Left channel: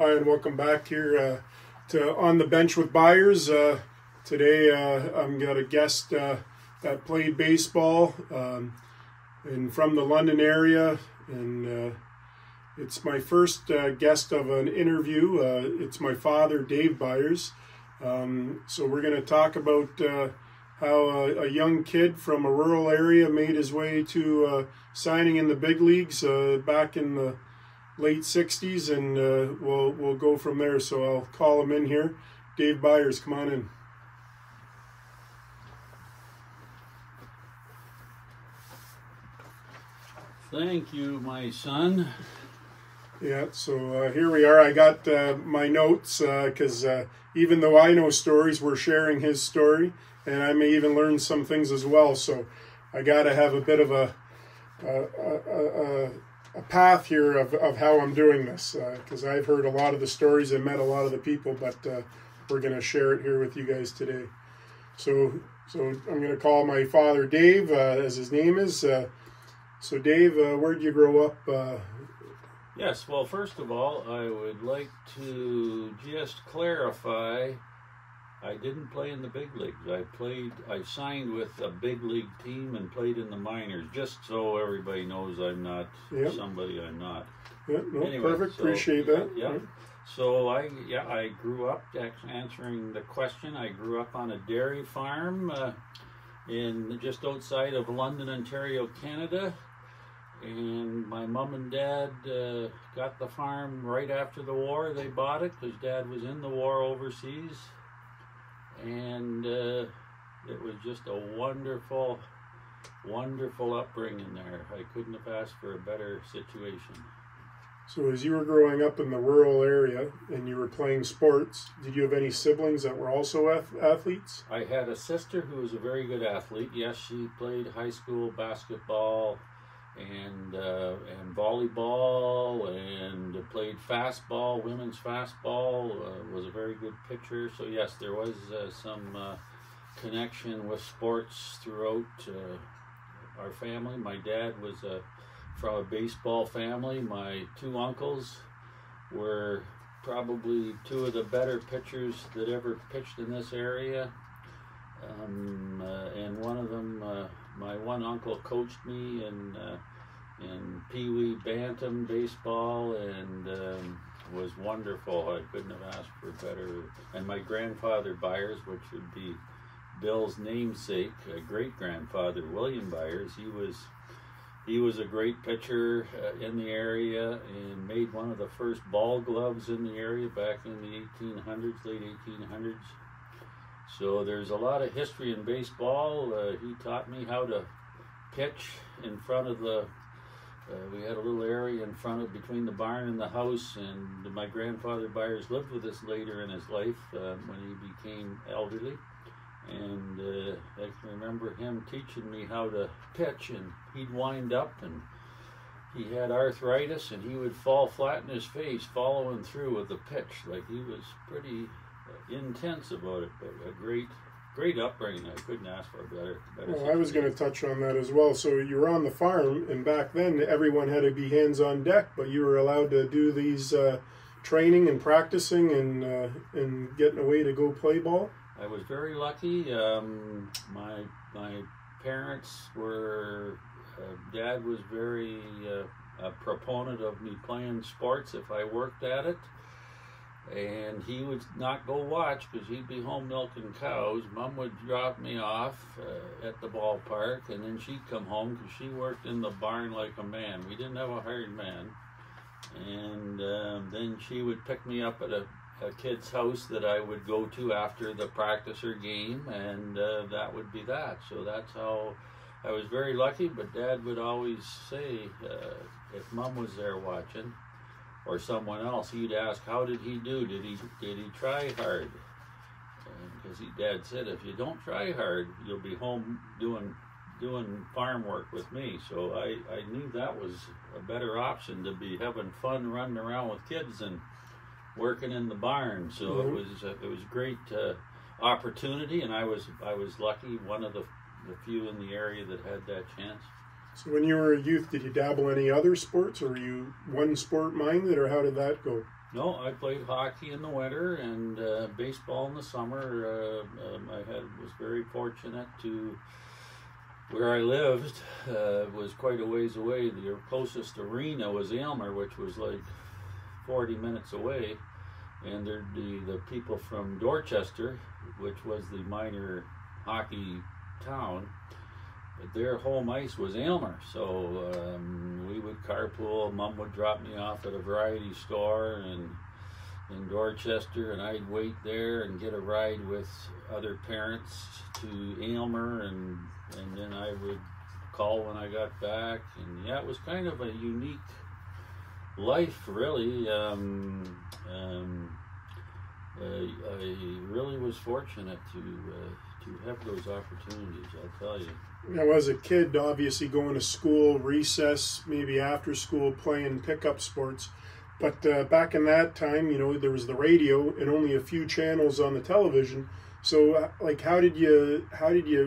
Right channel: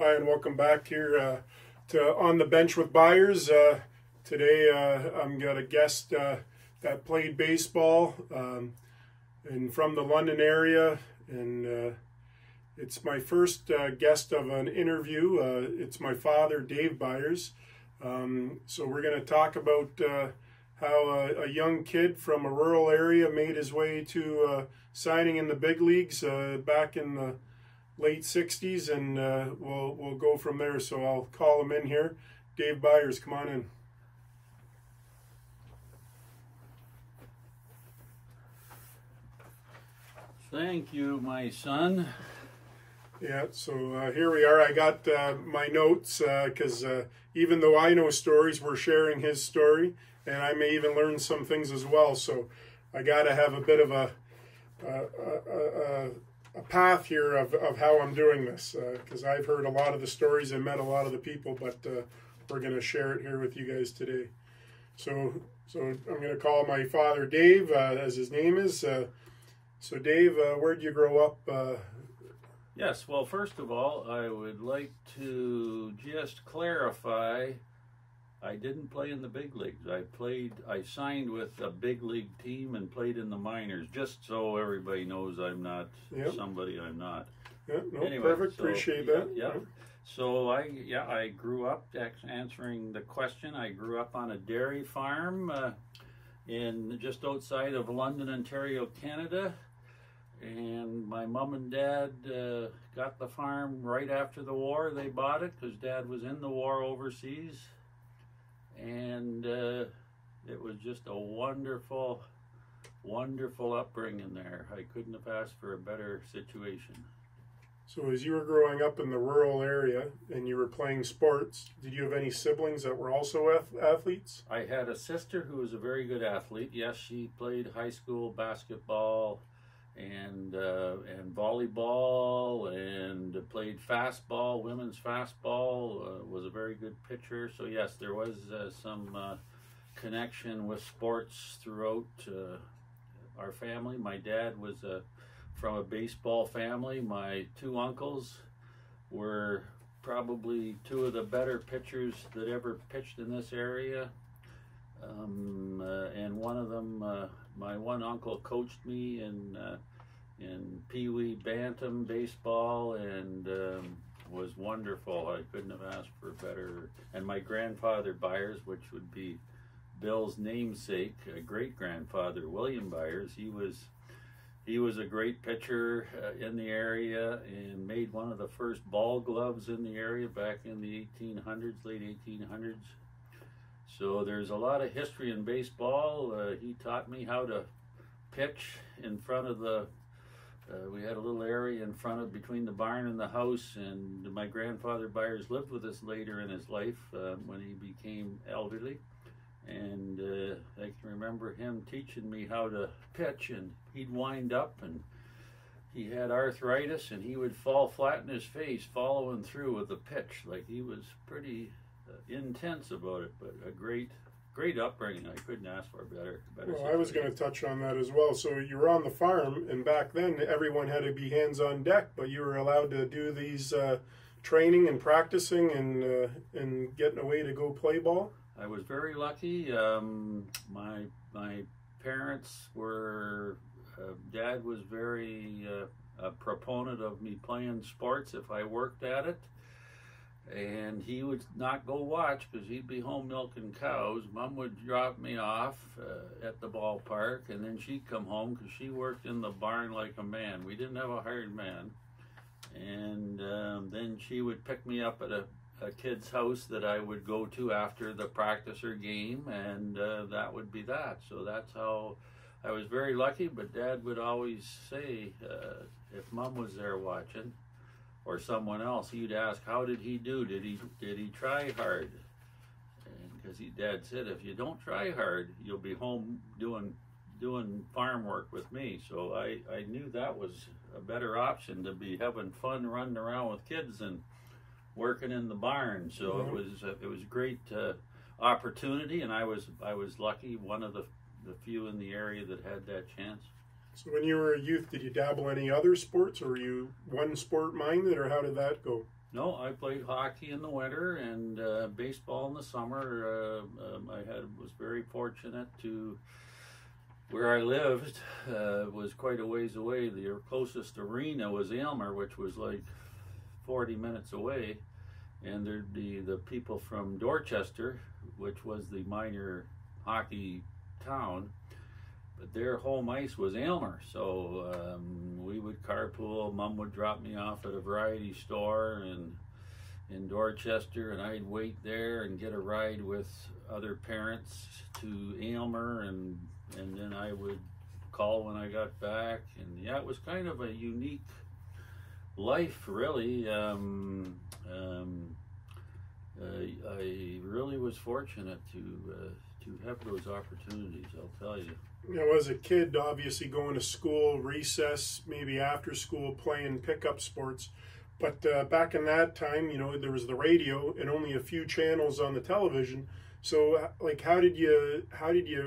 Hi, and welcome back here to On the Bench with Byers. Today I've got a guest that played baseball and from the London area, and it's my first guest of an interview. It's my father, Dave Byers. So we're going to talk about how a young kid from a rural area made his way to signing in the big leagues back in the late 60s, and we'll go from there. So I'll call him in here. Dave Byers, come on in. Thank you, my son. Yeah, so here we are. I got my notes because even though I know stories, we're sharing his story, and I may even learn some things as well. So I got to have a bit of a path here of how I'm doing this, because I've heard a lot of the stories and met a lot of the people, but we're going to share it here with you guys today. So I'm going to call my father Dave, as his name is. So Dave, where did you grow up? Yes, well, first of all, I would like to just clarify, I didn't play in the big leagues. I signed with a big league team and played in the minors, just so everybody knows I'm not somebody I'm not. Yeah, no, anyway, perfect. so, appreciate that. Yeah. So I grew up, answering the question, I grew up on a dairy farm in just outside of London, Ontario, Canada. And my mom and dad got the farm right after the war. They bought it because Dad was in the war overseas. And it was just a wonderful, wonderful upbringing there. I couldn't have asked for a better situation. So as you were growing up in the rural area and you were playing sports, did you have any siblings that were also athletes? I had a sister who was a very good athlete. Yes, she played high school basketball and volleyball, and played fastball, women's fastball, was a very good pitcher. So yes, there was some connection with sports throughout our family. My dad was from a baseball family. My two uncles were probably two of the better pitchers that ever pitched in this area. And one of them, my one uncle coached me in Pee Wee Bantam baseball, and was wonderful. I couldn't have asked for better. And my grandfather Byers, which would be Bill's namesake, great grandfather William Byers, he was a great pitcher in the area and made one of the first ball gloves in the area back in the 1800s, late 1800s. So there's a lot of history in baseball. He taught me how to pitch in front of the, we had a little area in front of, between the barn and the house, and my grandfather Byers lived with us later in his life when he became elderly. And I can remember him teaching me how to pitch, and he'd wind up and he had arthritis and he would fall flat in his face following through with the pitch. Like, he was pretty intense about it, but a great upbringing. I couldn't ask for a better Well, I was going to touch on that as well. So you were on the farm, and back then everyone had to be hands on deck, but you were allowed to do these training and practicing and getting away to go play ball. I was very lucky. My parents were, Dad was very a proponent of me playing sports if I worked at it. And he would not go watch because he'd be home milking cows. Mom would drop me off at the ballpark, and then she'd come home because she worked in the barn like a man. We didn't have a hired man. And then she would pick me up at a kid's house that I would go to after the practice or game, and that would be that. So that's how I was very lucky. But Dad would always say, if Mom was there watching, or someone else, he'd ask, how did he do? Did he try hard? Because Dad said, if you don't try hard, you'll be home doing farm work with me. So I knew that was a better option, to be having fun running around with kids and working in the barn. So it was great opportunity, and I was lucky, one of the few in the area that had that chance. So when you were a youth, did you dabble any other sports, or were you one sport minded, or how did that go? No, I played hockey in the winter and baseball in the summer. Was very fortunate to where I lived was quite a ways away. The closest arena was Aylmer, which was like 40 minutes away, and the people from Dorchester, which was the minor hockey town, their home ice was Aylmer, so we would carpool. Mom would drop me off at a variety store in Dorchester, and I'd wait there and get a ride with other parents to Aylmer, and then I would call when I got back. And yeah, it was kind of a unique life, really. I really was fortunate to have those opportunities, I'll tell you. Now, as a kid, obviously going to school, recess, maybe after school, playing pickup sports. But back in that time, you know, there was the radio and only a few channels on the television. So, like, how did you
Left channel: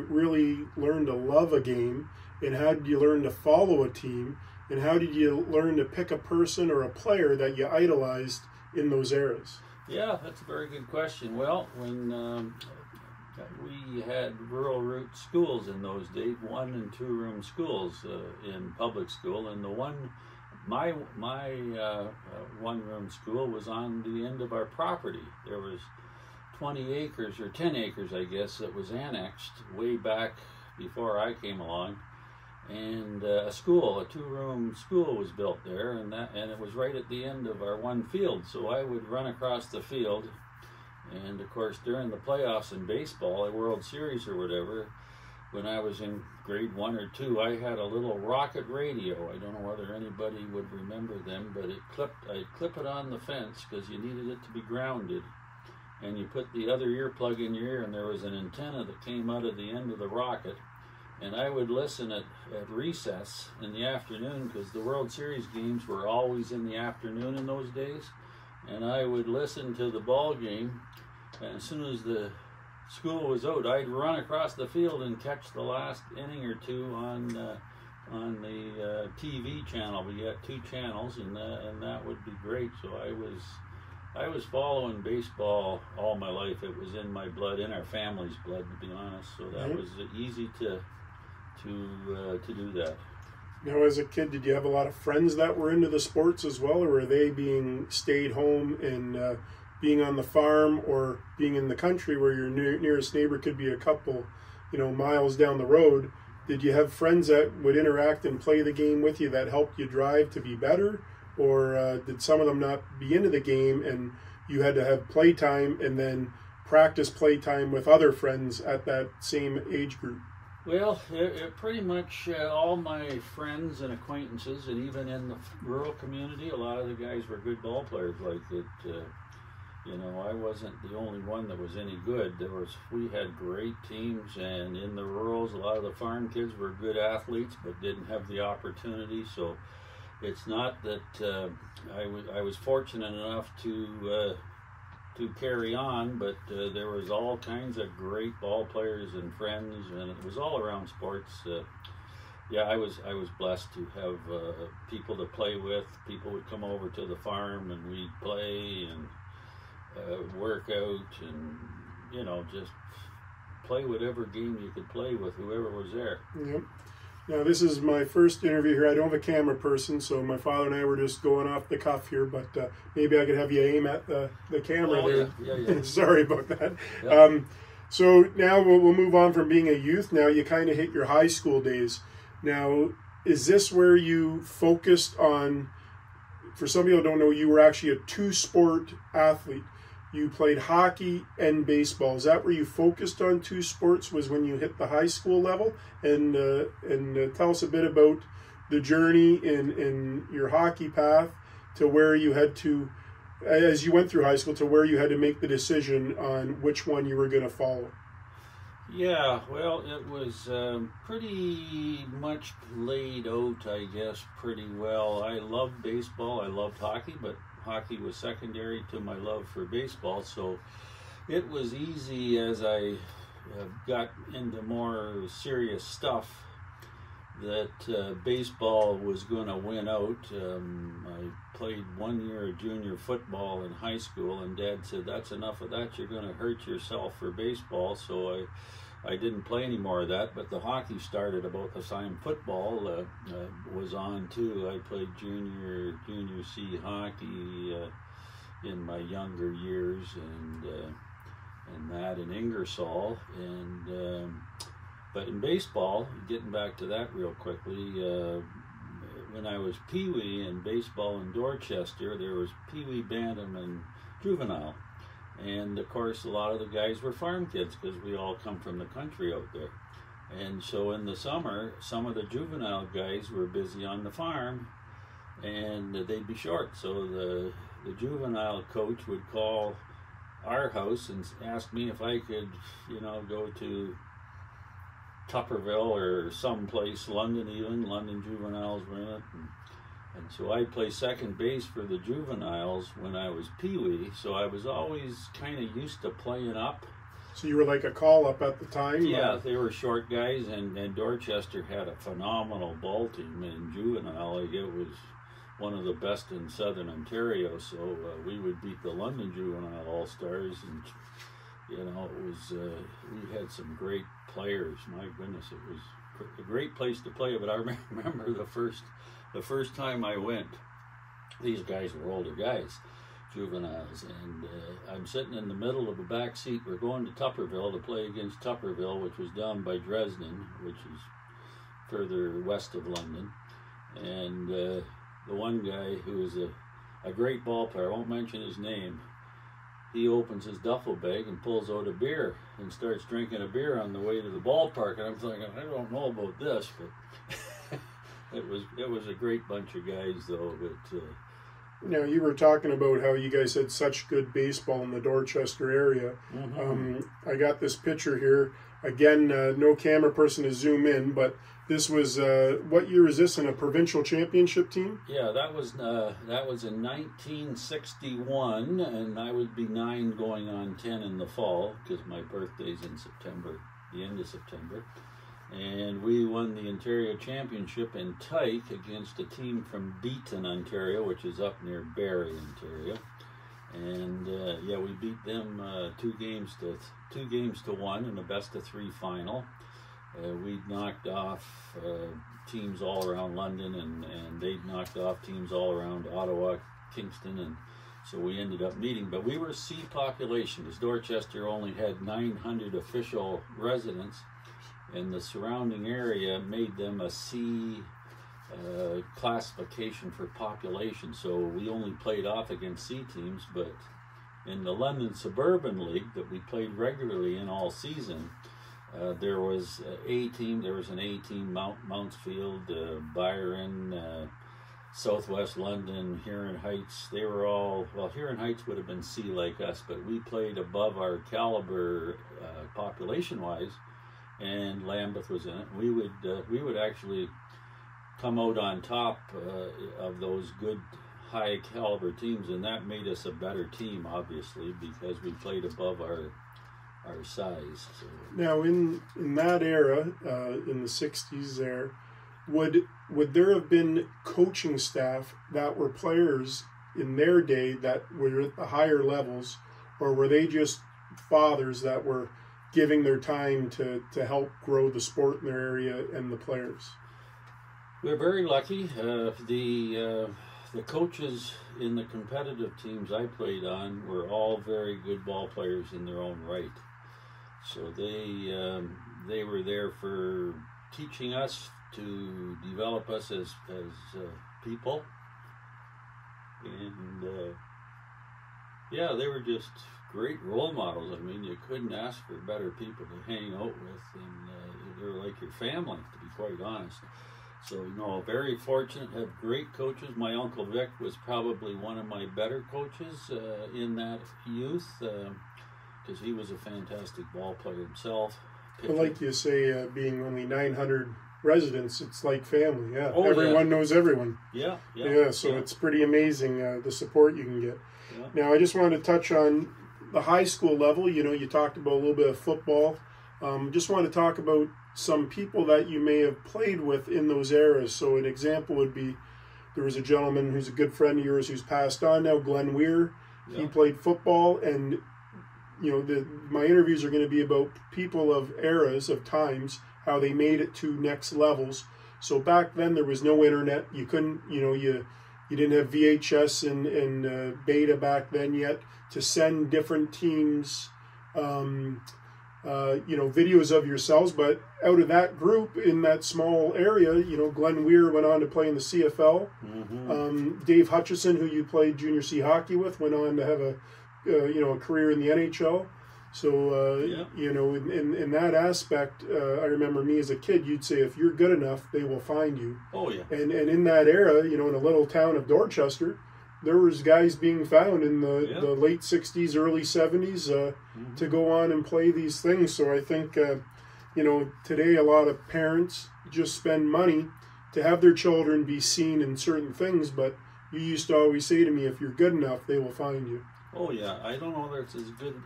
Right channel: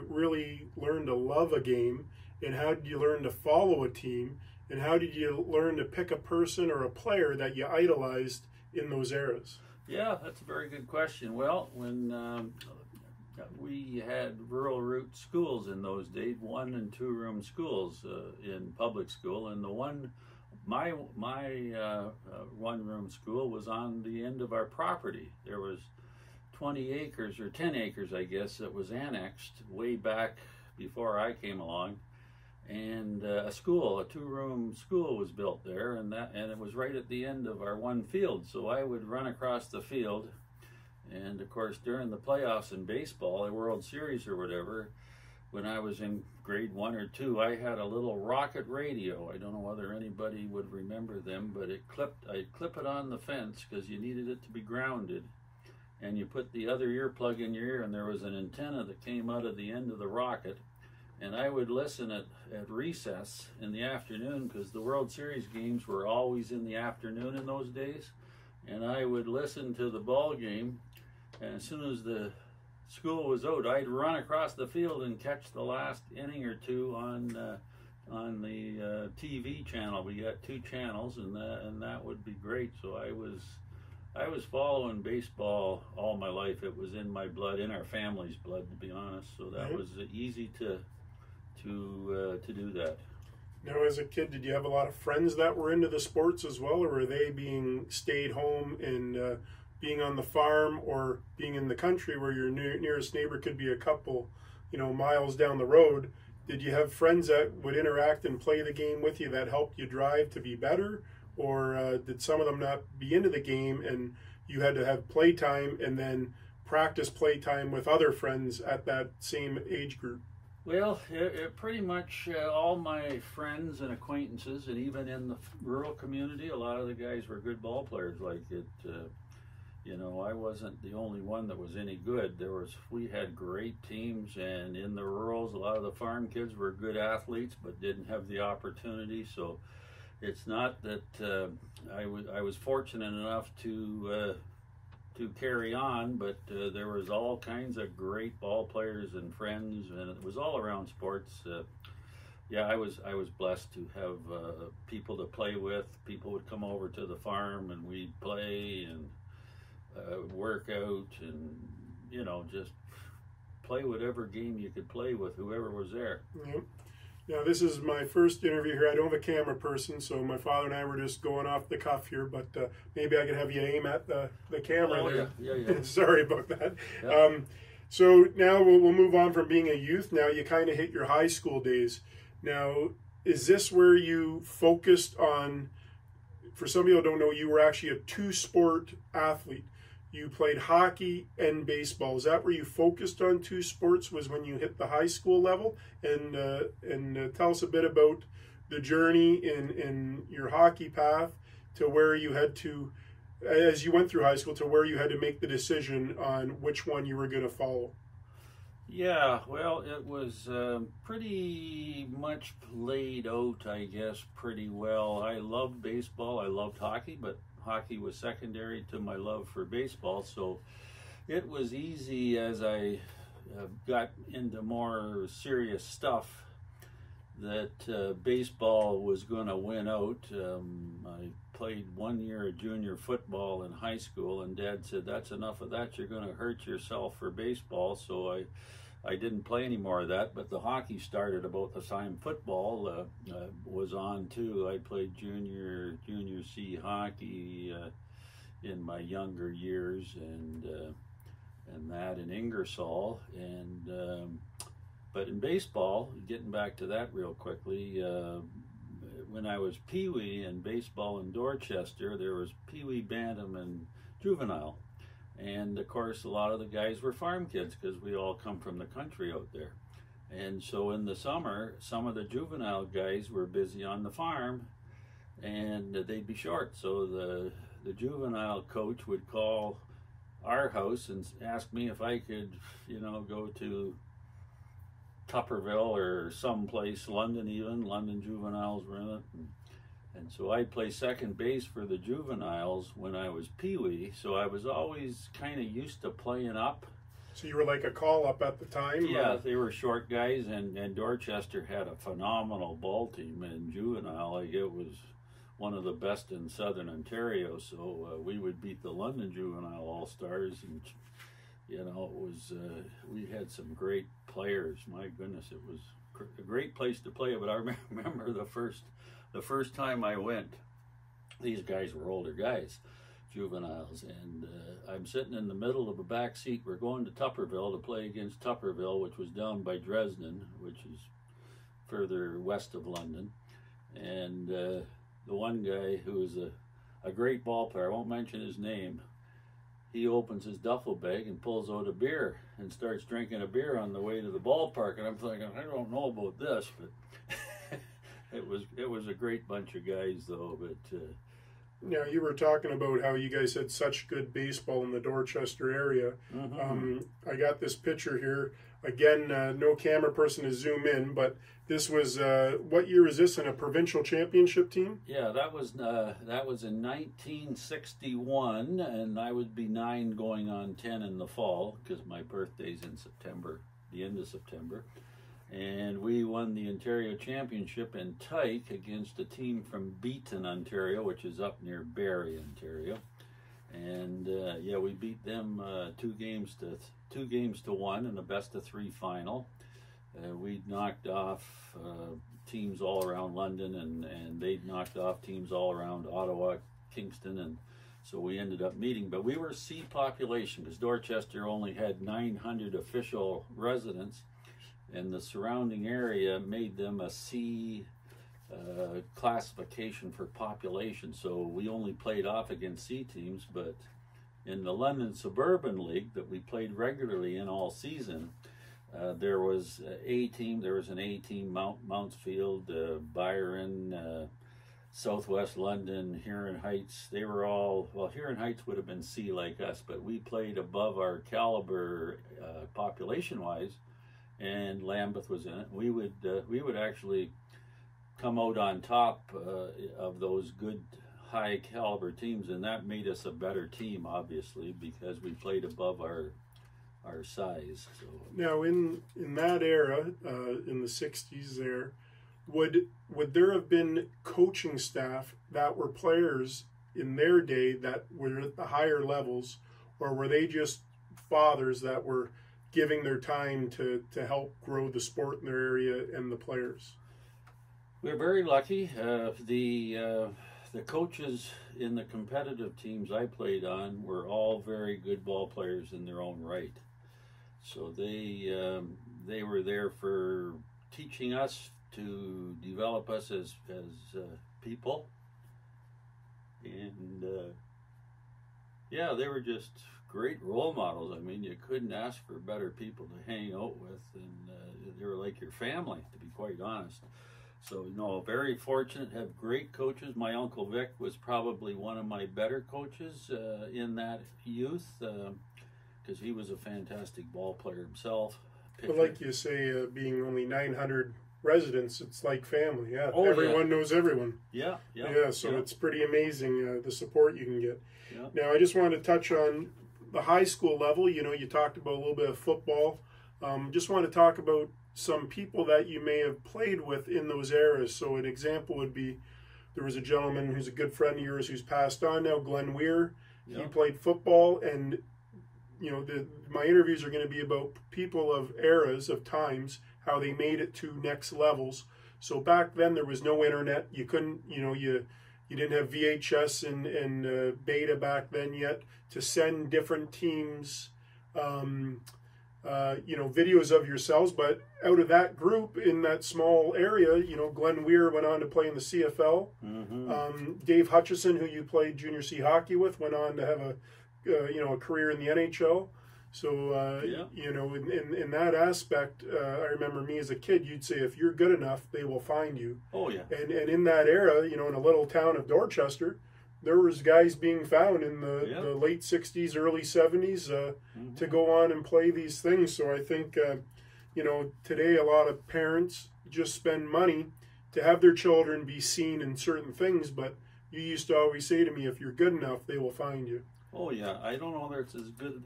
really learn to love a game, and how did you learn to follow a team, and how did you learn to pick a person or a player that you idolized in those eras? Yeah, that's a very good question. Well, when we had rural route schools in those days, 1- and 2-room schools in public school, and my 1-room school was on the end of our property. There was 20 acres or 10 acres, I guess, that was annexed way back before I came along, and a 2-room school was built there, and it was right at the end of our one field. So I would run across the field. And of course, during the playoffs in baseball, a World Series or whatever, when I was in grade 1 or 2, I had a little rocket radio. I don't know whether anybody would remember them, but I'd clip it on the fence because you needed it to be grounded. And you put the other earplug in your ear, and there was an antenna that came out of the end of the rocket. And I would listen at recess in the afternoon, because the World Series games were always in the afternoon in those days. And I would listen to the ball game. And as soon as the school was out, I'd run across the field and catch the last inning or two on the TV channel. We got 2 channels, and that would be great. So I was following baseball all my life. It was in my blood, in our family's blood, to be honest. So that was easy to do that. Now, as a kid, did you have a lot of friends that were into the sports as well, or were they being stayed home and being on the farm, or being in the country where your nearest neighbor could be a couple, miles down the road? Did you have friends that would interact and play the game with you that helped you drive to be better, or did some of them not be into the game and you had to have playtime and then practice playtime with other friends at that same age group? Well, it pretty much all my friends and acquaintances, and even in the rural community, a lot of the guys were good ball players. Like it, I wasn't the only one that was any good. We had great teams, and in the rurals, a lot of the farm kids were good athletes, but didn't have the opportunity. So it's not that I was fortunate enough to carry on, but there was all kinds of great ball players and friends, and it was all around sports. I was blessed to have people to play with. People would come over to the farm, and we'd play and work out, and just play whatever game you could play with whoever was there. Yep. Now, this is my first interview here. I don't have a camera person, so my father and I were just going off the cuff here, but maybe I could have you aim at the camera there. Yeah. Sorry about that. Yeah. So now we'll move on from being a youth. Now you kind of hit your high school days. Now, is this where you focused on, for some people who don't know, you were actually a 2-sport athlete. You played hockey and baseball. Is that where you focused on 2 sports, was when you hit the high school level? And tell us a bit about the journey in your hockey path to where you had to, as you went through high school, to where you had to make the decision on which one you were going to follow. Yeah, well, it was pretty much laid out, I guess, pretty well. I loved baseball. I loved hockey, but hockey was secondary to my love for baseball, so it was easy as I got into more serious stuff that baseball was going to win out. I played 1 year of junior football in high school, and Dad said, "That's enough of that. You're going to hurt yourself for baseball." So I didn't play any more of that, but the hockey started about the time football was on too. I played junior C hockey in my younger years, and that in Ingersoll, and but in baseball, getting back to that real quickly, when I was Pee-wee in baseball in Dorchester, there was Pee-wee, Bantam, and Juvenile. And of course, a lot of the guys were farm kids because we all come from the country out there. And so in the summer, some of the juvenile guys were busy on the farm and they'd be short. So the juvenile coach would call our house and ask me if I could, go to Tupperville or someplace, London even. London juveniles were in it. And so I'd play second base for the juveniles when I was Pee-wee, so I was always kind of used to playing up. So you were like a call-up at the time? Yeah, they were short guys, and Dorchester had a phenomenal ball team in juvenile. It was one of the best in southern Ontario, so we would beat the London Juvenile All-Stars, and it was we had some great players. My goodness, it was a great place to play, but I remember the first time I went, these guys were older guys, juveniles, and I'm sitting in the middle of the back seat. We're going to Tupperville to play against Tupperville, which was down by Dresden, which is further west of London. And the one guy who was a great ball player, I won't mention his name, he opens his duffel bag and pulls out a beer and starts drinking a beer on the way to the ballpark. And I'm thinking, I don't know about this, but It was a great bunch of guys, though. But now, you were talking about how you guys had such good baseball in the Dorchester area. mm-hmm. I got this picture here. Again, no camera person to zoom in, but this was, what year is this, in a provincial championship team? Yeah, that was in 1961, and I would be 9 going on 10 in the fall, because my birthday's in September, the end of September. And we won the Ontario Championship in Tyke against a team from Beaton, Ontario, which is up near Barrie, Ontario. And we beat them 2 games to 1 in a best-of-3 final. We knocked off teams all around London, and they'd knocked off teams all around Ottawa, Kingston, and so we ended up meeting. But we were C population, because Dorchester only had 900 official residents, and the surrounding area made them a C classification for population. So we only played off against C teams, but in the London Suburban League that we played regularly in all season, there was an A team, Mountsfield, Byron, Southwest London, Huron Heights. They were all, Huron Heights would have been C like us, but we played above our caliber population-wise, and Lambeth was in it. We would actually come out on top of those good high caliber teams, and that made us a better team, obviously, because we played above our size. So. Now, in that era, in the 60s there, would there have been coaching staff that were players in their day that were at the higher levels, or were they just fathers that were giving their time to help grow the sport in their area and the players? We're very lucky. The coaches in the competitive teams I played on were all very good ball players in their own right. So they were there for teaching us, to develop us as people, and they were just great role models. I mean, you couldn't ask for better people to hang out with, and they were like your family, to be quite honest. So, very fortunate to have great coaches. My Uncle Vic was probably one of my better coaches in that youth, because he was a fantastic ball player himself. But like you say, being only 900 residents, it's like family. Yeah, everyone knows everyone. Yeah. So it's pretty amazing the support you can get. Yeah. Now, I just wanted to touch on the high school level. You talked about a little bit of football. Just want to talk about some people that you may have played with in those eras. So an example would be, there was a gentleman who's a good friend of yours who's passed on now, Glenn Weir. Yeah. He played football, and my interviews are going to be about people of eras, of times, how they made it to next levels. So back then there was no internet. You couldn't, you didn't have VHS and beta back then yet to send different teams, videos of yourselves. But out of that group in that small area, Glenn Weir went on to play in the CFL. Mm-hmm. Dave Hutchison, who you played junior C hockey with, went on to have a career in the NHL. So, in that aspect, I remember me as a kid, you'd say, if you're good enough, they will find you. Oh, yeah. And in that era, in a little town of Dorchester, there was guys being found in the late 60s, early 70s to go on and play these things. So I think, today a lot of parents just spend money to have their children be seen in certain things. But you used to always say to me, if you're good enough, they will find you. Oh, yeah. I don't know whether it's as good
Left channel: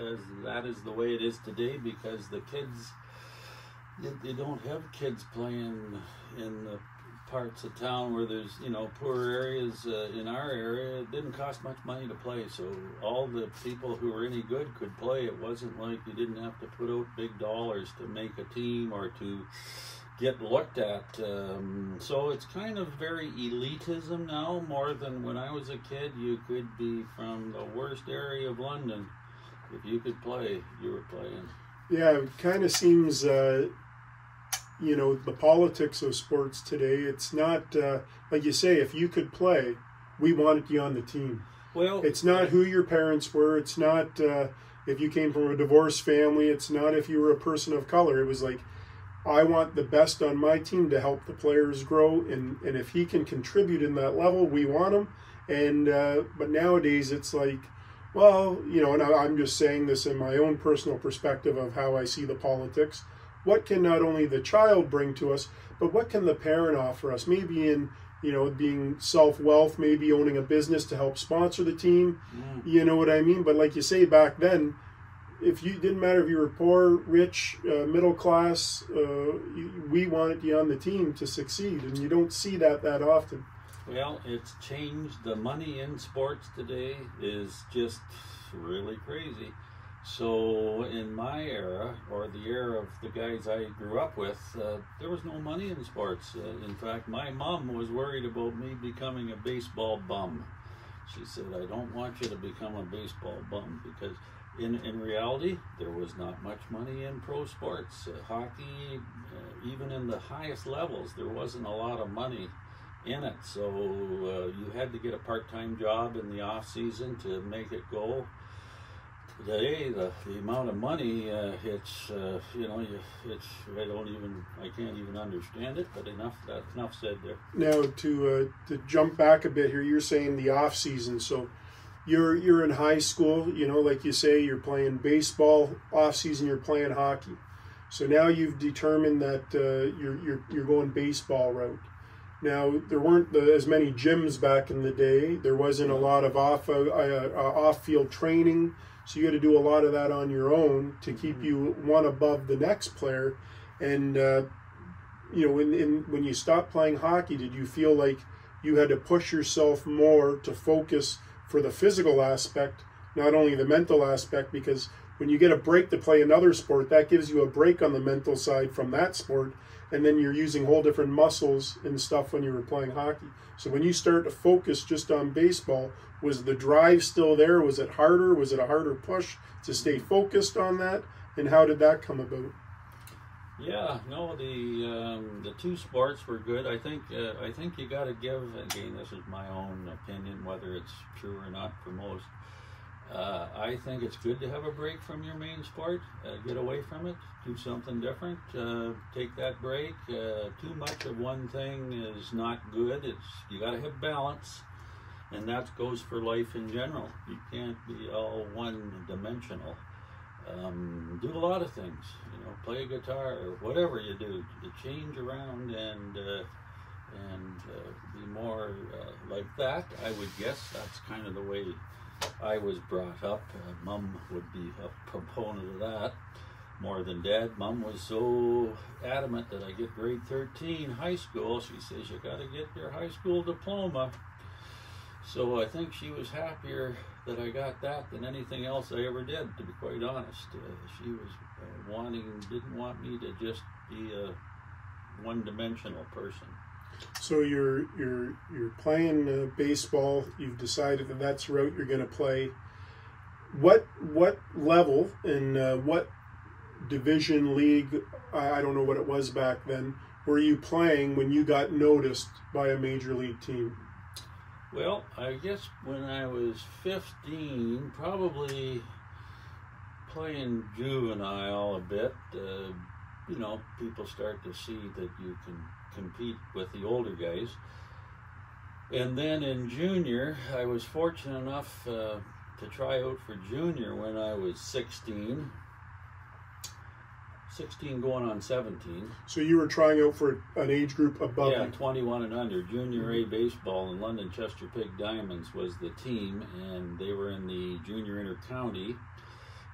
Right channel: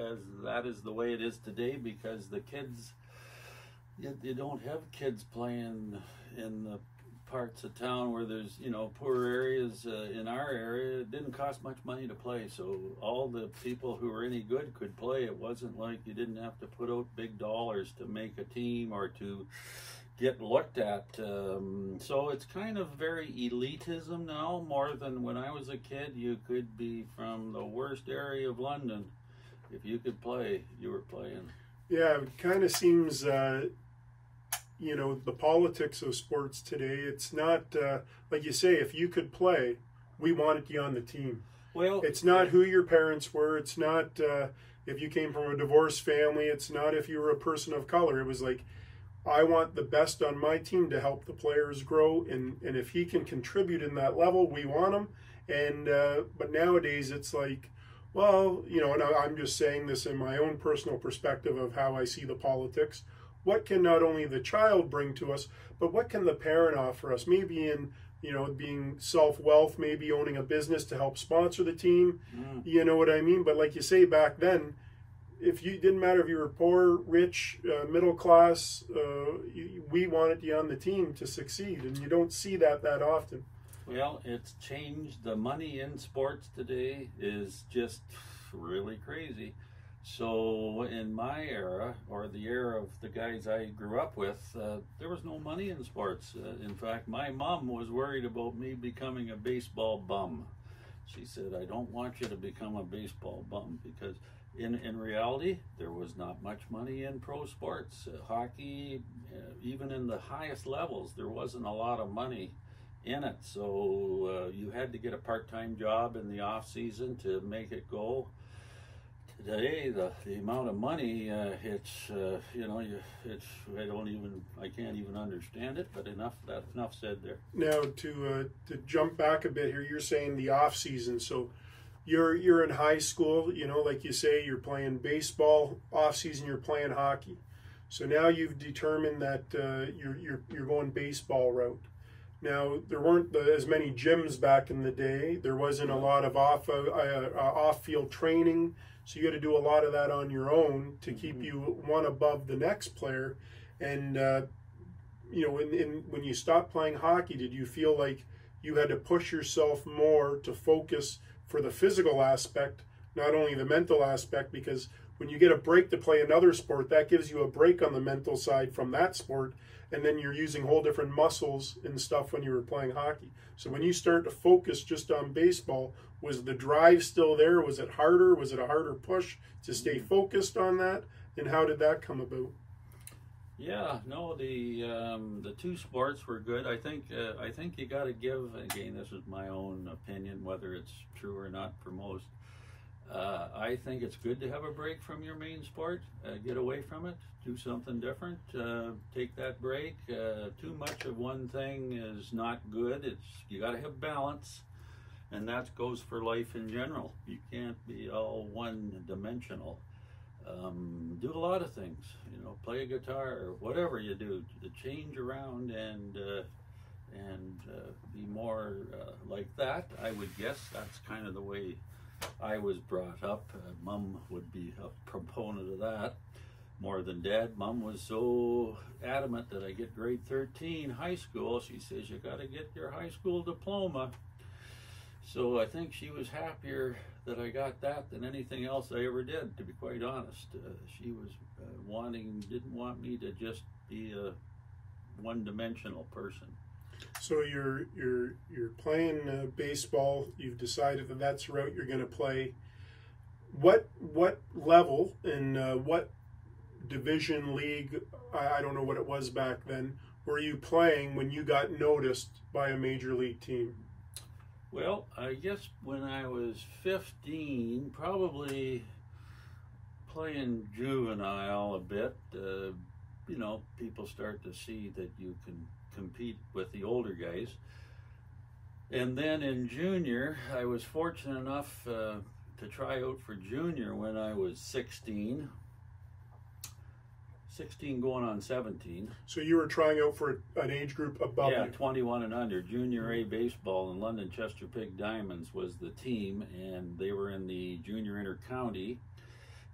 as that is the way it is today, because the kids, you don't have kids playing in the parts of town where there's, poor areas. In our area, it didn't cost much money to play, so all the people who were any good could play. It wasn't like you didn't have to put out big dollars to make a team or to get looked at. So it's kind of very elitism now, more than when I was a kid. You could be from the worst area of London. If you could play, you were playing. Yeah, it kind of seems, the politics of sports today, it's not, like you say, if you could play, we wanted you on the team. Well, it's not who your parents were. It's not if you came from a divorced family. It's not if you were a person of color. It was like, I want the best on my team to help the players grow, and if he can contribute in that level, we want him. And but nowadays it's like, well, and I'm just saying this in my own personal perspective of how I see the politics. What can not only the child bring to us, but what can the parent offer us? Maybe in being self-wealth, maybe owning a business to help sponsor the team. You know what I mean? But like you say, back then, if you didn't matter if you were poor, rich, middle class, we wanted you on the team to succeed, and you don't see that often. Well, it's changed. The money in sports today is just really crazy. So in my era, or the era of the guys I grew up with, there was no money in sports. In fact, my mom was worried about me becoming a baseball bum. She said, I don't want you to become a baseball bum, because in reality, there was not much money in pro sports. Hockey, even in the highest levels, there wasn't a lot of money in it. So you had to get a part-time job in the off season to make it go. Today, the amount of money, I can't even understand it. But enough said there. Now to jump back a bit here, you're saying the off season. So you're in high school, like you say, you're playing baseball. Off season, you're playing hockey. So now you've determined that you're going baseball route. Now, there weren't as many gyms back in the day. There wasn't a lot of off-field training. So you had to do a lot of that on your own to keep you one above the next player. And, when you stopped playing hockey, did you feel like you had to push yourself more to focus for the physical aspect, not only the mental aspect? Because when you get a break to play another sport, that gives you a break on the mental side from that sport. And then you're using whole different muscles and stuff when you were playing hockey. So when you start to focus just on baseball, was the drive still there? Was it harder? Was it a harder push to stay focused on that? And how did that come about? Yeah, no, the two sports were good. I think you got to give, again, this is my own opinion, whether it's true or not for most. I think it's good to have a break from your main sport, get away from it, do something different, take that break. Too much of one thing is not good. You got to have balance, and that goes for life in general. You can't be all one-dimensional. Do a lot of things, play a guitar or whatever you do. You change around and be more like that. I would guess that's kind of the way I was brought up. Mom would be a proponent of that. more than Dad. Mom was so adamant that I get grade 13 high school. She says, you got to get your high school diploma. So I think she was happier that I got that than anything else I ever did, to be quite honest. She was didn't want me to just be a one-dimensional person. So you're playing baseball. You've decided that that's the route you're going to play. What level and what division league, I don't know what it was back then, were you playing when you got noticed by a major league team? Well, I guess when I was 15, probably playing juvenile a bit, you know, people start to see that you can compete with the older guys. And then in junior, I was fortunate enough to try out for junior when I was 16 going on 17. So you were trying out for an age group above Yeah, you. 21 and under. Junior A baseball, and London Chester Pig Diamonds was the team, and they were in the junior inter-county,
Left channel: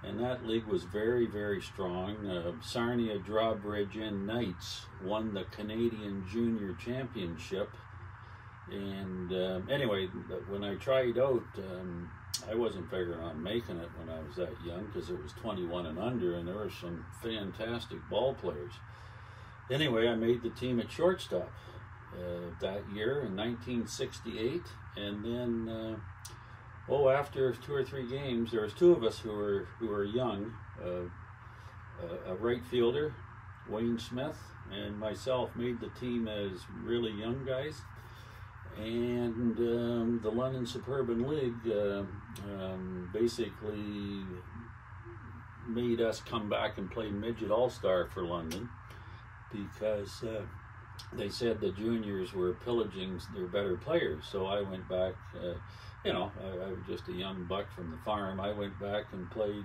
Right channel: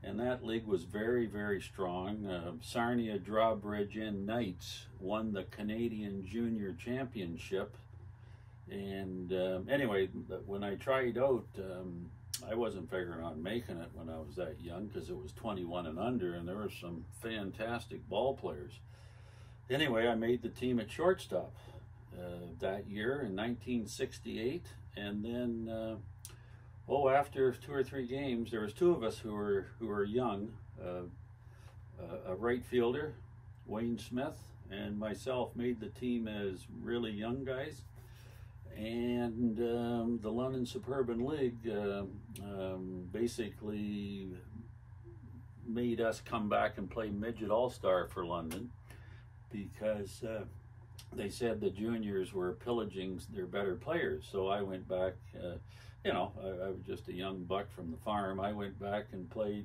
and that league was very, very strong. Sarnia Drawbridge and Knights won the Canadian Junior Championship. And anyway, when I tried out, I wasn't figuring on making it when I was that young, because it was 21 and under, and there were some fantastic ball players. Anyway, I made the team at shortstop that year in 1968, and then after 2 or 3 games, there was 2 of us who were young, a right fielder, Wayne Smith, and myself made the team as really young guys. And the London Suburban League basically made us come back and play midget all-star for London, because they said the juniors were pillaging their better players. So I went back, you know, I was just a young buck from the farm. I went back and played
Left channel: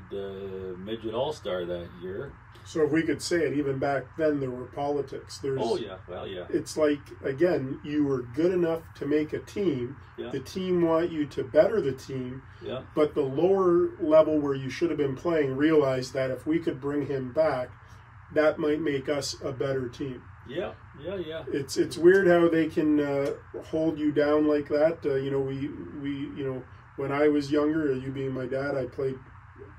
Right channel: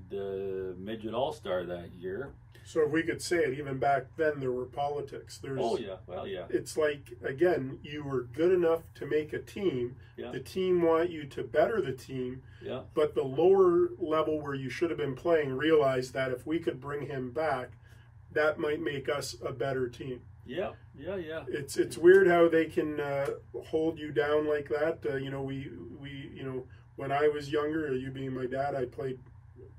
midget all-star that year. So if we could say it, even back then there were politics. Oh yeah, well yeah. It's like, again, you were good enough to make a team. Yeah. The team want you to better the team. Yeah. But the lower level where you should have been playing realized that if we could bring him back, that might make us a better team. Yeah. It's weird how they can hold you down like that. You know, we you know, when I was younger, you being my dad, I played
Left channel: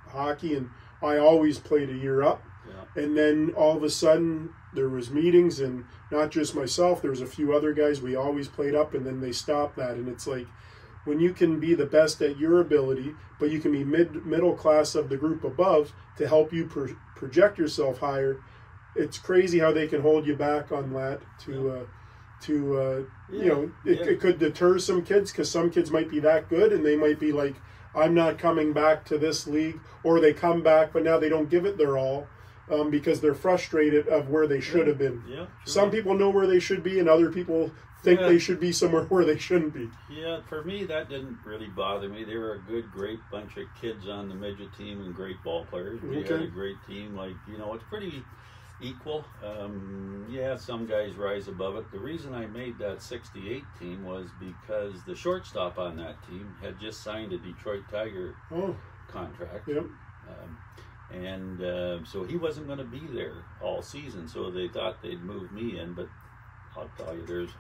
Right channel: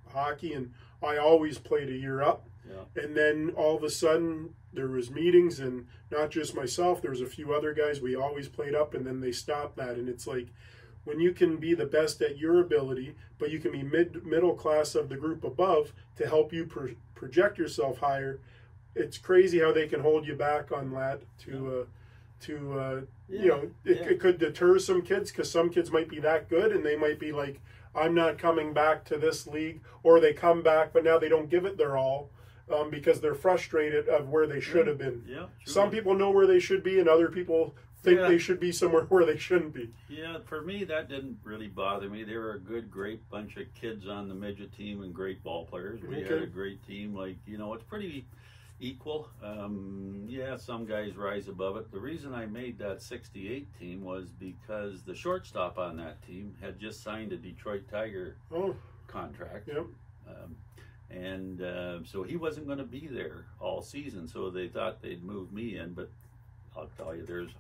hockey, and I always played a year up. Yeah. And then all of a sudden there was meetings, and not just myself, there was a few other guys, we always played up, and then they stopped that. And it's like, when you can be the best at your ability, but you can be middle class of the group above to help you project yourself higher, it's crazy how they can hold you back on that you know, it could deter some kids, because some kids might be that good and they might be like, I'm not coming back to this league, or they come back but now they don't give it their all. Because they're frustrated of where they should have been. Yeah, sure. Some people know where they should be, and other people think they should be somewhere where they shouldn't be. Yeah, for me, that didn't really bother me. They were a good, great bunch of kids on the midget team and great ball players. We had a great team. Like, you know, it's pretty equal. Yeah, some guys rise above it. The reason I made that 68 team was because the shortstop on that team had just signed a Detroit Tiger contract. Yep. And so he wasn't going to be there all season, so they thought they'd move me in. But I'll tell you, there's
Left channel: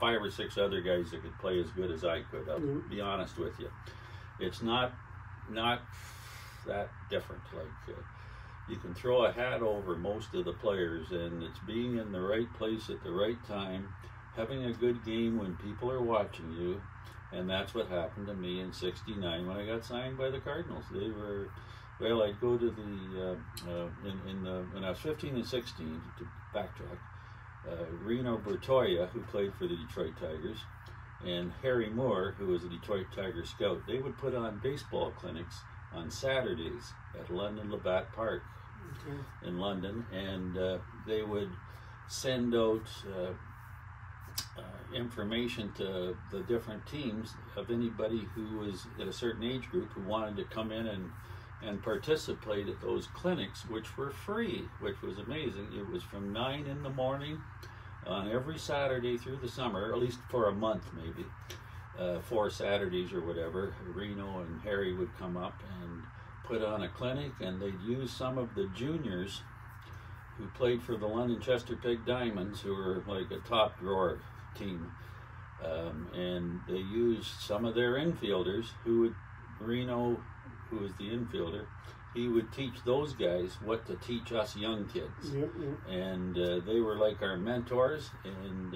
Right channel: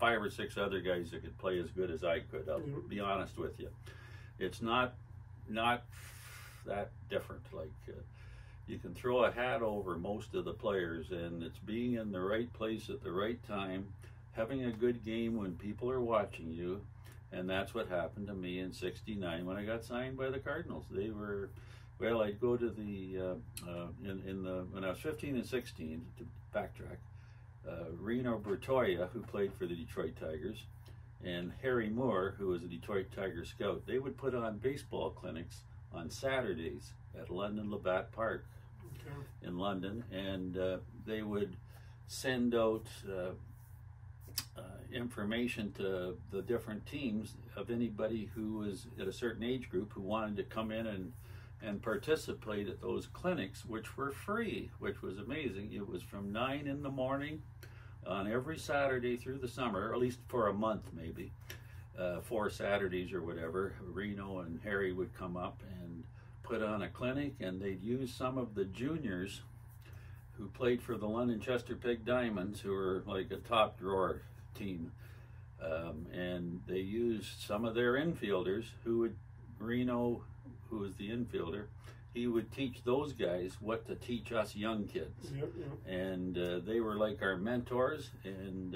5 or 6 other guys that could play as good as I could. I'll be honest with you. It's not that different. Like, you can throw a hat over most of the players, and it's being in the right place at the right time, having a good game when people are watching you. And that's what happened to me in '69 when I got signed by the Cardinals. They were... Well, I'd go to the when I was 15 and 16, to backtrack, Reno Bertoia, who played for the Detroit Tigers, and Harry Moore, who was a Detroit Tiger scout, they would put on baseball clinics on Saturdays at London Labatt Park in London, and they would send out information to the different teams of anybody who was at a certain age group who wanted to come in and participate at those clinics, which were free, which was amazing. It was from 9 in the morning on every Saturday through the summer, or at least for a month maybe, 4 Saturdays or whatever. Reno and Harry would come up and put on a clinic, and they'd use some of the juniors who played for the London Chesterfield Diamonds, who were like a top drawer team. And they used some of their infielders who would, Reno, who was the infielder, he would teach those guys what to teach us young kids. And they were like our mentors. And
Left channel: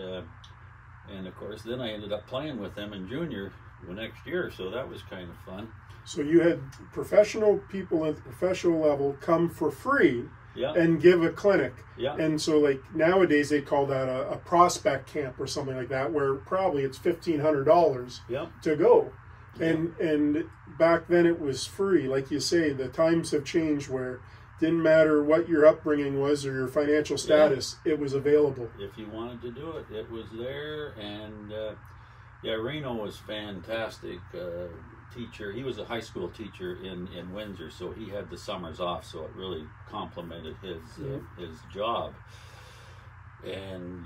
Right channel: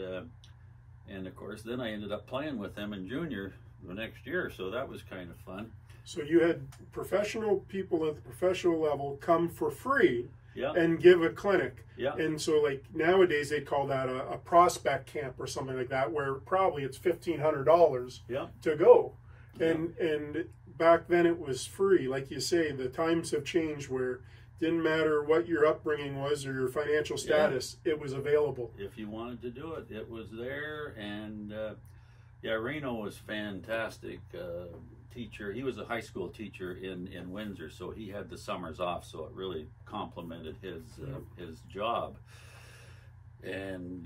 of course, then I ended up playing with them in junior the next year, so that was kind of fun. So you had professional people at the professional level come for free Yeah. and give a clinic. Yeah. And so like nowadays they call that a prospect camp or something like that, where probably it's $1,500 Yeah. to go. Yeah. And back then it was free. Like you say, the times have changed where it didn't matter what your upbringing was or your financial status, it was available. If you wanted to do it, it was there. And yeah, Reno was fantastic. Teacher. He was a high school teacher in Windsor, so he had the summers off, so it really complemented his job. And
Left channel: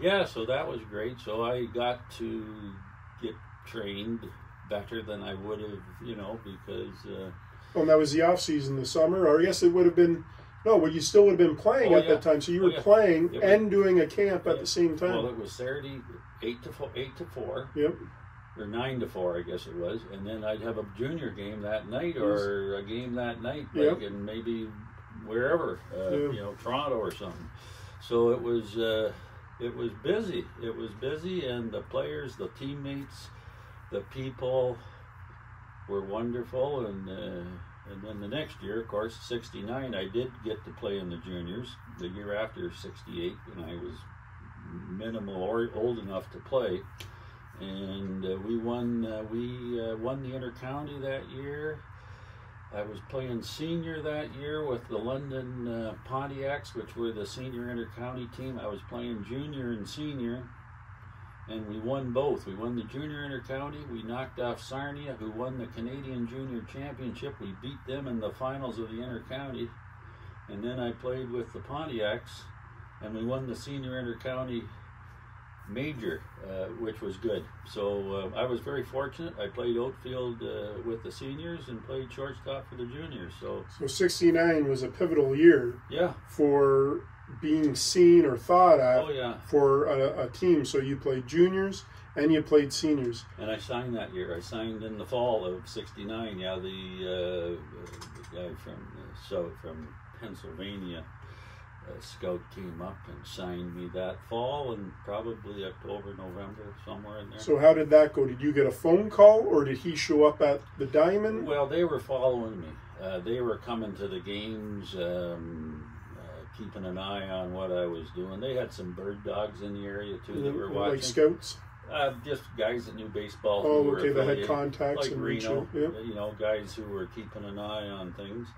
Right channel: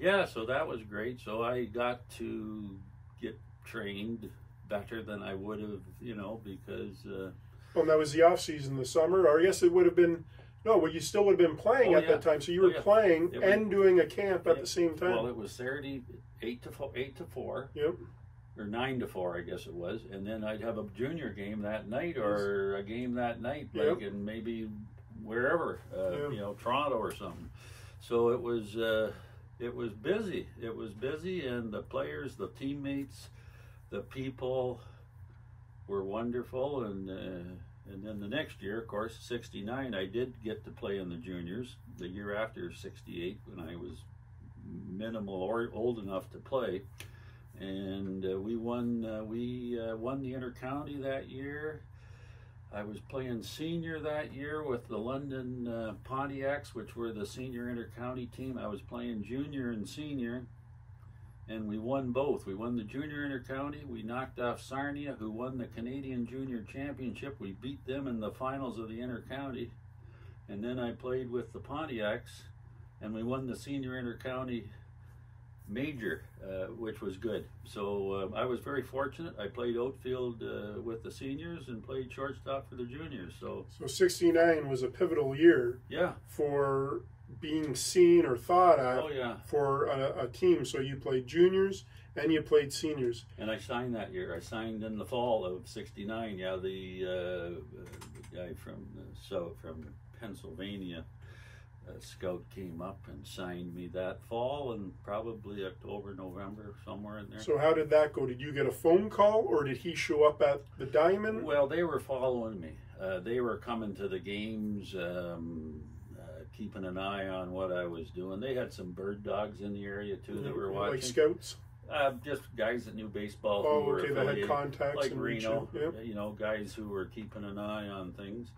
yeah, so that was great. So I got to get trained better than I would have, you know, because Well, that was the off season, the summer, or I guess it would have been, no, well, you still would have been playing at that time. So you were playing and doing a camp at the same time. Well, it was Saturday 8 to 4. Yep. Or 9 to 4, I guess it was, and then I'd have a junior game that night, or a game that night, like in maybe wherever, you know, Toronto or something. So it was busy. It was busy, and the players, the teammates, the people were wonderful. And then the next year, of course, '69, I did get to play in the juniors. The year after '68, when I was minimal or old enough to play. And we won the intercounty that year. I was playing senior that year with the London Pontiacs, which were the senior intercounty team. I was playing junior and senior, and we won both. We won the junior intercounty. We knocked off Sarnia, who won the Canadian Junior Championship. We beat them in the finals of the intercounty. And then I played with the Pontiacs, and we won the senior intercounty major, which was good. So I was very fortunate. I played outfield with the seniors and played shortstop for the juniors. So '69 was a pivotal year for being seen or thought at for a team. So you played juniors and you played seniors. And I signed that year. I signed in the fall of '69. Yeah, the guy from Pennsylvania, scout came up and signed me that fall, and probably October, November, somewhere in there. So how did that go? Did you get a phone call, or did he show up at the Diamond? Well, they were following me. They were coming to the games, keeping an eye on what I was doing. They had some bird dogs in the area too that were watching. Like scouts? Just guys that knew baseball who Oh, were okay, that had affiliated, contacts like in Reno, Yep. you know, guys who were keeping an eye on things.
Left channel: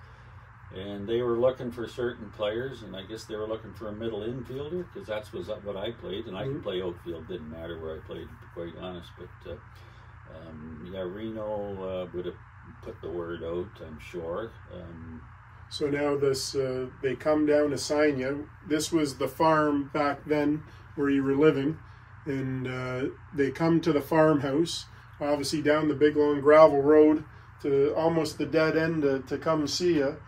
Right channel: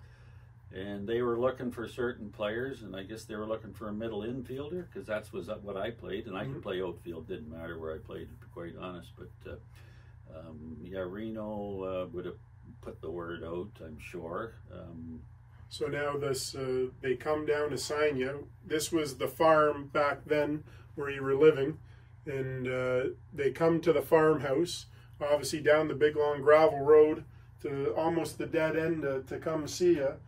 And they were looking for certain players, and I guess they were looking for a middle infielder, because that's was what I played, and I could play outfield. Didn't matter where I played, to be quite honest. But yeah, Reno would have put the word out, I'm sure. So now this, they come down to sign you. This was the farm back then where you were living, and they come to the farmhouse, obviously down the big long gravel road to almost the dead end to come see you.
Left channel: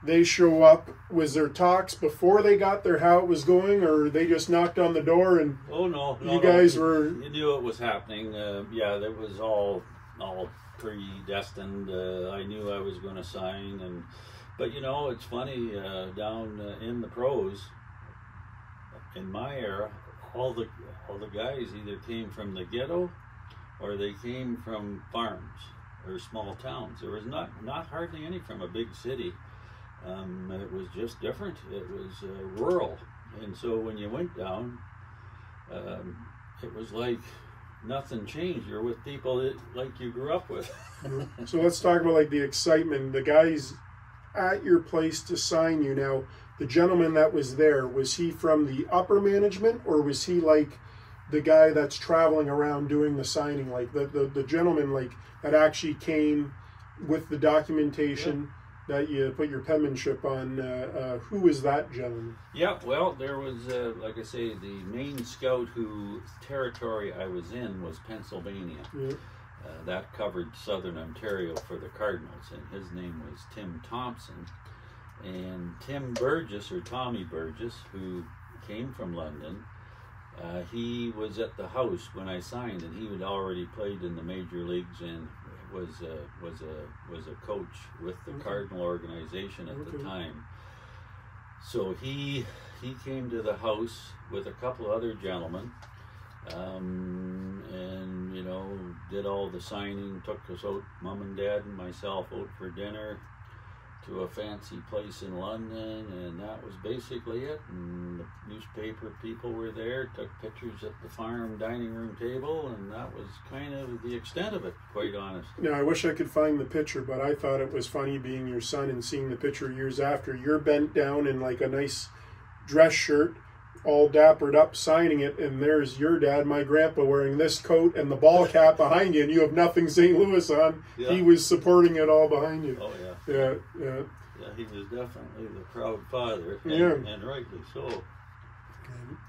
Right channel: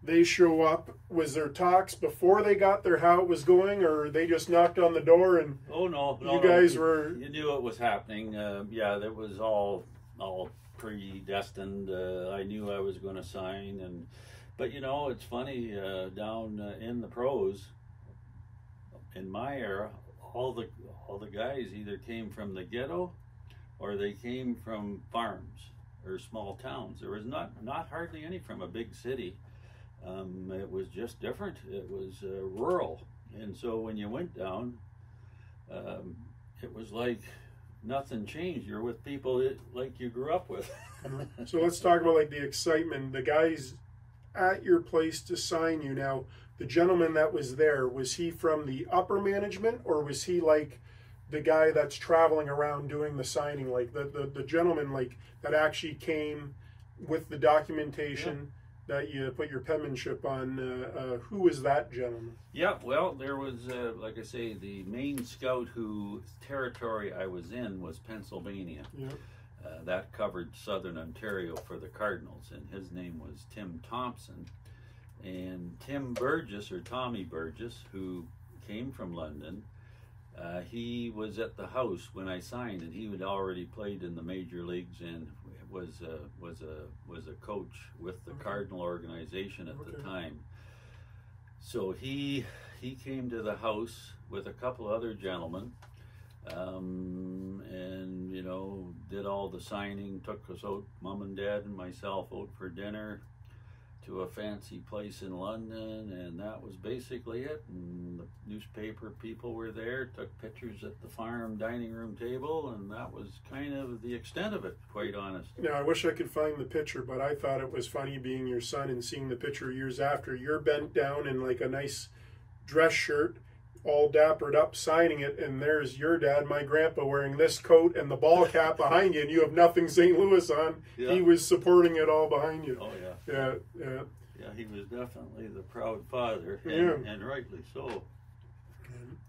They show up. Was there talks before they got there how it was going, or they just knocked on the door and you guys were... You knew it was happening. Yeah, that was all predestined. I knew I was going to sign, but you know, it's funny, down in the pros, in my era, all the guys either came from the ghetto or they came from farms or small towns. There was not hardly any from a big city. It was just different. It was rural, and so when you went down, it was like nothing changed. You're with people like you grew up with. So let's talk about like the excitement. The guys at your place to sign you. Now, the gentleman that was there, was he from the upper management, or was he like the guy that's traveling around doing the signing, like the gentleman like that actually came with the documentation? That you put your penmanship on? Who is that gentleman? Yeah, well, there was, like I say, the main scout who territory I was in was Pennsylvania. that covered Southern Ontario for the Cardinals, and his name was Tim Thompson. And Tim Burgess, or Tommy Burgess, who came from London, he was at the house when I signed, and he had already played in the major leagues and was a coach with the Cardinal organization at the time. So he came to the house with a couple other gentlemen, and did all the signing, took us out, mom and dad and myself, out for dinner to a fancy place in London, and that was basically it. And the newspaper people were there, took pictures at the farm dining room table, and that was kind of the extent of it, quite honest. I wish I could find the picture, but I thought it was funny being your son and seeing the picture years after. You're bent down in like a nice dress shirt, all dappered up, signing it, and there's your dad, my grandpa, wearing this coat and the ball cap behind you, and you have nothing St. Louis on. Yeah. He was supporting it all behind you. Oh, yeah. Yeah. Yeah, he was definitely the proud father, and rightly so.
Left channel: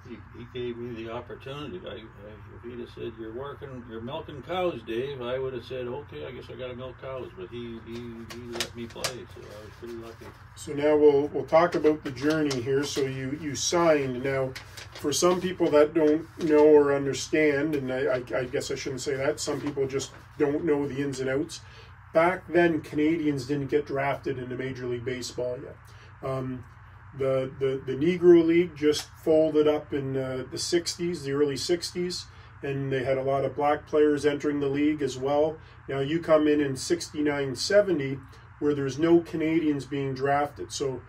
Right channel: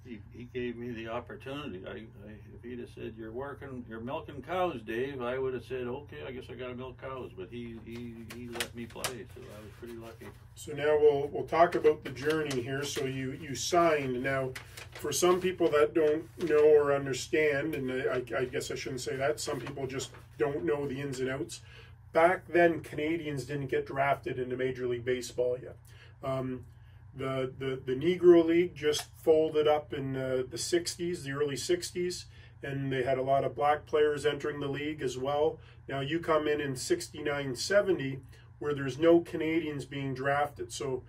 He gave me the opportunity. If he'd have said, you're milking cows, Dave, I would have said, okay, I guess I got to milk cows. But he let me play, so I was pretty lucky. So now we'll talk about the journey here. So you signed. Now, for some people that don't know or understand, and I guess I shouldn't say that, some people just don't know the ins and outs. Back then, Canadians didn't get drafted into Major League Baseball yet. The Negro League just folded up in the 60s, the early 60s, and they had a lot of black players entering the league as well. Now you come in 69, 70, where there's no Canadians being drafted. So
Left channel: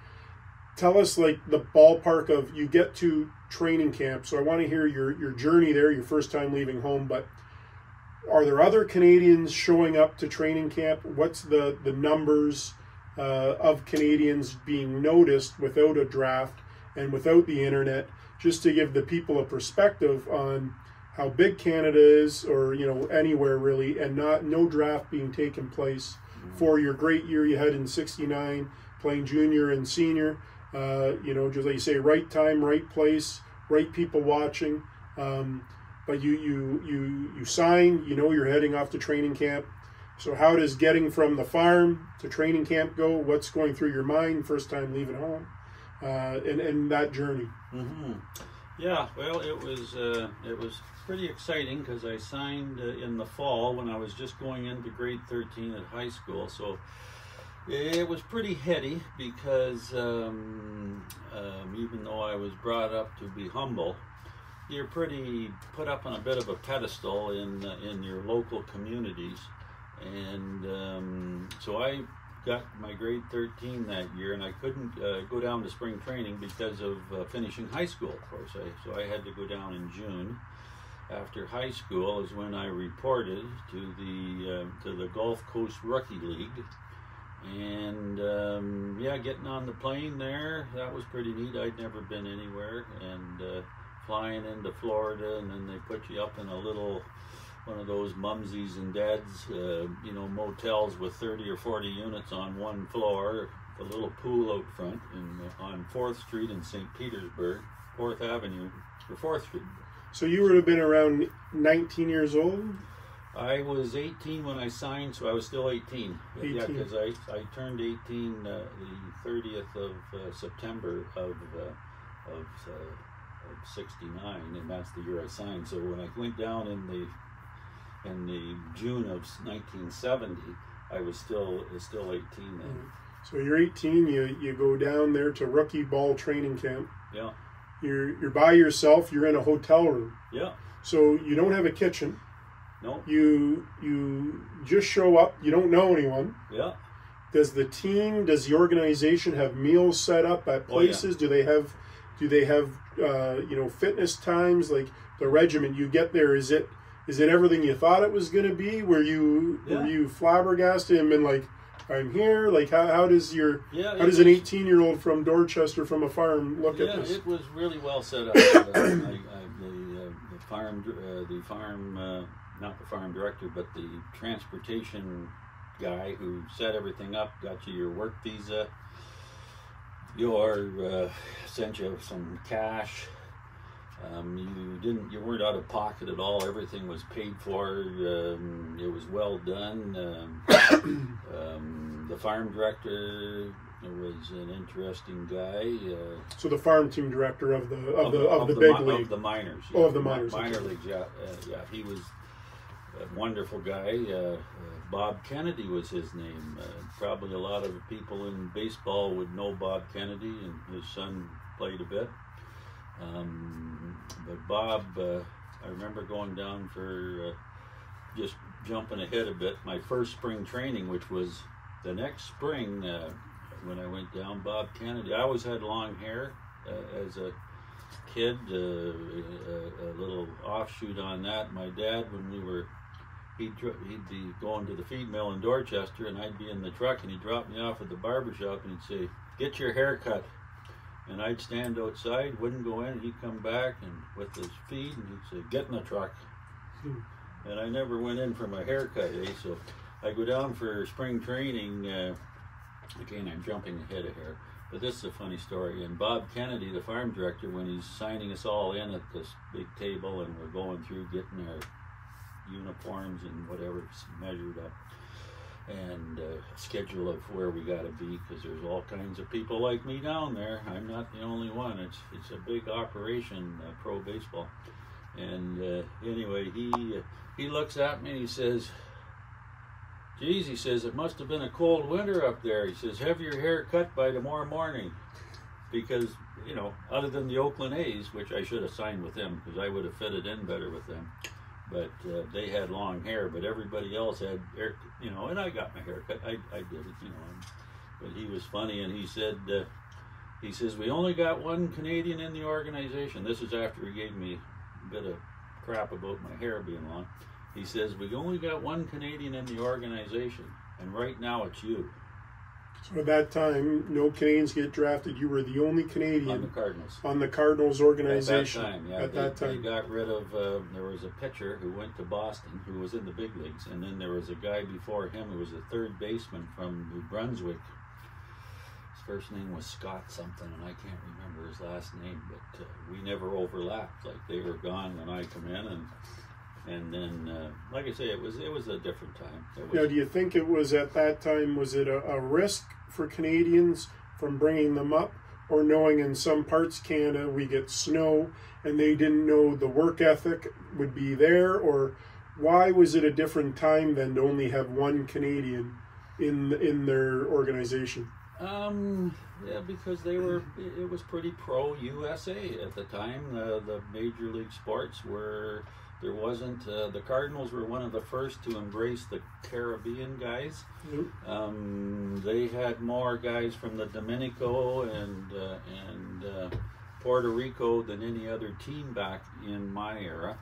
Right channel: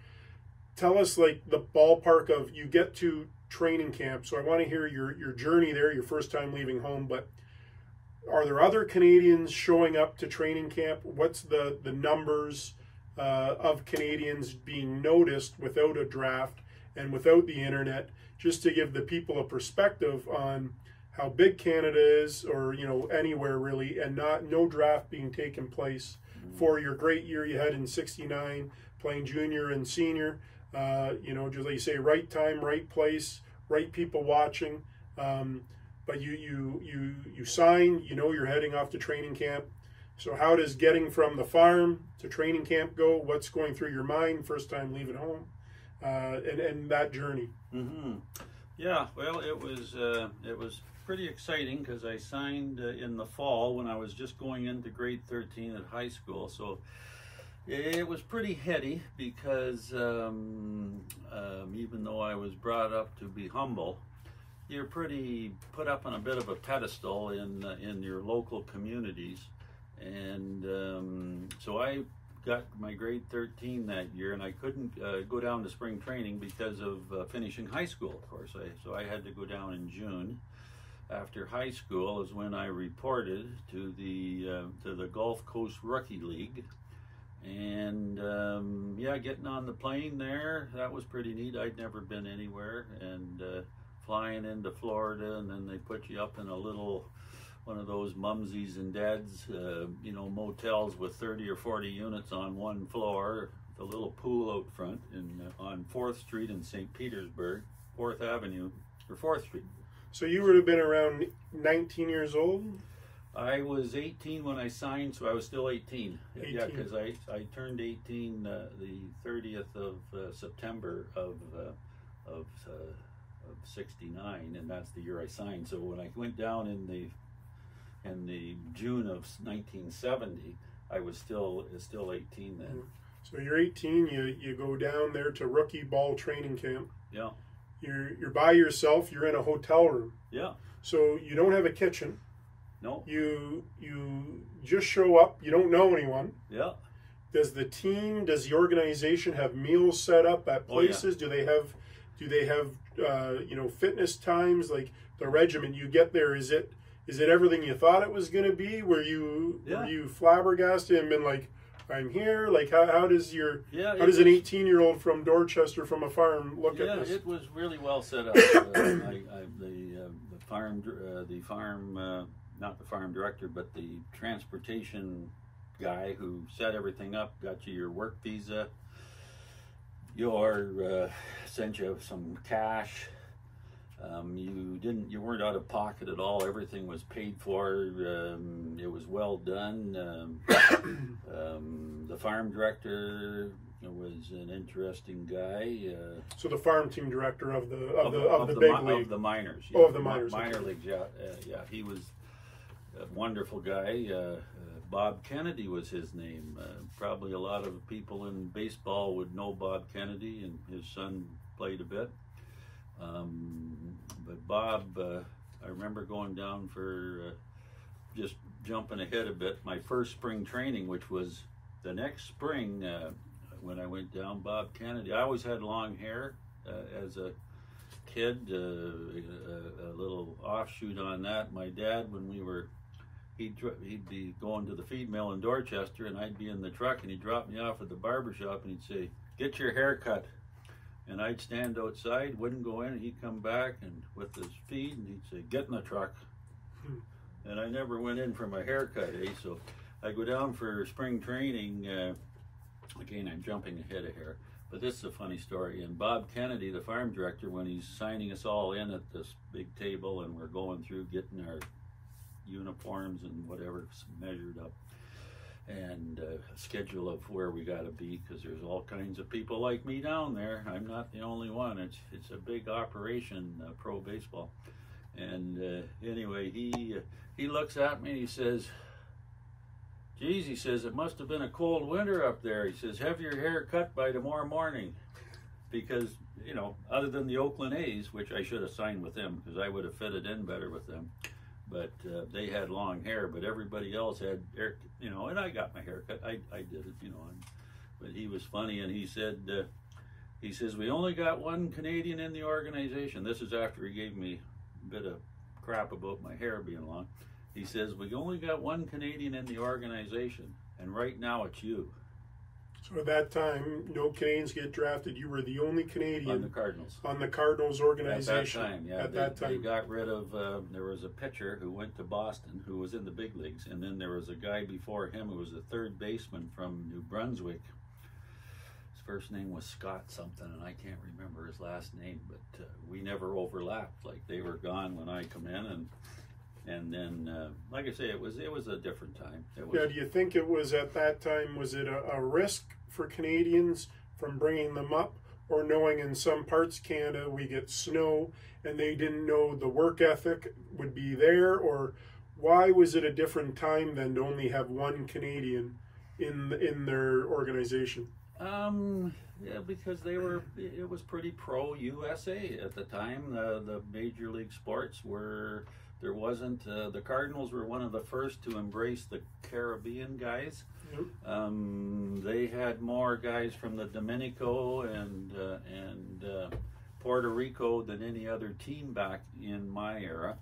tell us, like, the ballpark of, you get to training camp. So I want to hear your journey there, your first time leaving home, but are there other Canadians showing up to training camp? What's the numbers of Canadians being noticed without a draft and without the internet, just to give the people a perspective on how big Canada is, or anywhere really, and no draft being taken place for your great year you had in 69, playing junior and senior. Just like you say, right time, right place, right people watching. But you sign, you're heading off to training camp. So how does getting from the farm to training camp go? What's going through your mind first time leaving home, and that journey? Mm-hmm. Yeah, well, it was pretty exciting because I signed in the fall when I was just going into grade 13 at high school. So it was pretty heady because even though I was brought up to be humble, you're pretty put up on a bit of a pedestal in your local communities. And so I got my grade 13 that year, and I couldn't go down to spring training because of finishing high school, of course. So I had to go down in June. After high school is when I reported to the Gulf Coast Rookie League. And getting on the plane there, that was pretty neat. I'd never been anywhere. And flying into Florida, and then they put you up in a little one of those mumsies and dads, motels with 30 or 40 units on one floor, the little pool out front on 4th Street in St. Petersburg, 4th Avenue, or 4th Street. So you would have been around 19 years old? I was 18 when I signed, so I was still 18. 18. Yeah, because I turned 18 the 30th of September of 69, and that's the year I signed. So when I went down in the June of 1970, I was still 18 then. So you're 18. You go down there to rookie ball training camp. Yeah. You're by yourself. You're in a hotel room. Yeah. So you don't have a kitchen. No. You just show up. You don't know anyone. Yeah. Does the organization have meals set up at places? Oh, yeah. Do they have fitness times, like the regiment? You get there, is it everything you thought it was going to be? Were you flabbergasted and been like, I'm here? Like how does an 18-year-old from Dorchester from a farm look at this? Yeah, it was really well set up. The farm, not the farm director, but the transportation guy who set everything up, got you your work visa, sent you some cash, You weren't out of pocket at all. Everything was paid for. It was well done. The farm director was an interesting guy. So the farm team director of the big league, of the minors. Oh, of the minors. Minor leagues. Yeah, he was a wonderful guy. Bob Kennedy was his name. Probably a lot of people in baseball would know Bob Kennedy, and his son played a bit. But Bob, I remember going down for just jumping ahead a bit. My first spring training, which was the next spring when I went down, Bob Kennedy. I always had long hair as a kid, a little offshoot on that. My dad, when he'd be going to the feed mill in Dorchester, and I'd be in the truck, and he'd drop me off at the barber shop, and he'd say, "Get your hair cut." And I'd stand outside, wouldn't go in, and he'd come back and with his feed, and he'd say, "Get in the truck." And I never went in for my haircut, So I go down for spring training. Again, I'm jumping ahead of here, but this is a funny story. And Bob Kennedy, the farm director, when he's signing us all in at this big table, and we're going through getting our uniforms and whatever measured up, and a schedule of where we got to be, because there's all kinds of people like me down there. I'm not the only one. It's a big operation, pro baseball. And anyway, he looks at me and he says, "Geez," he says, "it must have been a cold winter up there." He says, "Have your hair cut by tomorrow morning." Because, other than the Oakland A's, which I should have signed with them because I would have fitted in better with them. But they had long hair, but everybody else had hair, and I got my hair cut. I did it, but he was funny, and he says, "We only got one Canadian in the organization." This is after he gave me a bit of crap about my hair being long. He says, "We only got one Canadian in the organization, and right now it's you." So at that time, no Canadians get drafted. You were the only Canadian on the Cardinals. On the Cardinals organization. At that time, yeah. At that time, they got rid of. There was a pitcher who went to Boston who was in the big leagues, and then there was a guy before him who was a third baseman from New Brunswick. His first name was Scott something, and I can't remember his last name. But we never overlapped. Like, they were gone when I come in, and then, like I say, it was a different time. Now, do you think it was at that time, was it a risk for Canadians from bringing them up, or knowing in some parts of Canada we get snow and they didn't know the work ethic would be there, or why was it a different time than to only have one Canadian in their organization? Yeah, because it was pretty pro-USA at the time. The major league sports were. There wasn't, the Cardinals were one of the first to embrace the Caribbean guys. Yep. They had more guys from the Dominico and Puerto Rico than any other team back in my era.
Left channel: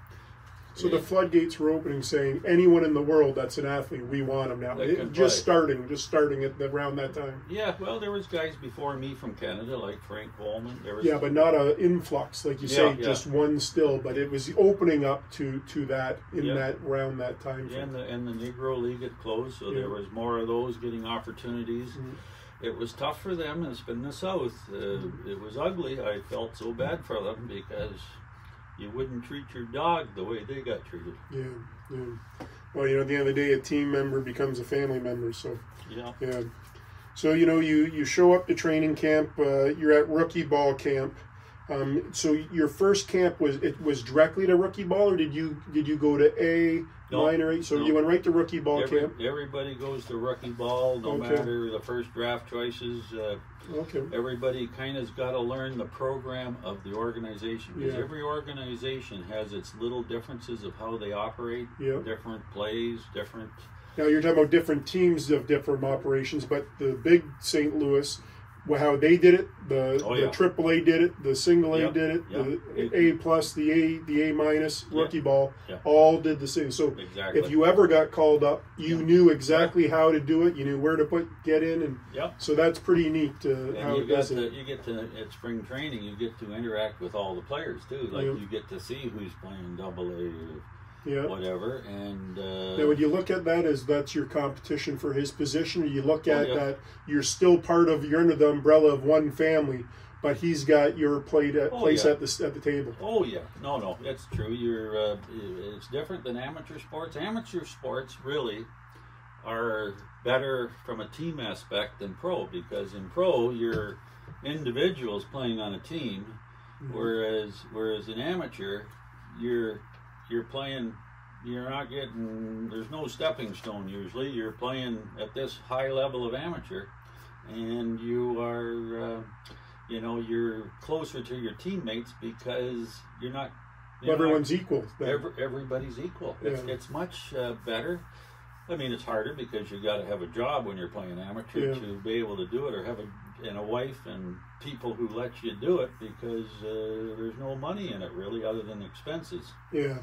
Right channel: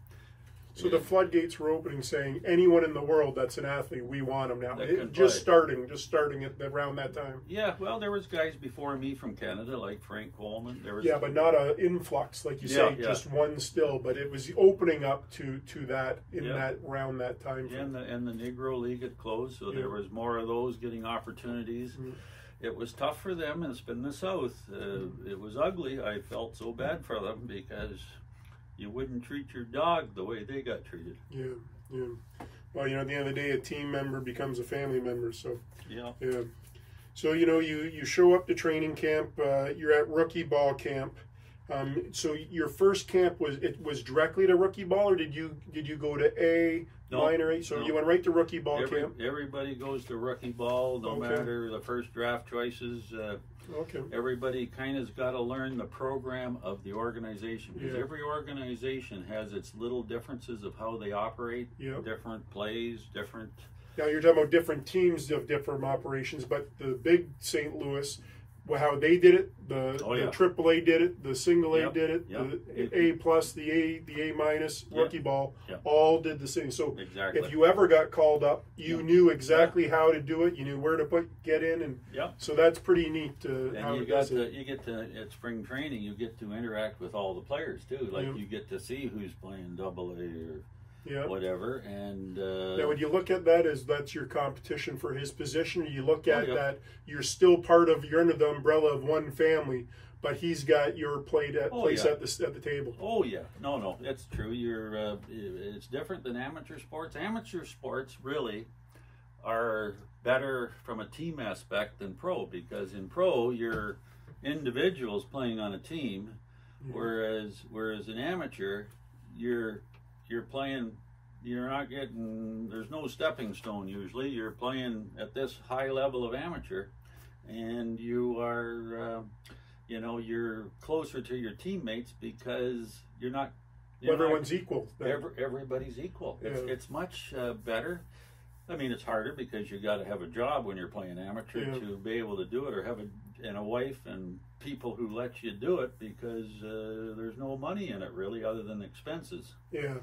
So the floodgates were opening, saying anyone in the world that's an athlete, we want them now. Just starting at around that time. Yeah, well, there was guys before me from Canada, like Frank Coleman. But not an influx, like you say, just one still. But it was opening up to that that around that time. Yeah, and the Negro League had closed, so there was more of those getting opportunities. Mm-hmm. It was tough for them, and it's been the South. It was ugly. I felt so bad for them because you wouldn't treat your dog the way they got treated. Yeah. Well, at the end of the day, a team member becomes a family member. So yeah. So you show up to training camp. You're at rookie ball camp. So your first camp was directly to rookie ball, or did you go to minor A? So you went right to rookie ball camp. Everybody goes to rookie ball, no matter the first draft choices. Everybody kind of's got to learn the program of the organization, because every organization has its little differences of how they operate, different plays, different. Now you're talking about different teams of different operations, but the big St. Louis, how they did it, the AAA did it, the single A did it, the A plus, the A minus, rookie ball, all did the same. So if you ever got called up, you knew exactly how to do it. You knew where to get in, and so that's pretty neat. And you get to at spring training, you get to interact with all the players too. Like you get to see who's playing Double A or whatever. And now, when you look at that as that's your competition for his position, or you look at that you're still part of, you're under the umbrella of one family, but he's got your place at the table. Oh yeah, no, it's true. It's different than amateur sports. Amateur sports really are better from a team aspect than pro, because in pro you're individuals playing on a team, whereas in amateur you're playing. You're not getting. There's no stepping stone usually. You're playing at this high level of amateur, and you are. You're closer to your teammates because you're not. Everyone's equal. Everybody's equal. Yeah. It's much better. I mean, it's harder because you got to have a job when you're playing amateur to be able to do it, or have a wife and people who let you do it, because there's no money in it really other than expenses. Yeah.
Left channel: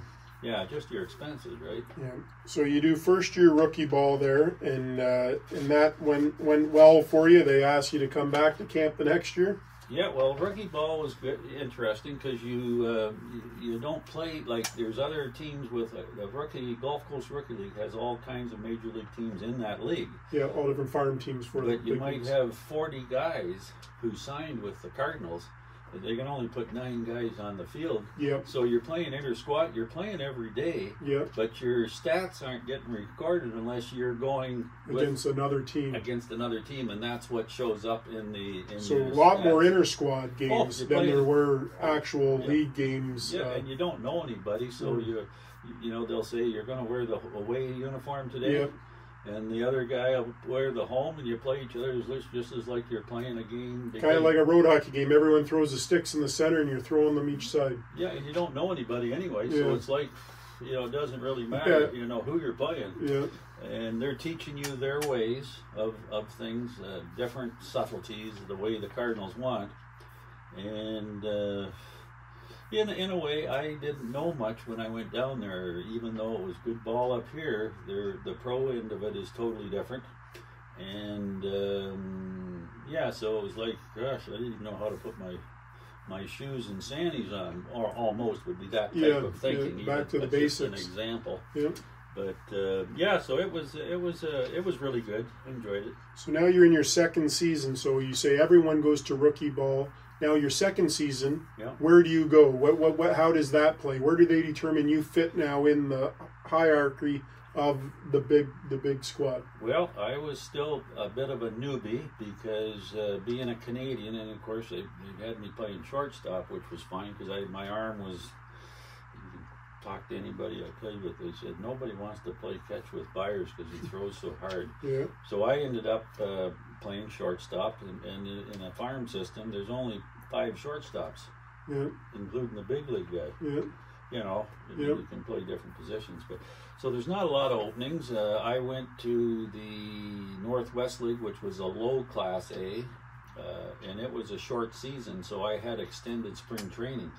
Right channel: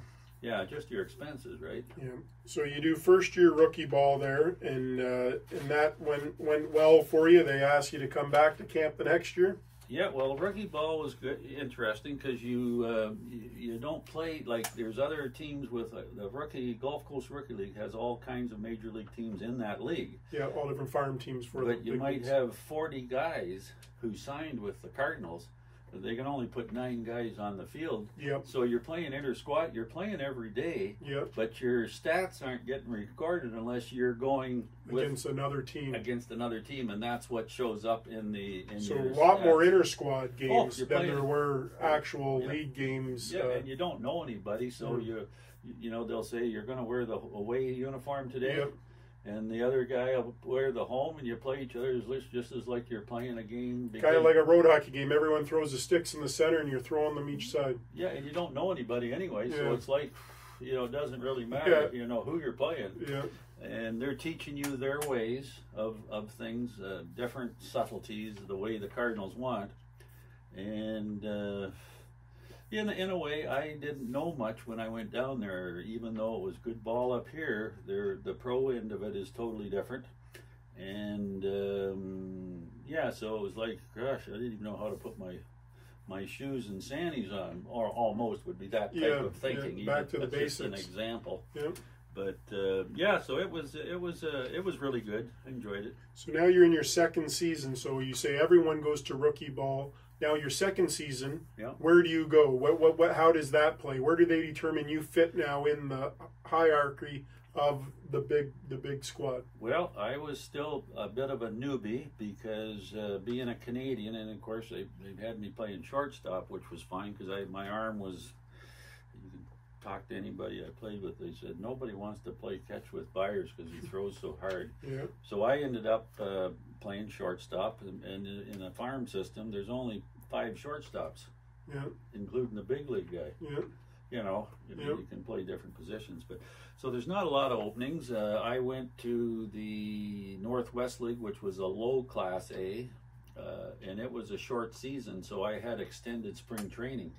Yeah, just your expenses, right? Yeah. So you do first year rookie ball there, and that went well for you. They asked you to come back to camp the next year. Yeah, well, rookie ball was good, interesting, because you don't play like there's other teams with the Gulf Coast Rookie League has all kinds of major league teams in that league. Yeah, all different farm teams for. But you might have 40 guys who signed with the Cardinals. They can only put 9 guys on the field. Yep. So you're playing inter-squad. You're playing every day. Yep. But your stats aren't getting recorded unless you're going against another team. And that's what shows up in So your a lot stats. more inter-squad games than playing, there were actual league games. Yeah, and you don't know anybody, so they'll say you're going to wear the away uniform today. Yep. And the other guy will wear the home, and you play each other just as like you're playing a game. Kind of like a road hockey game. Everyone throws the sticks in the center, and you're throwing them each side. Yeah, and you don't know anybody anyway, so it's like, it doesn't really matter, who you're playing. Yeah. And they're teaching you their ways of things, different subtleties, the way the Cardinals want. And in a way, I didn't know much when I went down there, even though it was good ball up here. The pro end of it is totally different. And so it was like, gosh, I didn't even know how to put my shoes and sandies on, or almost would be that type of thinking. Yeah, back to the basics. Just an example. Yeah. But so it was really good. Enjoyed it. So now you're in your second season. So you say everyone goes to rookie ball. Now your second season, where do you go? What? How does that play? Where do they determine you fit now in the hierarchy of the big squad? Well, I was still a bit of a newbie because being a Canadian, and of course they had me playing shortstop, which was fine because my arm was. You can talk to anybody I played with. They said nobody wants to play catch with Byers because he throws so hard. Yeah. So I ended up playing shortstop, and in a farm system, there's only 5 shortstops, including the big league guy. Yeah. You can play different positions, but so there's not a lot of openings. I went to the Northwest League, which was a low Class A, and it was a short season, so I had extended spring training.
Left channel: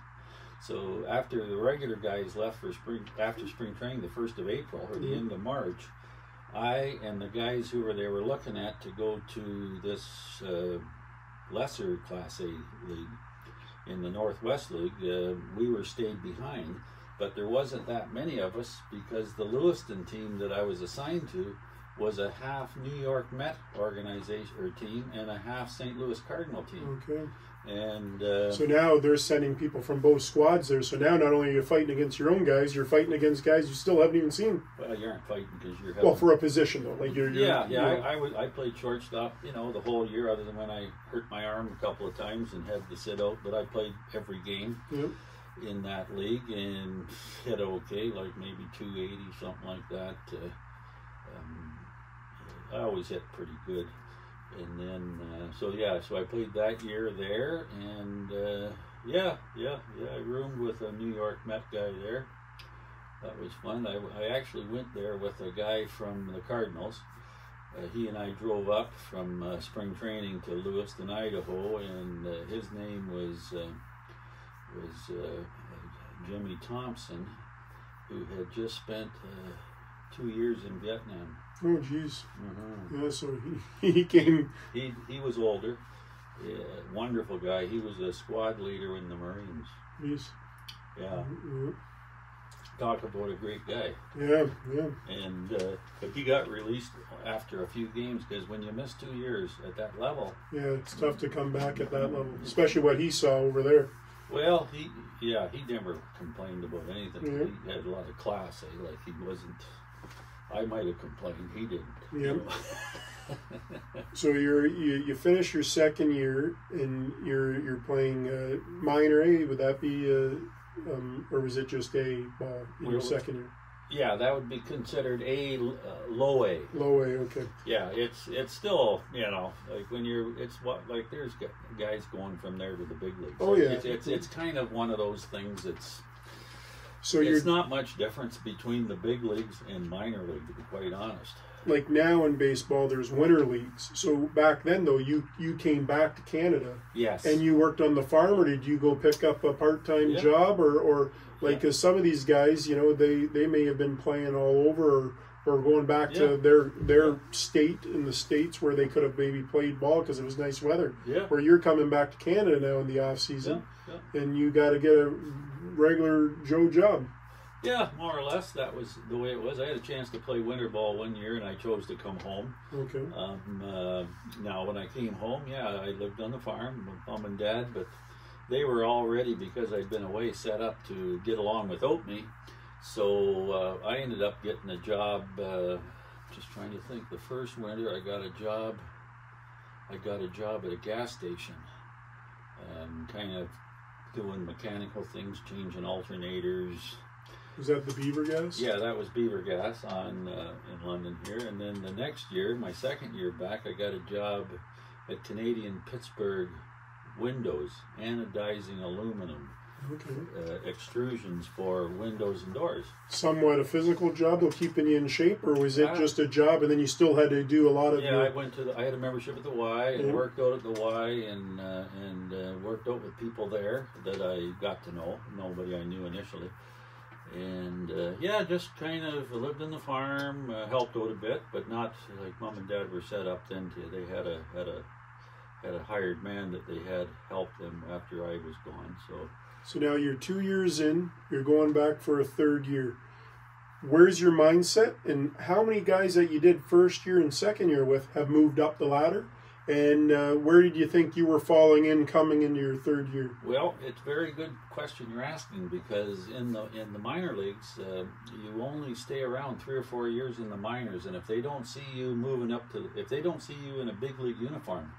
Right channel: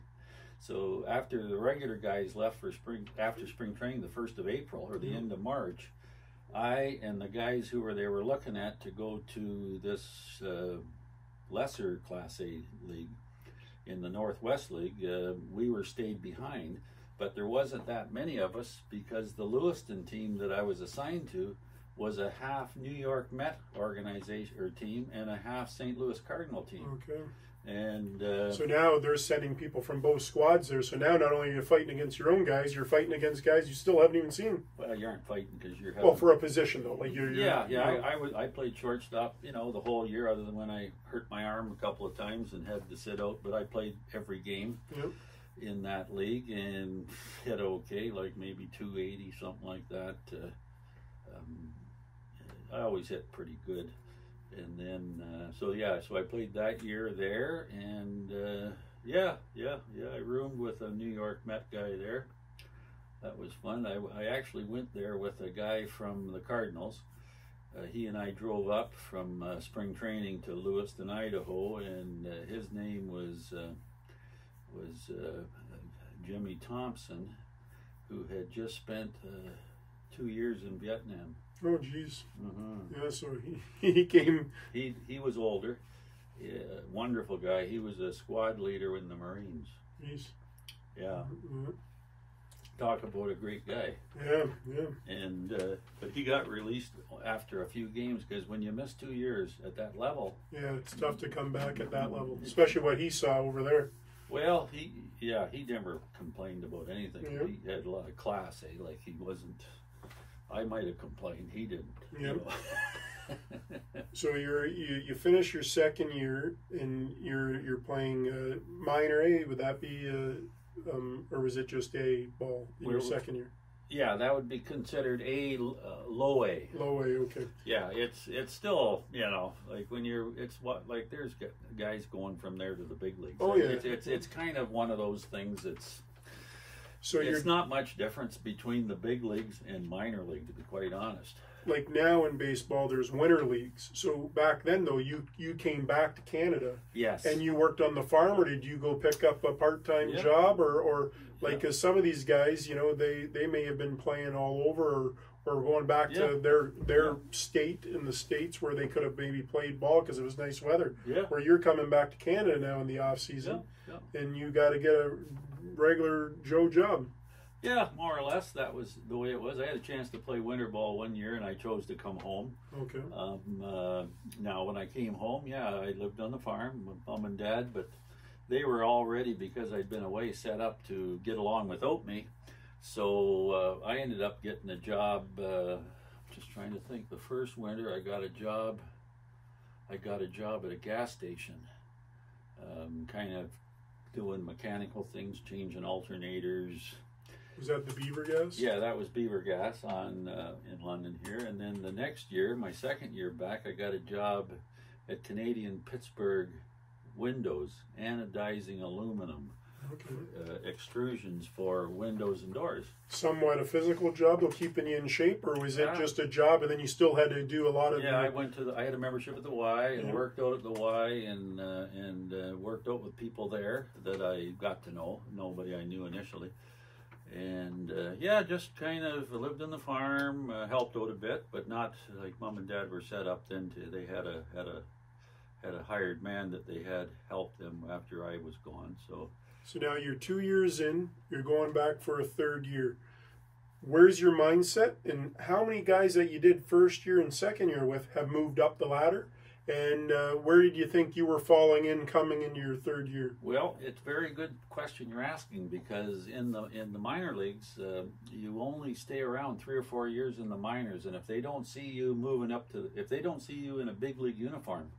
So after the regular guys left for after spring training, the 1st of April or the end of March, I and the guys who were looking at to go to this lesser Class A league in the Northwest League, we were stayed behind, but there wasn't that many of us because the Lewiston team that I was assigned to was a half New York Met organization or team and a half St. Louis Cardinal team. Okay. And so now they're sending people from both squads there. So now not only are you fighting against your own guys, you're fighting against guys you still haven't even seen. Well, you aren't fighting because you're well for a position though. Like I played shortstop, the whole year, other than when I hurt my arm a couple of times and had to sit out. But I played every game in that league and hit okay, like maybe 280, something like that. I always hit pretty good. And then, so I played that year there, and I roomed with a New York Met guy there. That was fun. I actually went there with a guy from the Cardinals. He and I drove up from spring training to Lewiston, Idaho, and his name was Jimmy Thompson, who had just spent 2 years in Vietnam. Oh, geez. Yeah, so he came. He was older. Yeah, wonderful guy. He was a squad leader in the Marines. Jeez. Yeah. talk about a great guy. Yeah, yeah. And but he got released after a few games because when you miss 2 years at that level, Yeah, it's tough to come back at that level, especially what he saw over there. well, he never complained about anything. Yeah. He had a lot of class, like he wasn't. I might have complained, he didn't. Yeah. You know? So you finish your second year and you're playing minor A. Would that be or was it just A ball in your second year? Yeah, that would be considered low A. Low A, okay. Yeah, it's still, like when like there's guys going from there to the big leagues. Oh yeah, it's kind of one of those things that's. So it's not much difference between the big leagues and minor league, to be quite honest. Like now in baseball, there's winter leagues. So back then, though, you came back to Canada. Yes. And you worked on the farm, or did you go pick up a part-time job, or like because some of these guys, they may have been playing all over, or going back to their state in the States where they could have maybe played ball because it was nice weather. Yeah. Where you're coming back to Canada now in the off season, and you got to get a regular Joe job. Yeah, more or less that was the way it was. I had a chance to play winter ball 1 year, and I chose to come home. Okay. Now, when I came home, I lived on the farm with Mom and Dad, but they were already, because I'd been away, set up to get along without me. So I ended up getting a job. Just trying to think. The first winter, I got a job at a gas station, kind of doing mechanical things, changing alternators. Was that the Beaver Gas? Yeah, that was Beaver Gas in London here. And then the next year, my second year back, I got a job at Canadian Pittsburgh Windows, anodizing aluminum, extrusions for windows and doors. Somewhat a physical job, though, keeping you in shape, or was it just a job and then you still had to do a lot of? Yeah, I had a membership at the Y and worked out at the Y and worked out with people there that I got to know. Nobody I knew initially. And just kind of lived on the farm, helped out a bit, but not like Mom and Dad were set up then. They had a hired man that they had helped them after I was gone. So now you're 2 years in, you're going back for a third year. Where's your mindset, and how many guys that you did first year and second year with have moved up the ladder? And where did you think you were falling in coming into your third year? Well, it's a very good question you're asking, because in the minor leagues, you only stay around 3 or 4 years in the minors, and if they don't see you if they don't see you in a big league uniform,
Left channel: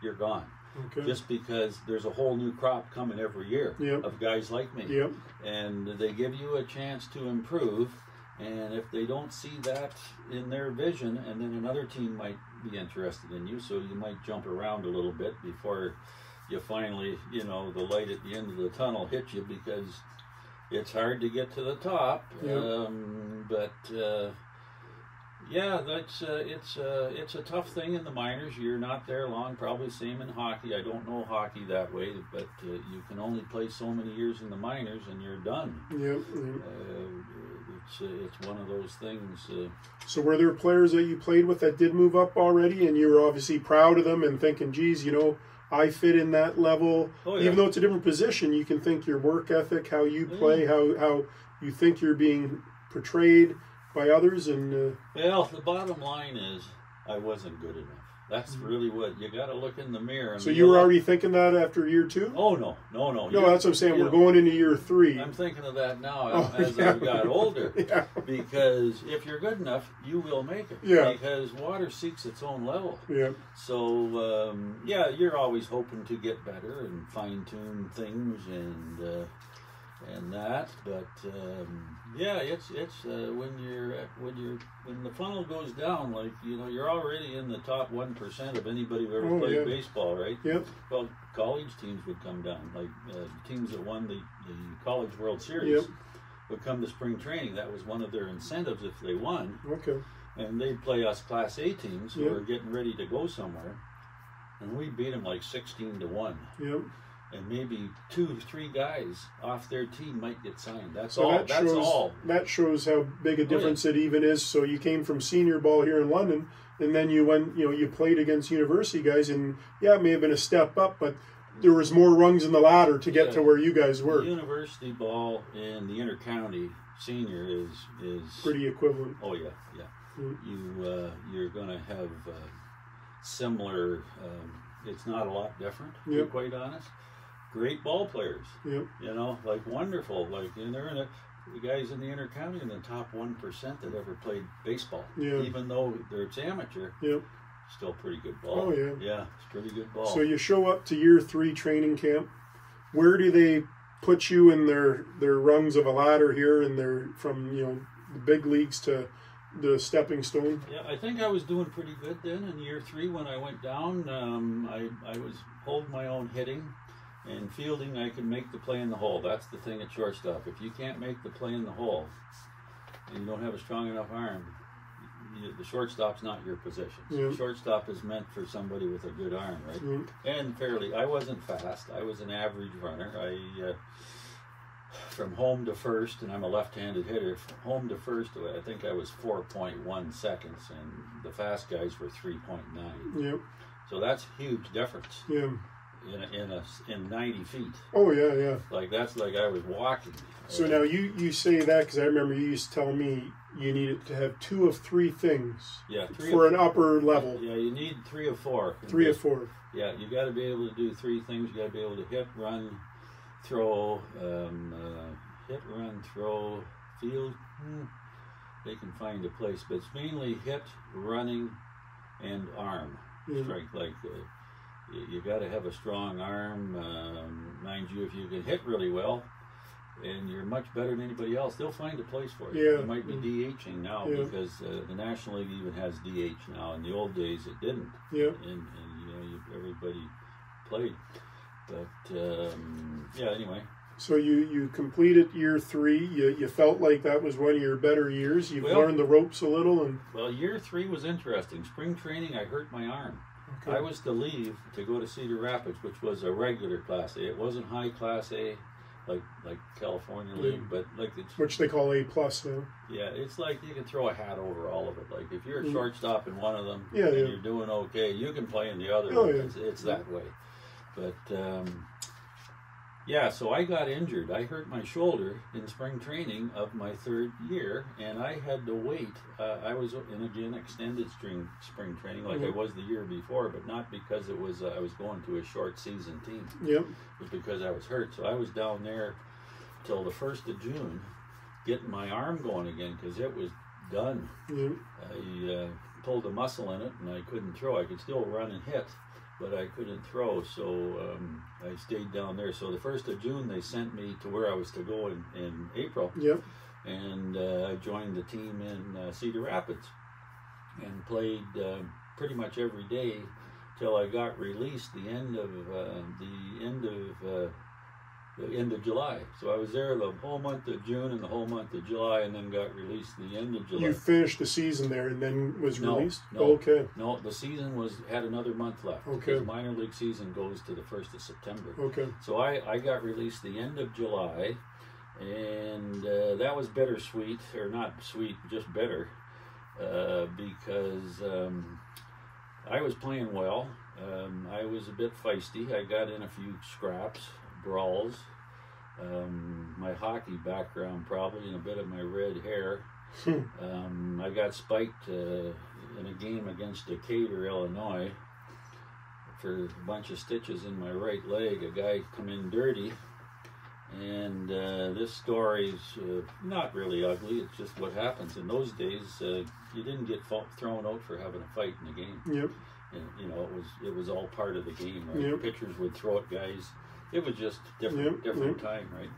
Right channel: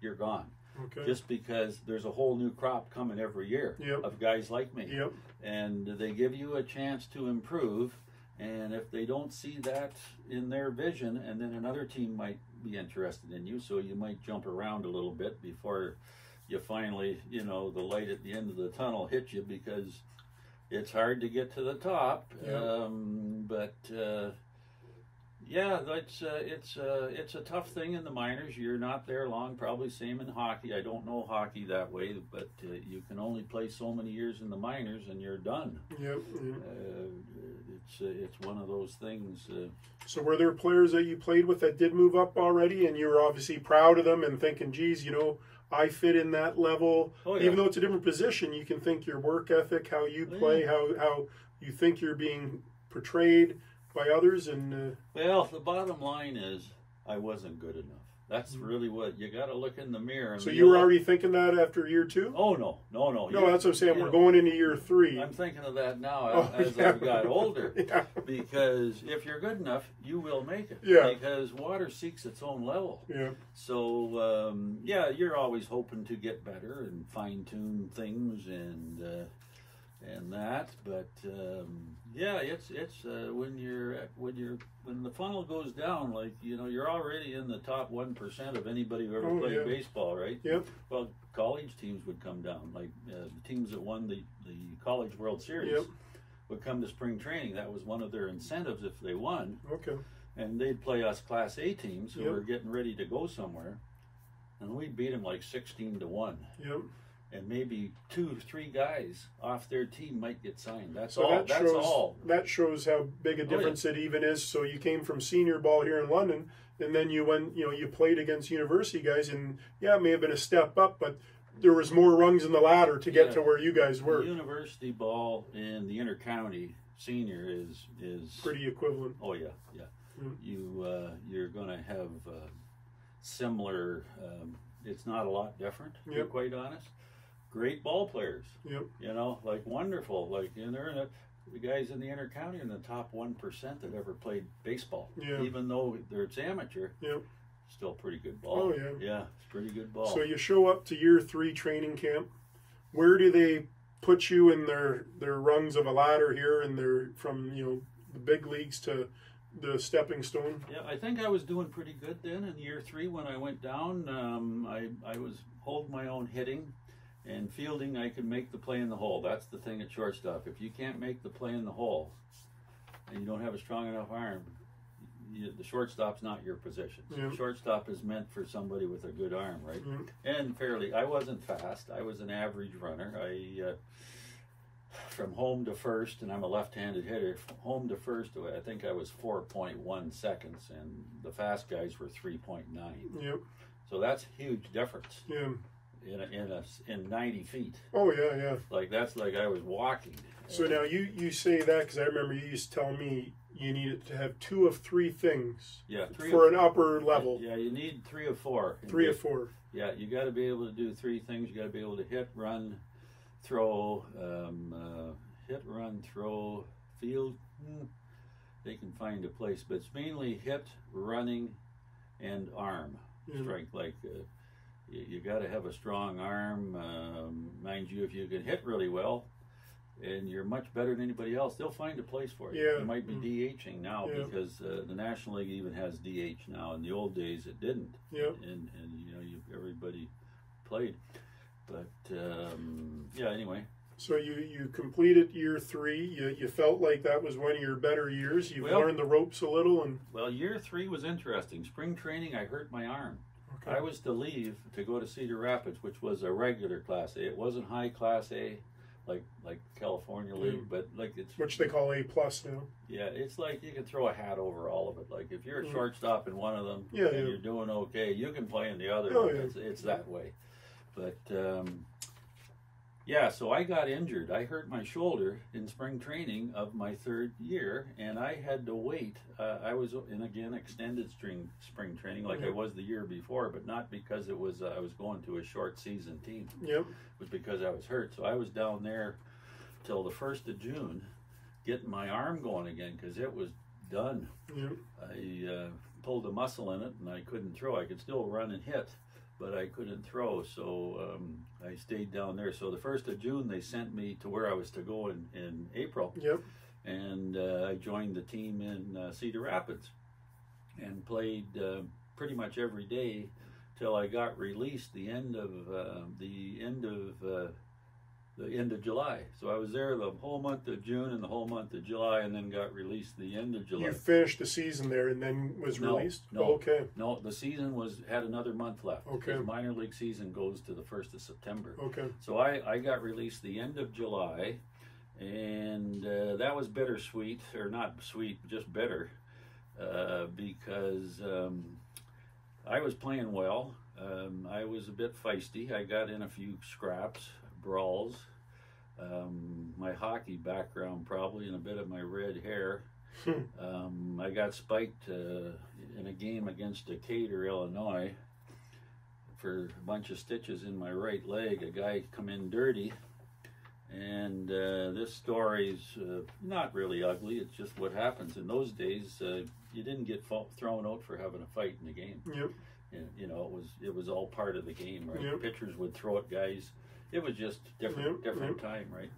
you're gone. Okay. Just because there's a whole new crop coming every year of guys like me. Yep. And they give you a chance to improve, and if they don't see that in their vision, and then another team might be interested in you, so you might jump around a little bit before you finally, the light at the end of the tunnel hits you, because it's hard to get to the top. It's a tough thing in the minors. You're not there long, probably same in hockey. I don't know hockey that way, but you can only play so many years in the minors and you're done. It's one of those things. So were there players that you played with that did move up already, and you were obviously proud of them and thinking, geez, I fit in that level? Oh, yeah. Even though it's a different position, you can think your work ethic, how you play, how you think you're being portrayed by others. And well, the bottom line is I wasn't good enough. That's really what you got to look in the mirror. So you were already thinking that after year 2? Oh no. No, that's what I'm saying. We're going into year 3. I'm thinking of that now as I've got older. Because if you're good enough, you will make it. Because water seeks its own level. So you're always hoping to get better and fine tune things and that. But it's when the funnel goes down, like you're already in the top 1% of anybody who ever played baseball, right? Yep. Well, college teams would come down, like teams that won the College World Series would come to spring training. That was one of their incentives if they won. Okay. And they'd play us Class A teams who were getting ready to go somewhere, and we beat them like 16-1. Yep. And maybe 2 or 3 guys off their team might get signed. That's so all. That shows how big a difference it even is. So you came from senior ball here in London, and then you went, you played against university guys, and it may have been a step up, but there was more rungs in the ladder to get to where you guys were. The university ball in the intercounty senior is pretty equivalent. Oh yeah. You're going to have similar. It's not a lot different, to be quite honest. Great ball players. Yep. You know, like wonderful. Like, and they're in the guys in the intercounty in the top 1% that ever played baseball. Yeah. Even though it's amateur. Yep. Still pretty good ball. Oh yeah. Yeah, it's pretty good ball. So you show up to year 3 training camp. Where do they put you in their rungs of a ladder here, and they're from the big leagues to the stepping stone? Yeah, I think I was doing pretty good then in year 3 when I went down. I was holding my own hitting and fielding. I could make the play in the hole. That's the thing at shortstop. If you can't make the play in the hole and you don't have a strong enough arm, the shortstop's not your position. So shortstop is meant for somebody with a good arm, right? And I wasn't fast. I was an average runner. From home to first, and I'm a left-handed hitter, from home to first, I think I was 4.1 seconds, and the fast guys were 3.9. Yep. So that's a huge difference. Yeah. In 90 feet. Oh yeah. Like that's like I was walking. So now you say that because I remember you used to tell me you needed to have 2 of 3 things. Yeah, for an upper level. Yeah, you need 3 of 4. 3 of 4. Yeah, you got to be able to do 3 things. You got to be able to hit, run, throw, hit, run, throw, field. They can find a place, but it's mainly hit, running, and arm strength. Like you got to have a strong arm. Mind you, if you can hit really well, and you're much better than anybody else, they'll find a place for you. Yeah. You might be DHing now because the National League even has DH now. In the old days, it didn't. Yeah. And everybody played. But anyway. So you completed year 3. You felt like that was one of your better years. You've learned the ropes a little. Well, year 3 was interesting. Spring training, I hurt my arm. Okay. I was to leave to go to Cedar Rapids, which was a regular Class A. It wasn't high Class A, like California League, but like it's which they call A+ now. Yeah, it's like you can throw a hat over all of it. Like if you're a shortstop in one of them and you're doing okay, you can play in the other one. It's that way. But so I got injured. I hurt my shoulder in spring training of my 3rd year, and I had to wait. I was in extended spring training like I was the year before, but not because it was I was going to a short season team. Yep. It was because I was hurt. So I was down there till the 1st of June getting my arm going again because it was done. Yep. I pulled a muscle in it, and I couldn't throw. I could still run and hit, but I couldn't throw, so I stayed down there. So the 1st of June, they sent me to where I was to go in April. Yep. And I joined the team in Cedar Rapids and played pretty much every day till I got released the end of July. So I was there the whole month of June and the whole month of July, and then got released the end of July. You finished the season there and then was released? No, no, the season had another month left. Okay. The minor league season goes to the 1st of September. Okay. So I got released the end of July, and that was bittersweet, or not sweet, just bitter, because I was playing well. I was a bit feisty. I got in a few scraps, brawls. My hockey background probably, and a bit of my red hair. I got spiked in a game against Decatur, Illinois, for a bunch of stitches in my right leg. A guy come in dirty, and this story's not really ugly. It's just what happens. In those days, you didn't get thrown out for having a fight in the game. Yep. You know, it was all part of the game, right? Yep. Pitchers would throw at guys. It was just different time, right?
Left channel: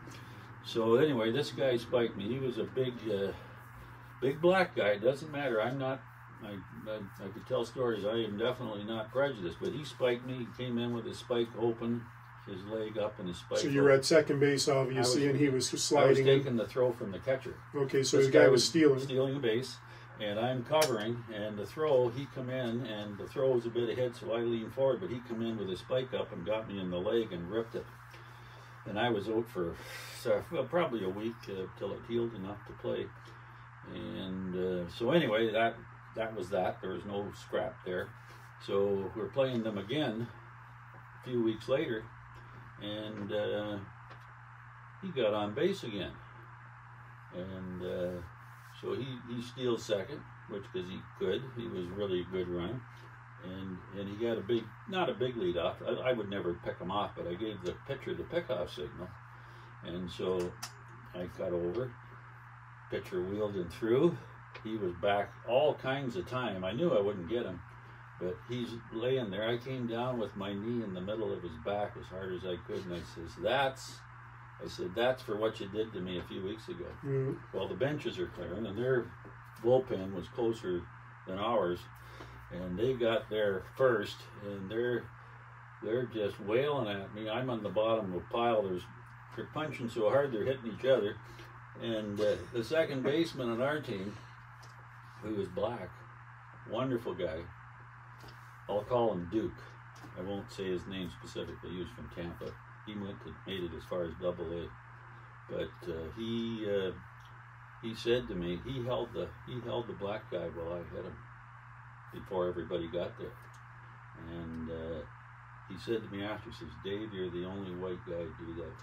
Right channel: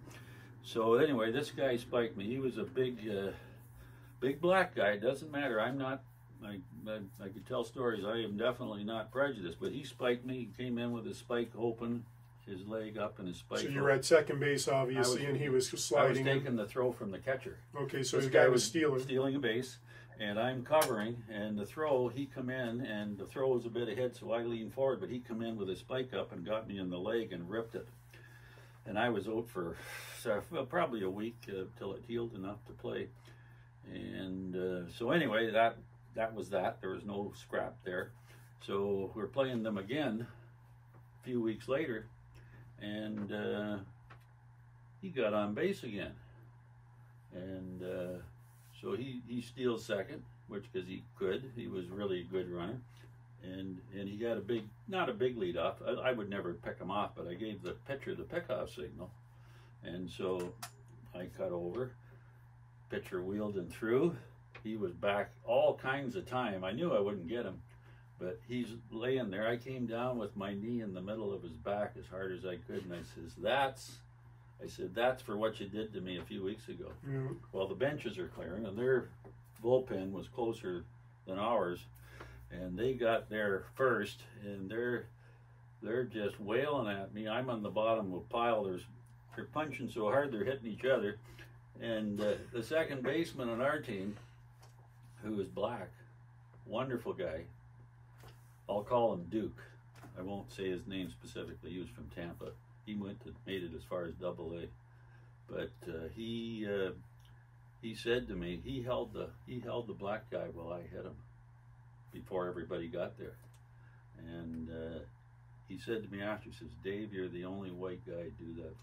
So anyway, this guy spiked me. He was a big black guy. It doesn't matter. I'm not. I could tell stories. I am definitely not prejudiced. But he spiked me. He came in with his spike open, his leg up, and his spike. So you're at second base, obviously, and he was sliding. I was taking the throw from the catcher. Okay, so this guy was stealing a base. And I'm covering, and the throw, he come in, and the throw was a bit ahead, so I leaned forward, but he come in with his spike up and got me in the leg and ripped it. And I was out for probably a week till it healed enough to play. And so anyway, that was that. There was no scrap there. So we're playing them again a few weeks later, and he got on base again. And so he steals second, which because he could. He was really a good runner. And he got not a big lead off. I would never pick him off, but I gave the pitcher the pickoff signal. And so I cut over. Pitcher wheeled and threw. He was back all kinds of time. I knew I wouldn't get him, but he's laying there. I came down with my knee in the middle of his back as hard as I could, and I said, that's for what you did to me a few weeks ago. Mm-hmm. Well, the benches are clearing, and their bullpen was closer than ours, and they got there first, and they're just wailing at me. I'm on the bottom of a pile. They're punching so hard they're hitting each other, and the second baseman on our team, who is black, wonderful guy. I'll call him Duke. I won't say his name specifically. He was from Tampa. He made it as far as AA. But he said to me, he held the black guy while I hit him before everybody got there. And he said to me after, he says, Dave, you're the only white guy to do that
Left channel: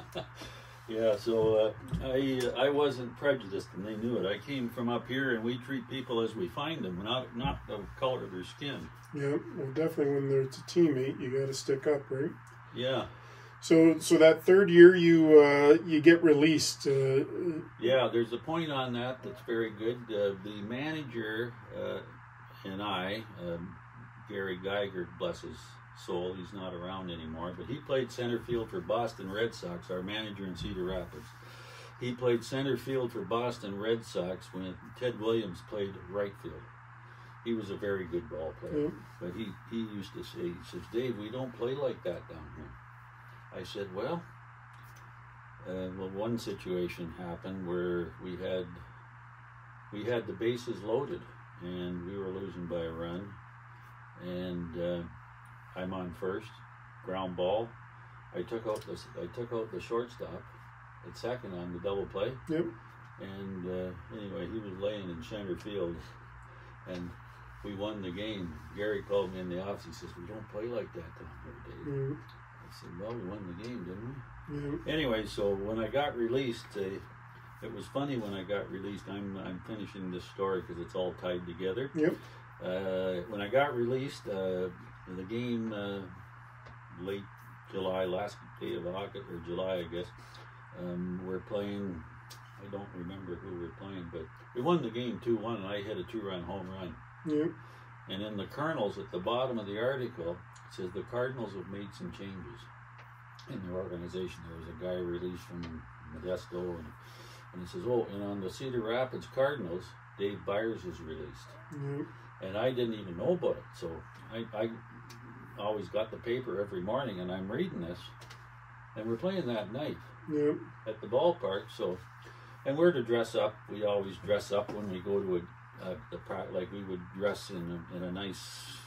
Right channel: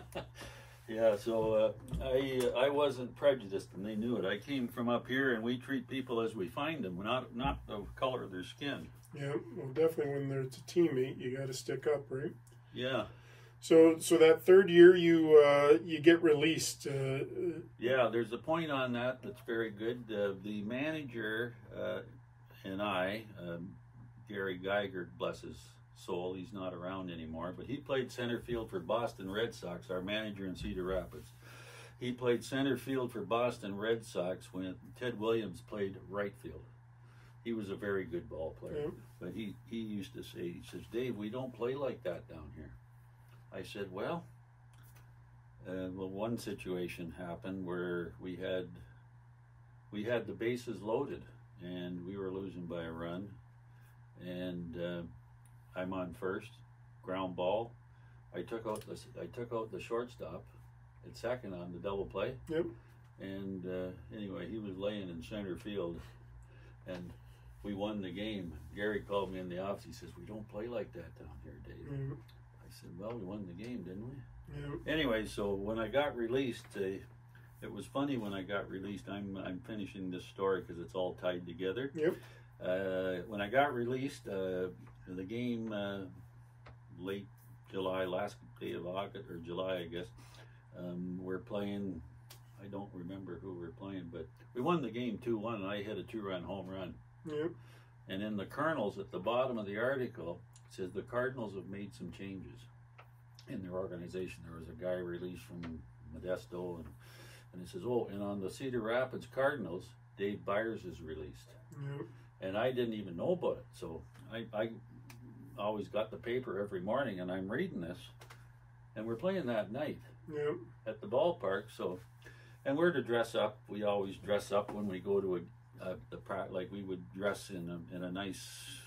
for. Yeah, so I wasn't prejudiced, and they knew it. I came from up here, and we treat people as we find them, not the color of their skin. Yeah, well, definitely when there's a teammate, you got to stick up, right? Yeah. So that third year, you get released. Yeah, there's a point on that that's very good. The manager and I, Gary Geiger, bless his soul, he's not around anymore, but he played center field for Boston Red Sox, our manager in Cedar Rapids. He played center field for Boston Red Sox when Ted Williams played right field. He was a very good ball player, but he used to say, he says, Dave, we don't play like that down here. I said, well, one situation happened where we had the bases loaded, and we were losing by a run, and I'm on first, ground ball. I took out the shortstop at second on the double play. Yep. And anyway, he was laying in center field, and we won the game. Gary called me in the office. He says, "We don't play like that down here, Dave." Mm-hmm. I said, "Well, we won the game, didn't we?" Yep. Anyway, so when I got released, it was funny when I got released. I'm finishing this story because it's all tied together. Yep. When I got released, the game late July, last day of August or July, I guess. We're playing. I don't remember who we're playing, but we won the game 2-1, and I hit a 2-run home run. Yep. And in the Kernels, at the bottom of the article, it says the Cardinals have made some changes in their organization. There was a guy released from Modesto, and it says, and on the Cedar Rapids Cardinals, Dave Byers is released. Yep. And I didn't even know about it, so I always got the paper every morning, and I'm reading this, and we're playing that night at the ballpark. So, and we're to dress up. We always dress up when we go to like we would dress in a nice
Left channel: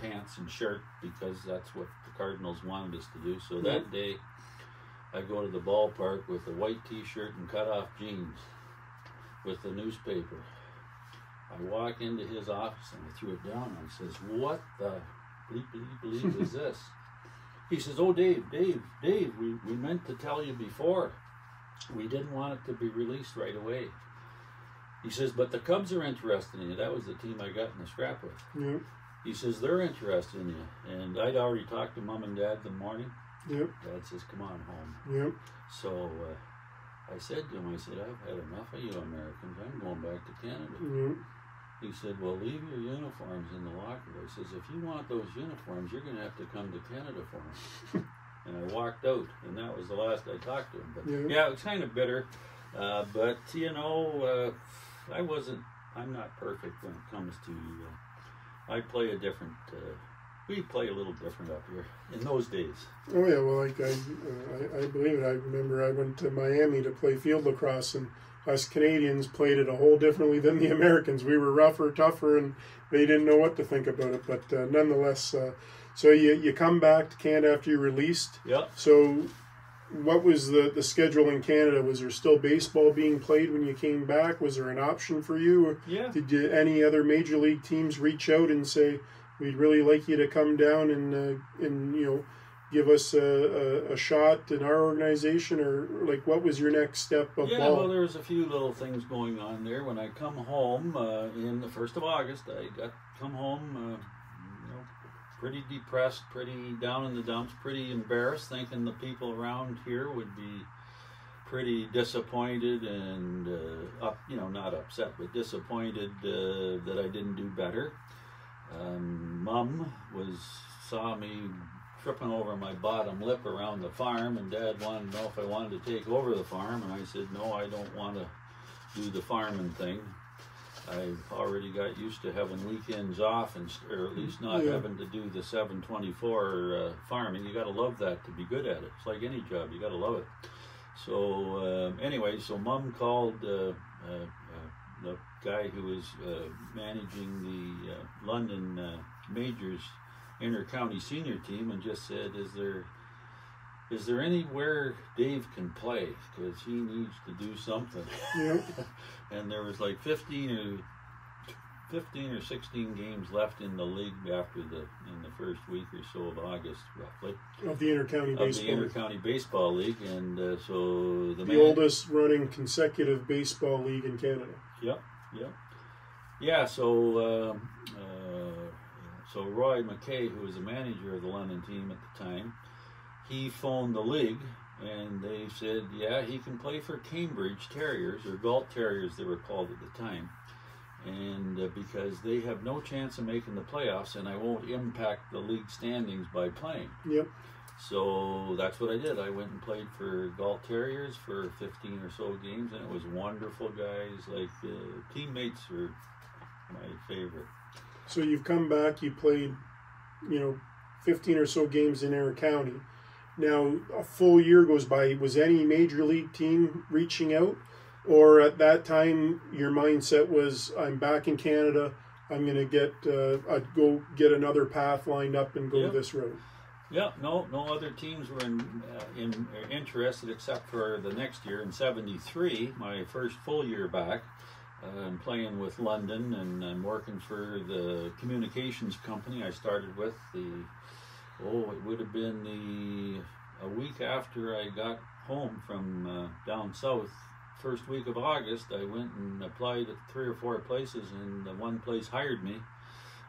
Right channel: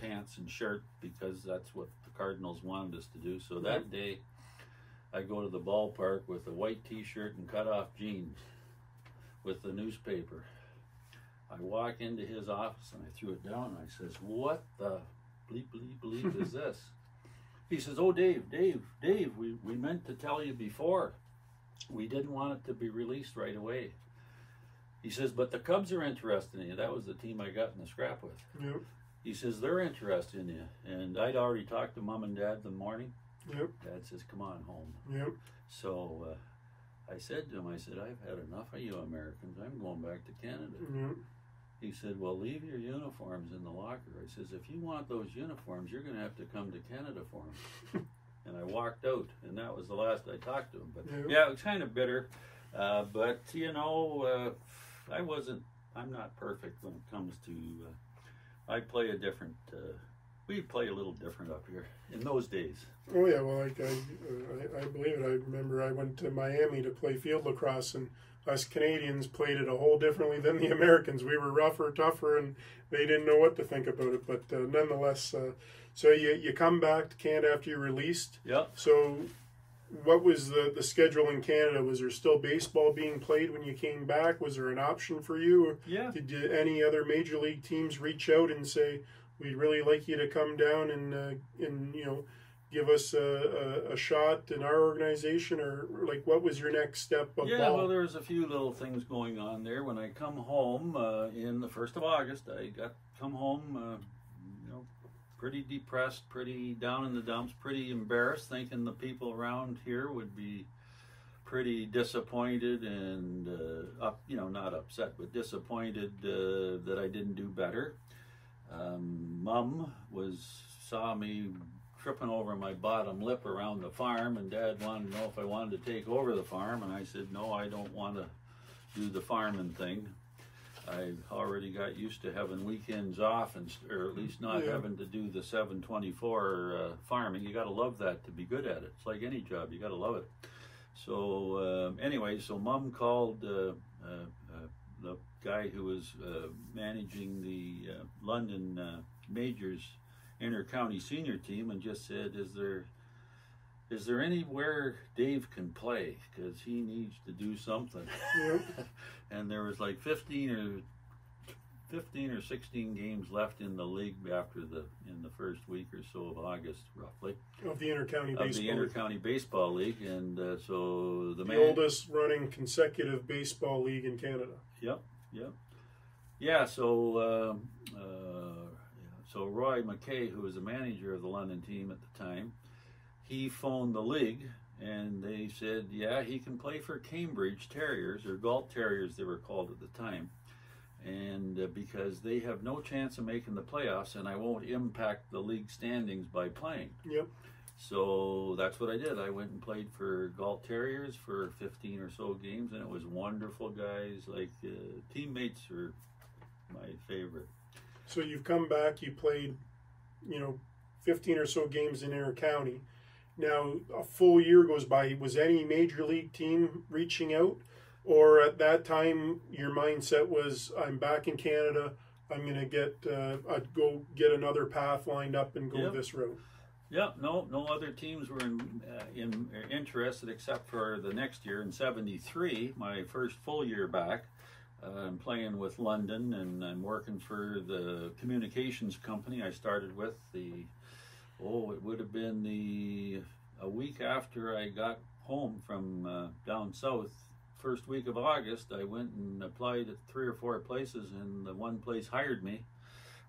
pants and shirt because that's what the Cardinals wanted us to do. So that day, I go to the ballpark with a white T-shirt and cut-off jeans with the newspaper. I walk into his office and I threw it down. And I says, "What the bleep is this?" He says, "Oh, Dave, we meant to tell you before. We didn't want it to be released right away." He says, "But the Cubs are interested in you." That was the team I got in the scrap with. Yep. He says, "They're interested in you." And I'd already talked to Mom and Dad the morning. Yep. Dad says, "Come on home." Yep. So I said to him, "I've had enough of you Americans. I'm going back to Canada." Yep. He said, "Well, leave your uniforms in the locker." I says, "If you want those uniforms, you're going to have to come to Canada for them." And I walked out, and that was the last I talked to him. But yeah, it was kind of bitter. But, I'm not perfect when it comes to, I play a different, we play a little different up here in those days. Oh, yeah, well, I believe it. I remember I went to Miami to play field lacrosse, and us Canadians played it a whole differently than the Americans. We were rougher, tougher, and they didn't know what to think about it. But nonetheless, so you come back to Canada after you're released. Yeah. So what was the schedule in Canada? Was there still baseball being played when you came back? Was there an option for you? Yeah. Did any other major league teams reach out and say, we'd really like you to come down and give us a shot in our organization, or like what was your next step of Yeah, ball? well, there was a few little things going on there. When I come home in the 1st of August, come home, pretty depressed, pretty down in the dumps, pretty embarrassed, thinking the people around here would be pretty disappointed and not upset, but disappointed that I didn't do better. Mom saw me tripping over my bottom lip around the farm, and Dad wanted to know if I wanted to take over the farm, and I said no, I don't want to do the farming thing. I already got used to having weekends off, or at least not having to do the 7/24 farming. You got to love that to be good at it. It's like any job, you got to love it. So anyway, so Mom called the guy who was managing the London Majors inter-county senior team and just said, is there anywhere Dave can play, because he needs to do something. Yep. And there was like 15 or 16 games left in the league in the first week or so of August, roughly, of the inter-county baseball league, and so the oldest running consecutive baseball league in Canada. Yep. Yeah, so Roy McKay, who was the manager of the London team at the time, he phoned the league, and they said, yeah, he can play for Cambridge Terriers, or Galt Terriers they were called at the time, and because they have no chance of making the playoffs, and I won't impact the league standings by playing. Yep. So that's what I did. I went and played for Galt Terriers for 15 or so games, and it was wonderful, guys. Like, teammates are my favorite. So you've come back, you played, 15 or so games in inter-county. Now, a full year goes by. Was any major league team reaching out? Or at that time, your mindset was, I'm back in Canada, I'm going to go get another path lined up and go this road? Yeah, no other teams were interested except for the next year in '73, my first full year back. I'm playing with London, and I'm working for the communications company I started with. It would have been a week after I got home from down south. First week of August, I went and applied at 3 or 4 places, and one place hired me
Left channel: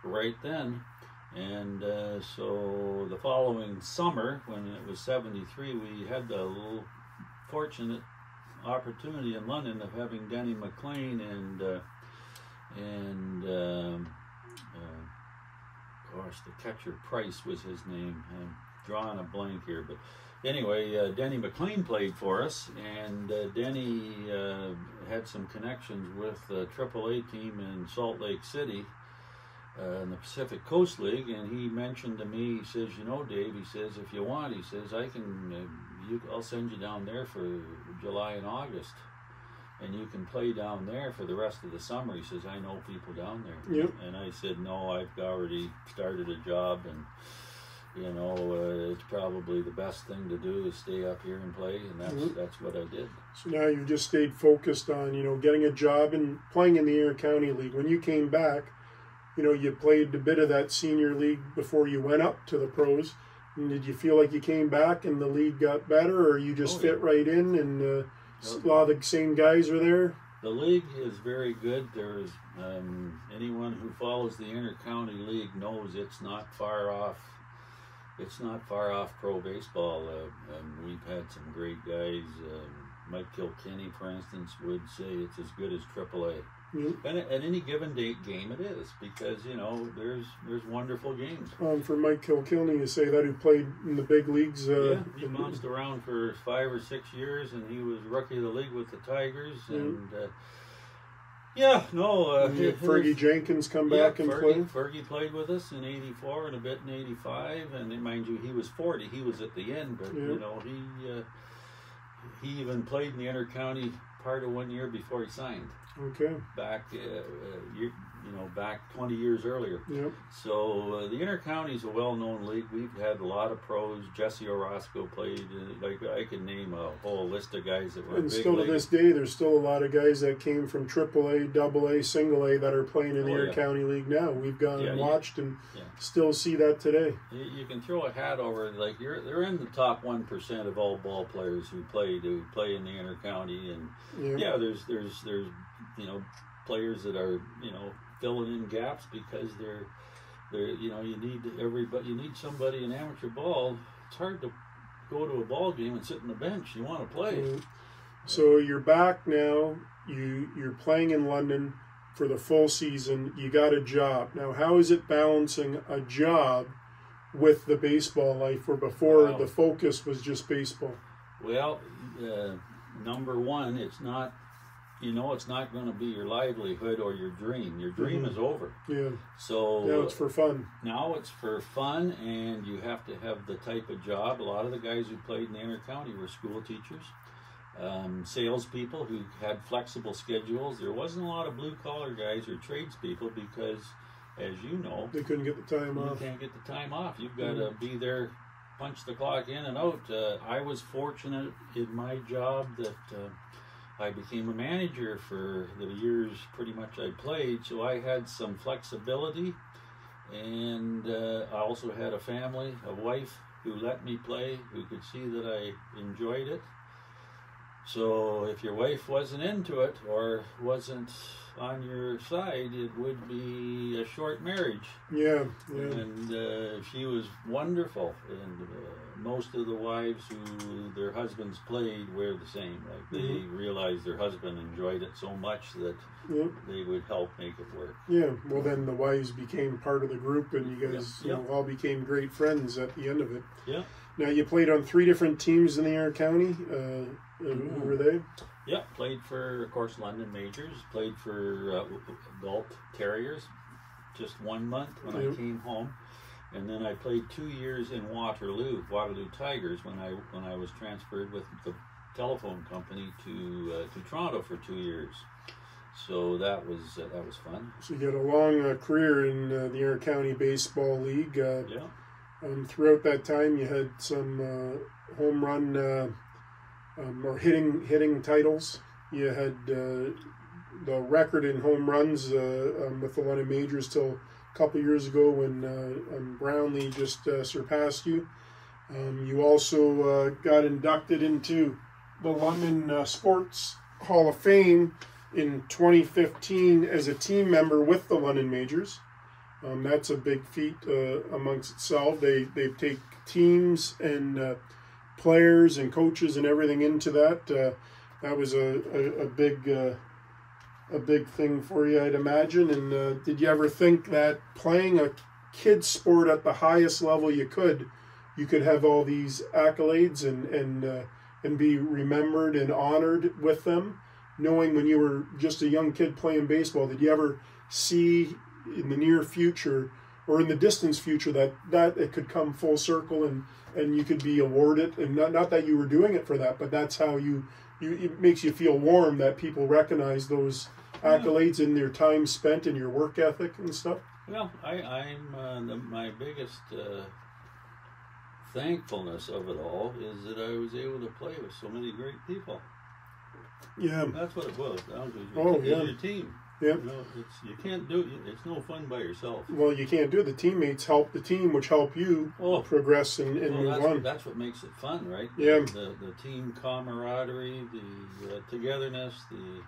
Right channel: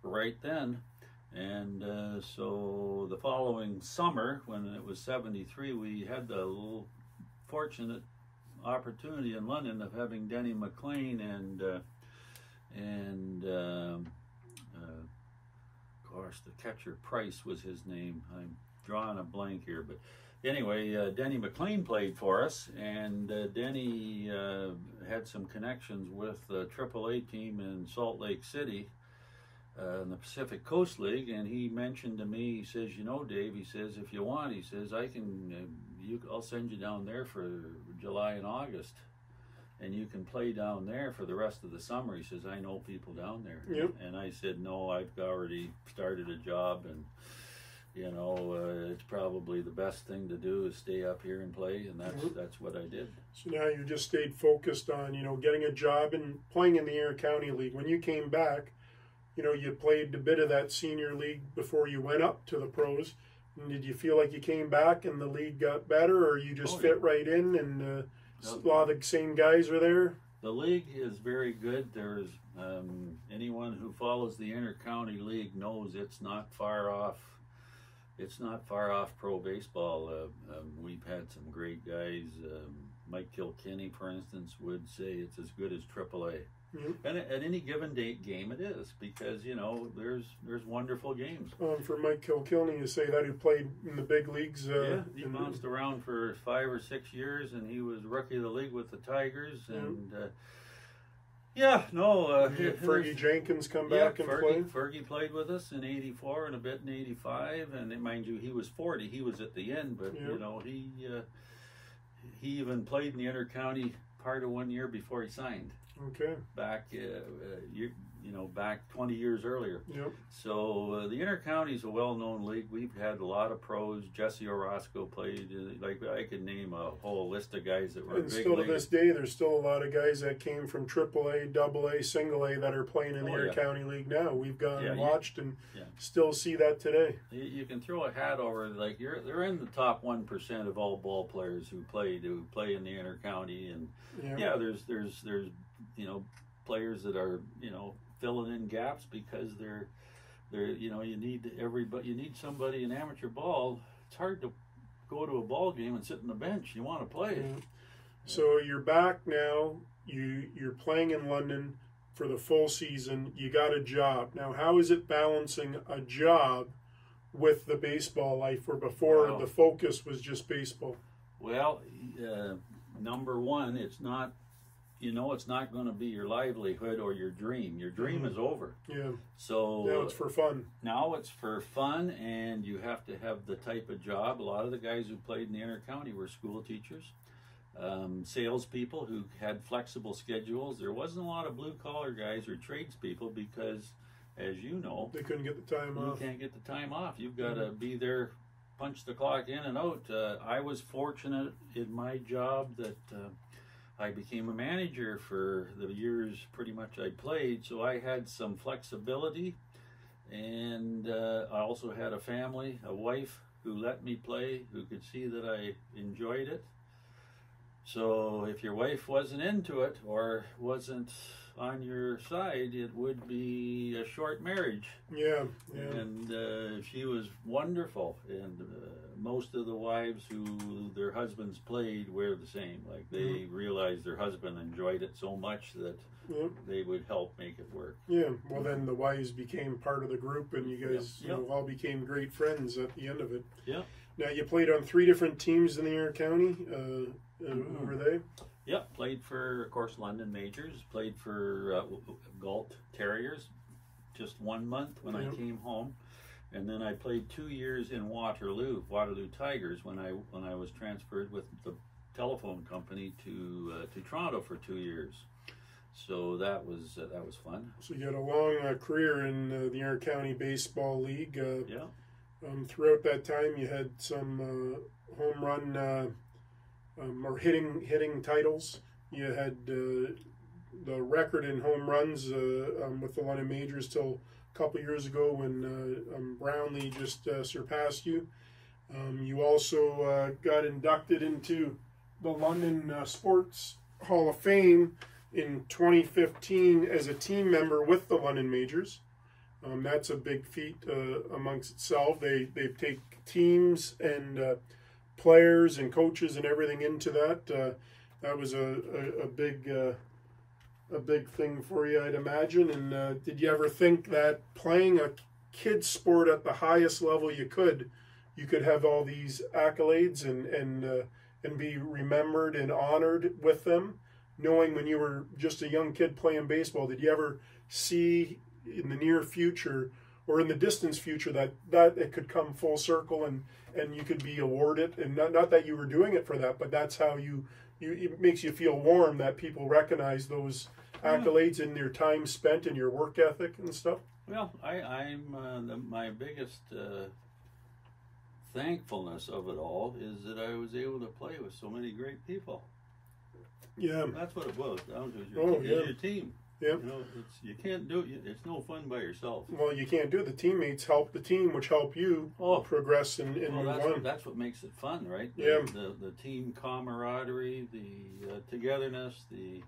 right then. And so the following summer, when it was '73, we had the little fortunate opportunity in London of having Denny McLean and the catcher Price was his name. I'm drawing a blank here, but anyway, Denny McLean played for us, and Denny had some connections with the AAA team in Salt Lake City in the Pacific Coast League, and he mentioned to me, he says, Dave, he says, if you want, he says, I'll send you down there for July and August, and you can play down there for the rest of the summer. He says, I know people down there. Yep. And I said, no, I've already started a job, and it's probably the best thing to do is stay up here and play, and that's what I did. So now you've just stayed focused on, getting a job and playing in the inter-county league. When you came back, you played a bit of that senior league before you went up to the pros. And did you feel like you came back and the league got better, or you just fit right in and a lot of the same guys are there? The league is very good. There is anyone who follows the inter-county league knows it's not far off. It's not far off pro baseball. We've had some great guys. Mike Kilkenny, for instance, would say it's as good as AAA. Mm-hmm. And at any given game, it is, because there's wonderful games. For Mike Kilkenny, you say that, who played in the big leagues. He bounced around for 5 or 6 years, and he was rookie of the league with the Tigers. And Fergie Jenkins come back and play. Fergie played with us in '84 and a bit in '85, and mind you, he was 40. He was at the end, but he even played in the inter-county part of 1 year before he signed. Okay. back back 20 years earlier. Yep. So the Intercounty is a well-known league. We've had a lot of pros. Jesse Orozco played. Like I could name a whole list of guys that were And big still to leaguers. this day, there's still a lot of guys that came from AAA, AA, Single A that are playing in the Oh, yeah. Intercounty League now. We've gone Yeah, and you- watched and yeah. still see that today. You can throw a hat over, like they're in the top 1% of all ball players who play in the Intercounty, and Yeah. there's players that are filling in gaps because they're you need somebody in amateur ball. It's hard to go to a ball game and sit on the bench. You want to play. Mhm. So you're back now. You're playing in London for the full season. You got a job now. How is it balancing a job with the baseball life, where before Wow. the focus was just baseball? Well, number one, it's not going to be your livelihood or your dream. Your dream is over. Yeah. So Now it's for fun. Now it's for fun, and you have to have the type of job. A lot of the guys who played in the Intercounty were school teachers, salespeople who had flexible schedules. There wasn't a lot of blue-collar guys or tradespeople because, as you know, They couldn't get the time you off. can't get the time off. You've got to be there, punch the clock in and out. I was fortunate in my job that I became a manager for the years pretty much I played, so I had some flexibility, and I also had a family, a wife who let me play, who could see that I enjoyed it. So if your wife wasn't into it or wasn't on your side, it would be a short marriage. Yeah. And she was wonderful, and most of the wives who their husbands played were the same. Like they realized their husband enjoyed it so much that Yep. they would help make it work. Yeah. Well, then the wives became part of the group, and you guys all became great friends at the end of it. Yeah. Now you played on 3 different teams in the Intercounty. Who were they? Yeah, played for, of course, London Majors. Played for Galt Terriers, just 1 month when I came home, and then I played 2 years in Waterloo Tigers when I was transferred with the telephone company to Toronto for 2 years. So that was fun. So you had a long career in the Intercounty Baseball League. Yeah. Throughout that time, you had some home run or hitting titles. You had the record in home runs with the London Majors till a couple years ago when Brownlee just surpassed you. You also got inducted into the London Sports Hall of Fame in 2015 as a team member with the London Majors. That's a big feat amongst itself. They take teams and players and coaches and everything into that. That was a big thing for you, I'd imagine. And did you ever think that playing a kid's sport at the highest level you could have all these accolades and be remembered and honored with them? Knowing when you were just a young kid playing baseball, did you ever see in the near future or in the distant future that it could come full circle and you could be awarded? And not that you were doing it for that, but that's how it makes you feel warm that people recognize those accolades in their time spent and your work ethic and stuff. Well, my biggest thankfulness of it all is that I was able to play with so many great people. Yeah, that's what it was. That was your team. Yeah, you can't do it. It's no fun by yourself. Well, you can't do it. The teammates help the team, which help you progress and move on. That's what makes it fun, right? Yeah. The team camaraderie, the togetherness, the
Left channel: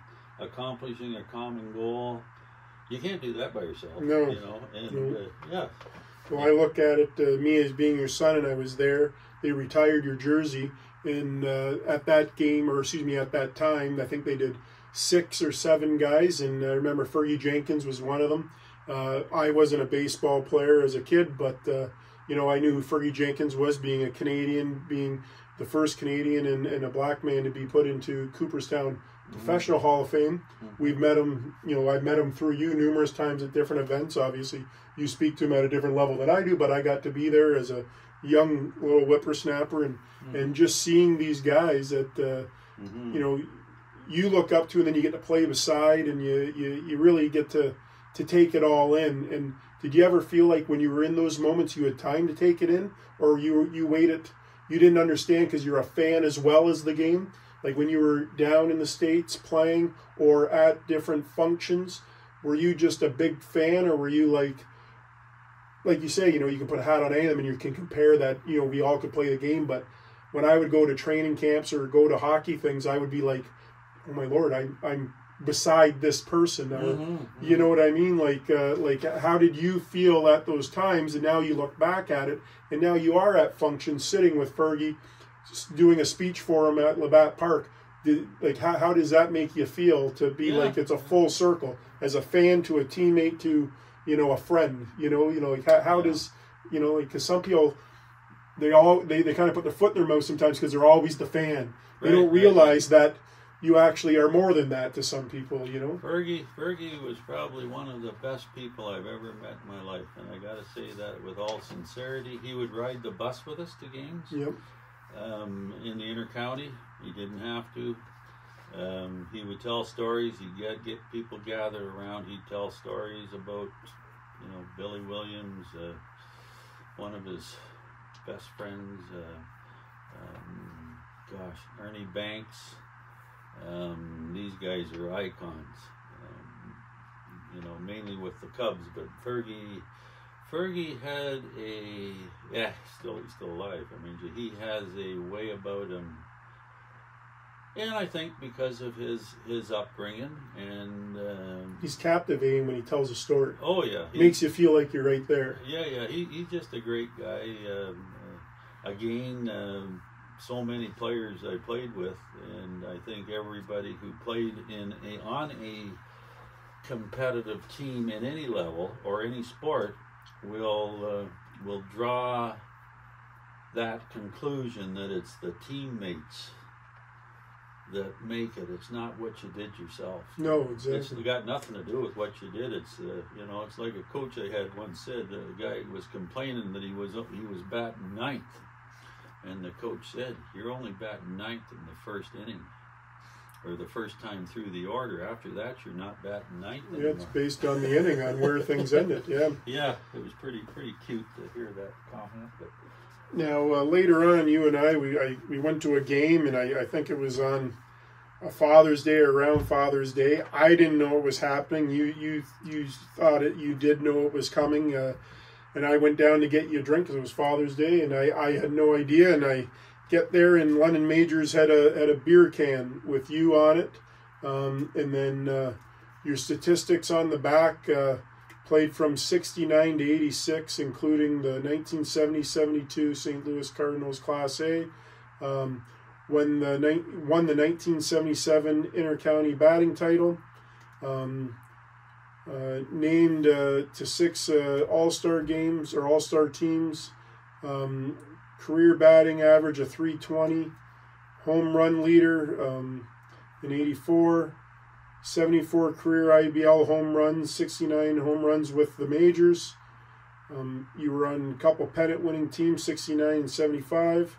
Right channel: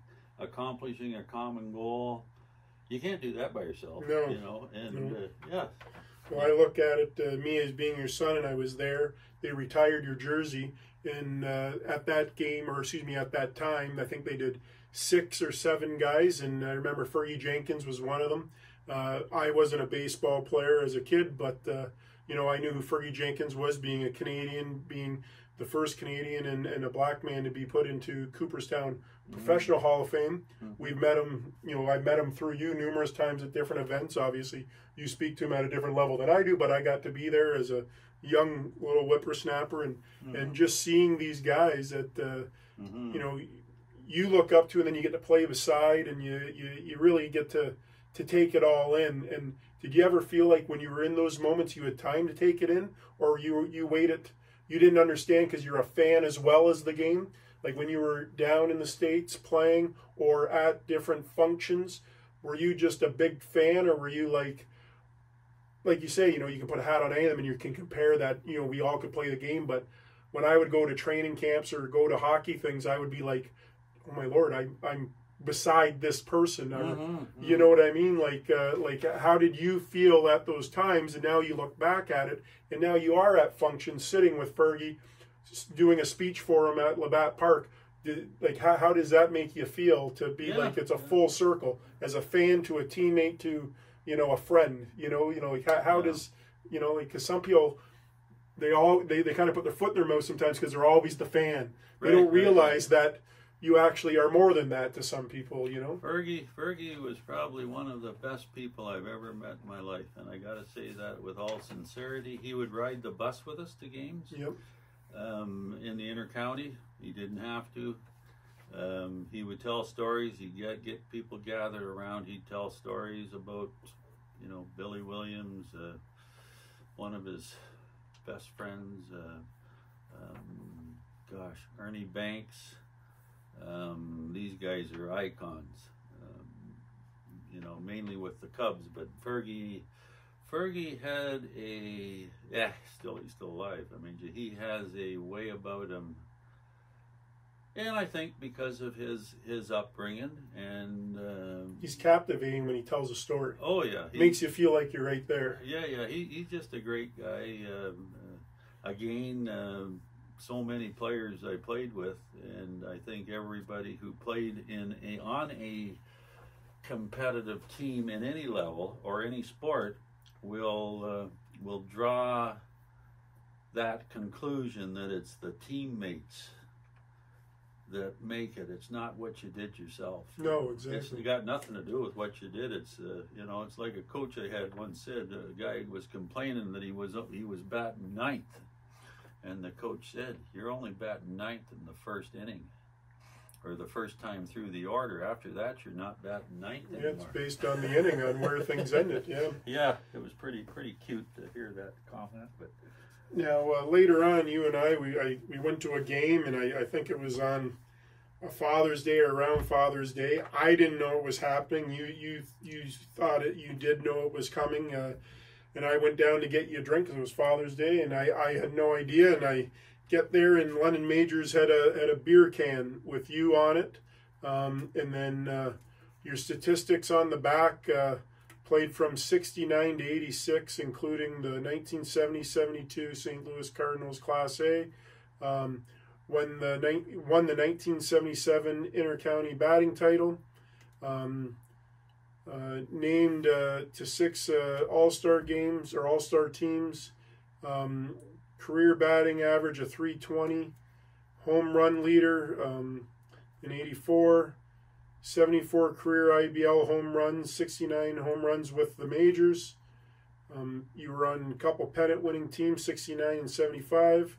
accomplishing a common goal. You can't do that by yourself. No. Yeah. Well, I look at it, me as being your son, and I was there. They retired your jersey, and at that time, I think they did 6 or 7 guys, and I remember Fergie Jenkins was one of them. I wasn't a baseball player as a kid, but I knew who Fergie Jenkins was, being a Canadian, being the first Canadian and a black man to be put into Cooperstown Professional Hall of Fame. We've met him, I've met him through you numerous times at different events. Obviously, you speak to him at a different level than I do, but I got to be there as a young little whippersnapper and just seeing these guys that, you look up to, and then you get to play beside, and you really get to take it all in. And did you ever feel like when you were in those moments you had time to take it in, or you waited, you didn't understand because you're a fan as well as the game? Like when you were down in the States playing or at different functions, were you just a big fan, or were you like you say, you can put a hat on any of them and you can compare that, we all could play the game. But when I would go to training camps or go to hockey things, I would be like, oh my Lord, I'm beside this person. Mm-hmm. You know what I mean? Like how did you feel at those times? And now you look back at it, and now you are at functions sitting with Fergie, doing a speech for him at Labatt Park. How does that make you feel to be like it's a full circle as a fan to a teammate to a friend? How does because some people they kind of put their foot in their mouth sometimes because they're always the fan. They don't realize that you actually are more than that to some people. Fergie was probably one of the best people I've ever met in my life, and I got to say that with all sincerity. He would ride the bus with us to games. Yep. In the intercounty, he didn't have to. He would tell stories. He'd get people gathered around. He'd tell stories about, Billy Williams, one of his best friends, Ernie Banks. These guys are icons, mainly with the Cubs. But Fergie had he's still alive. I mean, he has a way about him, and I think because of his upbringing, and he's captivating when he tells a story. Oh yeah, makes you feel like you're right there. Yeah, he's just a great guy. So many players I played with, and I think everybody who played on a competitive team in any level or any sport will draw that conclusion that it's the teammates that make it. It's not what you did yourself. No, exactly. It's got nothing to do with what you did. It's it's like a coach I had once said. A guy was complaining that he was batting ninth. And the coach said, "You're only batting ninth in the first inning, or the first time through the order. After that, you're not batting ninth anymore." Yeah, it's based on the inning, on where things ended. Yeah. Yeah, it was pretty cute to hear that comment. But now later on, you and we went to a game, and I think it was on a Father's Day or around Father's Day. I didn't know it was happening. You thought it. You did know it was coming. And I went down to get you a drink because it was Father's Day, and I had no idea. And I get there, and London Majors had a beer can with you on it, and then your statistics on the back, played from 69 to 86, including the 1970-72 St. Louis Cardinals Class A. Won the 1977 Intercounty batting title. Named to 6 All-Star games or All-Star teams, career batting average of .320, home run leader in 84, 74 career IBL home runs, 69 home runs with the majors. You were on a couple pennant-winning teams, 69 and 75,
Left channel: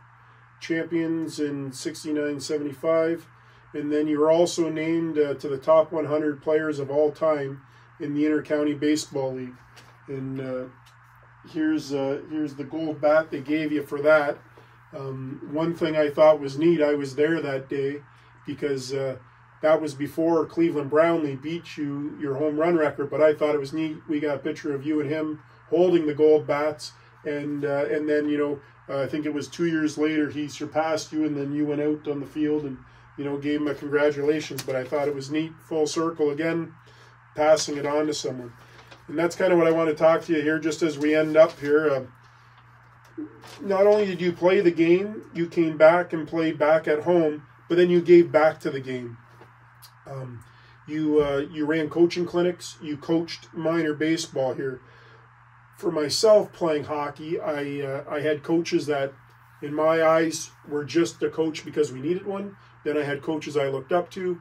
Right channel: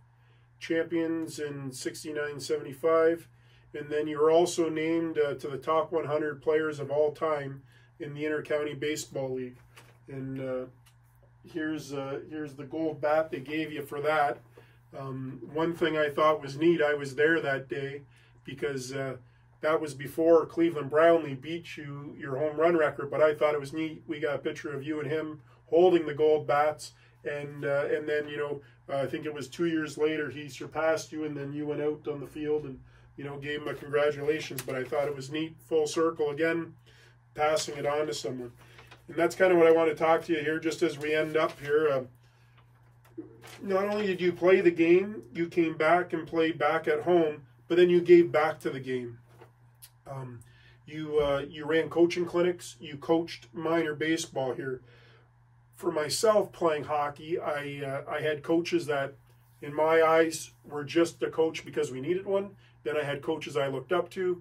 champions in 69 75, and then you were also named to the top 100 players of all time in the Intercounty Baseball League. And here's the gold bat they gave you for that. One thing I thought was neat, I was there that day because that was before Cleveland Brownlee beat your home run record, but I thought it was neat. We got a picture of you and him holding the gold bats, and then I think it was 2 years later he surpassed you, and then you went out on the field and gave him a congratulations. But I thought it was neat, full circle again, passing it on to someone. And that's kind of what I want to talk to you here, just as we end up here. Not only did you play the game, you came back and played back at home, but then you gave back to the game. You ran coaching clinics, you coached minor baseball here. For myself playing hockey, I had coaches that, in my eyes, were just a coach because we needed one. Then I had coaches I looked up to.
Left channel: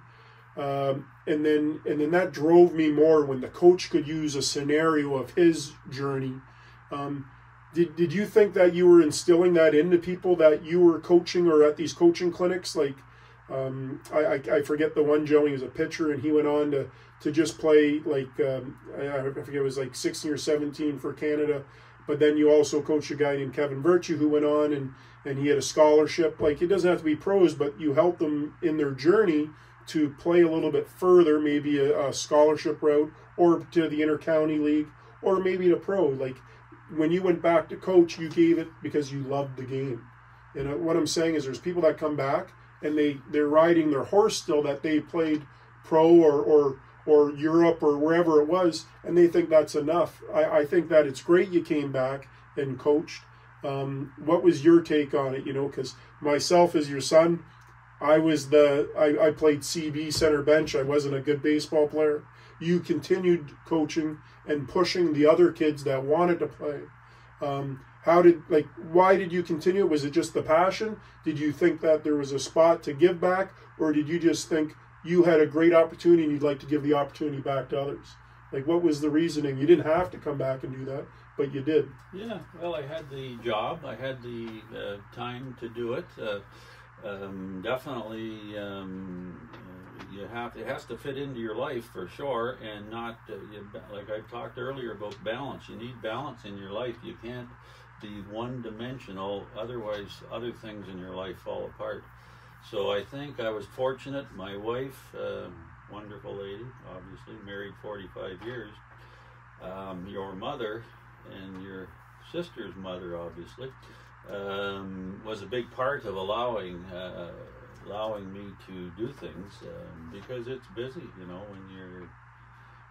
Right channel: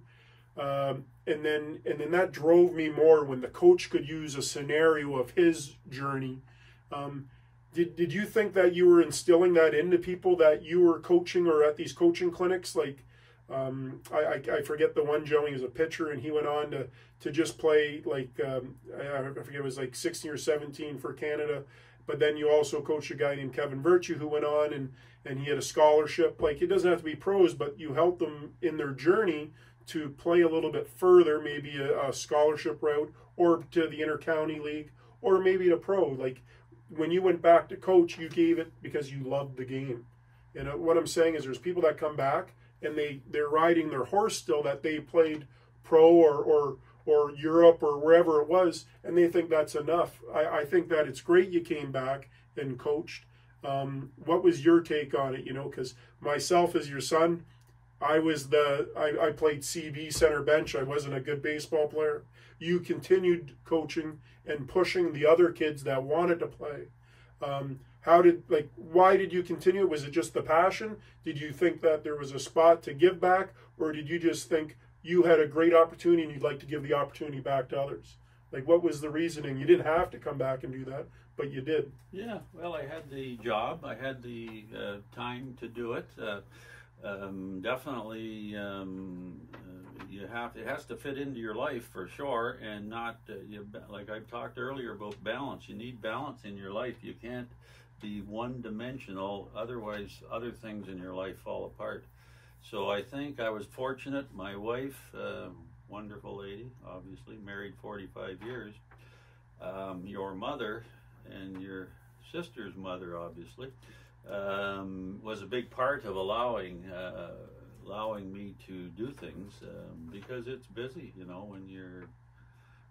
And then that drove me more when the coach could use a scenario of his journey. Did you think that you were instilling that into people that you were coaching or at these coaching clinics? Like, I forget the one, Joe. He was a pitcher, and he went on to just play like I forget, it was like 16 or 17 for Canada. But then you also coached a guy named Kevin Virtue who went on and he had a scholarship. Like, it doesn't have to be pros, but you help them in their journey to play a little bit further, maybe a scholarship route, or to the Inter-County League, or maybe to pro. Like, when you went back to coach, you gave it because you loved the game. And what I'm saying is there's people that come back and they're riding their horse still that they played pro or Europe or wherever it was, and they think that's enough. I think that it's great you came back and coached. What was your take on it? Because myself as your son, I played CB center bench. I wasn't a good baseball player. You continued coaching and pushing the other kids that wanted to play. Why did you continue? Was it just the passion? Did you think that there was a spot to give back, or did you just think you had a great opportunity and you'd like to give the opportunity back to others? Like, what was the reasoning? You didn't have to come back and do that, but you did. Yeah, well, I had the job. I had the time to do it. Definitely, it has to fit into your life for sure, and not like I talked earlier about balance. You need balance in your life. You can't be one-dimensional, otherwise other things in your life fall apart. So I think I was fortunate. My wife, wonderful lady, obviously married 45 years. Your mother and your sister's mother, obviously, was a big part of allowing me to do things, because it's busy. When you're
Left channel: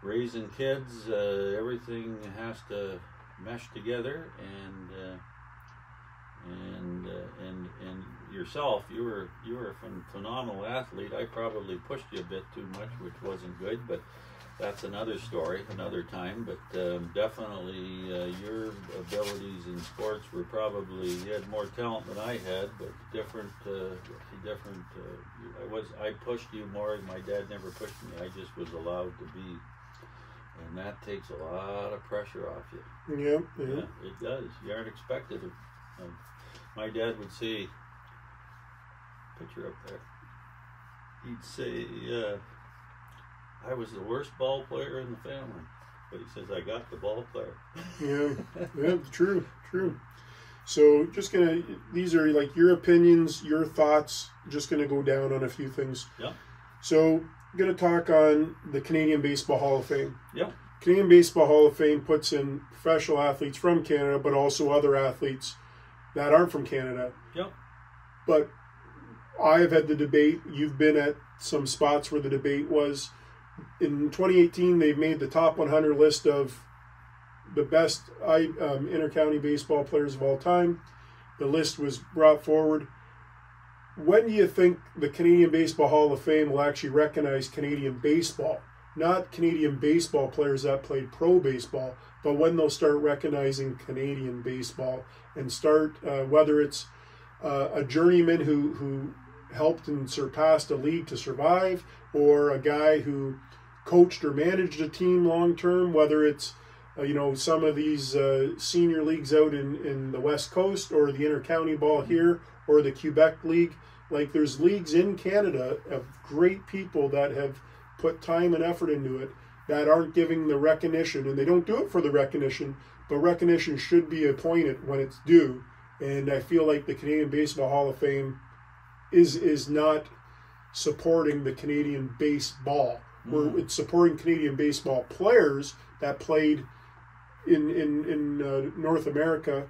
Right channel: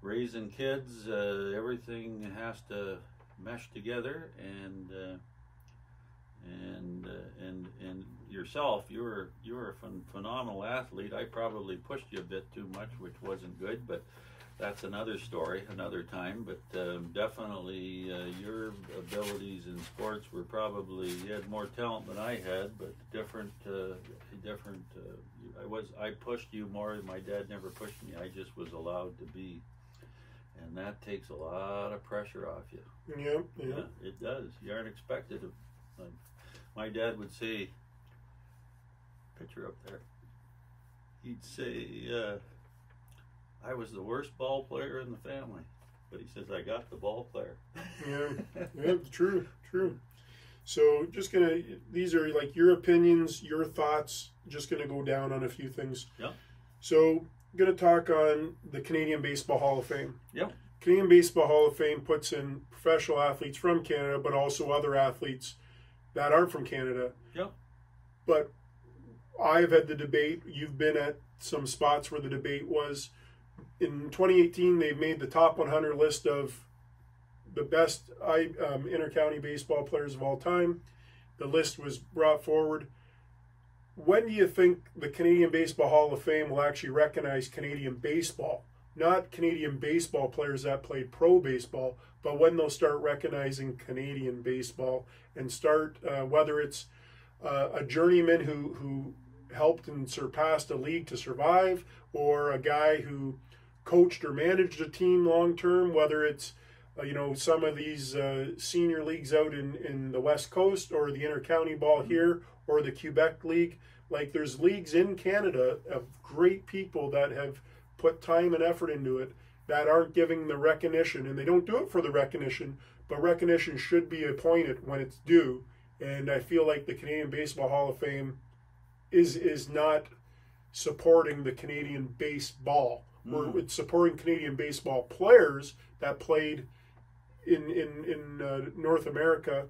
raising kids, everything has to mesh together, and yourself, you were a phenomenal athlete. I probably pushed you a bit too much, which wasn't good, but that's another story, another time. But definitely your abilities in sports were probably, you had more talent than I had, but different. I pushed you more. My dad never pushed me. I just was allowed to be. And that takes a lot of pressure off you. Yeah, it does. You aren't expected of. My dad would say, picture up there, he'd say, I was the worst ball player in the family. But he says, I got the ball player. Yeah, true. So these are like your opinions, your thoughts, just going to go down on a few things. Yeah. So going to talk on the Canadian Baseball Hall of Fame. Yeah. Canadian Baseball Hall of Fame puts in professional athletes from Canada, but also other athletes that aren't from Canada. Yep. But I have had the debate. You've been at some spots where the debate was. In 2018, they've made the top 100 list of the best inter-county baseball players of all time. The list was brought forward. When do you think the Canadian Baseball Hall of Fame will actually recognize Canadian baseball? Not Canadian baseball players that played pro baseball, but when they'll start recognizing Canadian baseball and start, whether it's a journeyman who helped and surpassed a league to survive, or a guy who coached or managed a team long term, whether it's some of these senior leagues out in the West Coast, or the inter-county ball here, or the Quebec League. Like, there's leagues in Canada of great people that have put time and effort into it that aren't giving the recognition, and they don't do it for the recognition, but recognition should be appointed when it's due. And I feel like the Canadian Baseball Hall of Fame is not supporting the Canadian baseball. It's supporting Canadian baseball players that played in North America,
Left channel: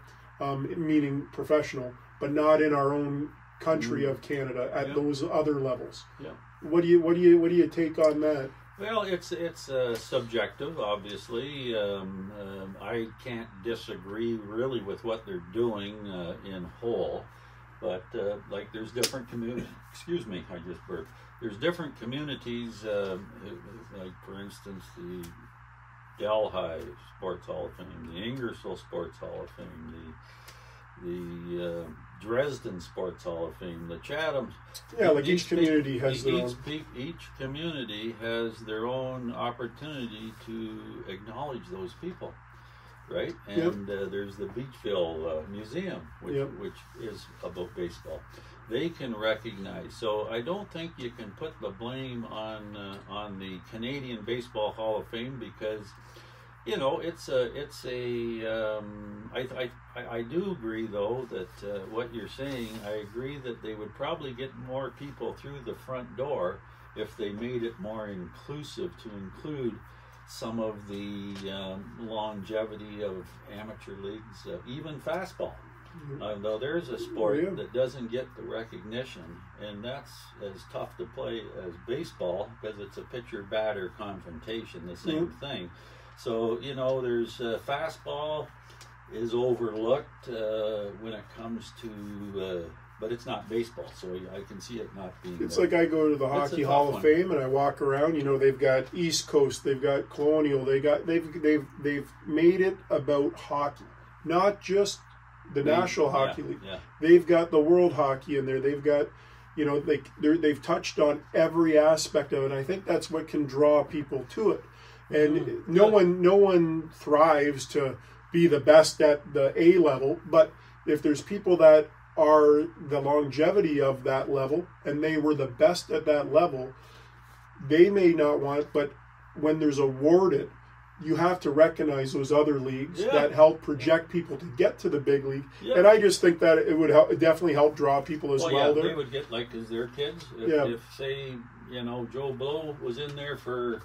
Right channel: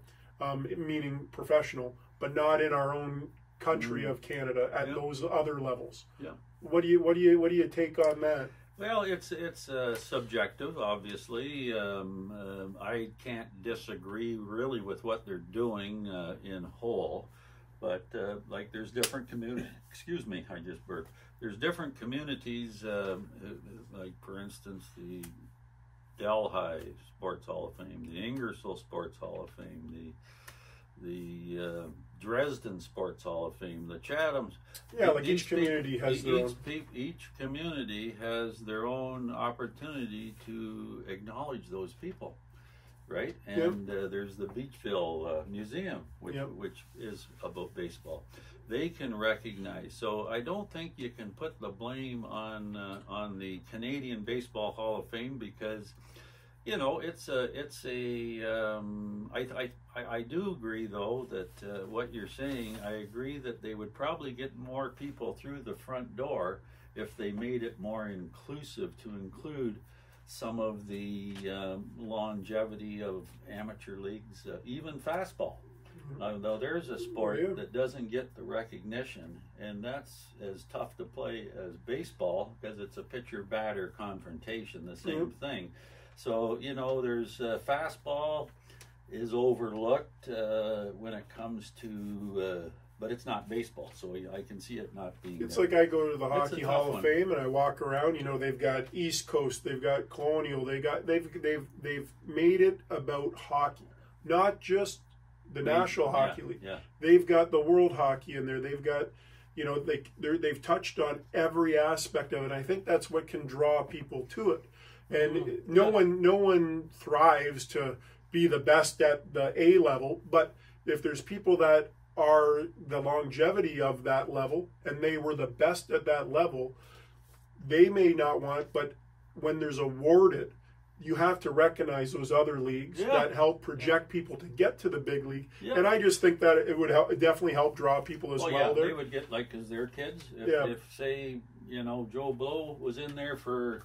meaning professional, but not in our own country of Canada at those other levels. Yeah. What do you take on that? Well, it's subjective, obviously. I can't disagree really with what they're doing in whole, but like, there's different communities. Excuse me, I just burped. There's different communities, like, for instance, the Delhi Sports Hall of Fame, the Ingersoll Sports Hall of Fame, the Dresden Sports Hall of Fame, the Chatham. Yeah, like each community has their own. Each community has their own opportunity to acknowledge those people, right? And there's the Beachville Museum, which is about baseball. they can recognize. So I don't think you can put the blame on the Canadian Baseball Hall of Fame, because you know I do agree though that what you're saying. I agree that they would probably get more people through the front door if they made it more inclusive, to include some of the longevity of amateur leagues, even fastball. Though there's a sport that doesn't get the recognition, and that's as tough to play as baseball, because it's a pitcher-batter confrontation, the same thing. So, you know, there's fastball is overlooked when it comes to, but it's not baseball, so I can see it not being. It's like I go to the Hockey Hall of Fame and I walk around. You know, they've got East Coast, they've got Colonial, they've made it about hockey, not just the National Hockey League. Yeah. They've got the World Hockey in there. They've got, you know, they've touched on every aspect of it. And I think that's what can draw people to it. And no one thrives to be the best at the A level, but if there's people that are the longevity of that level and they were the best at that level, they may not want it, but when there's awarded, you have to recognize those other leagues that help project people to get to the big league. And I just think that it would definitely help draw people as well. They would get, like, because they're kids. If say, you know, Joe Blow was in there for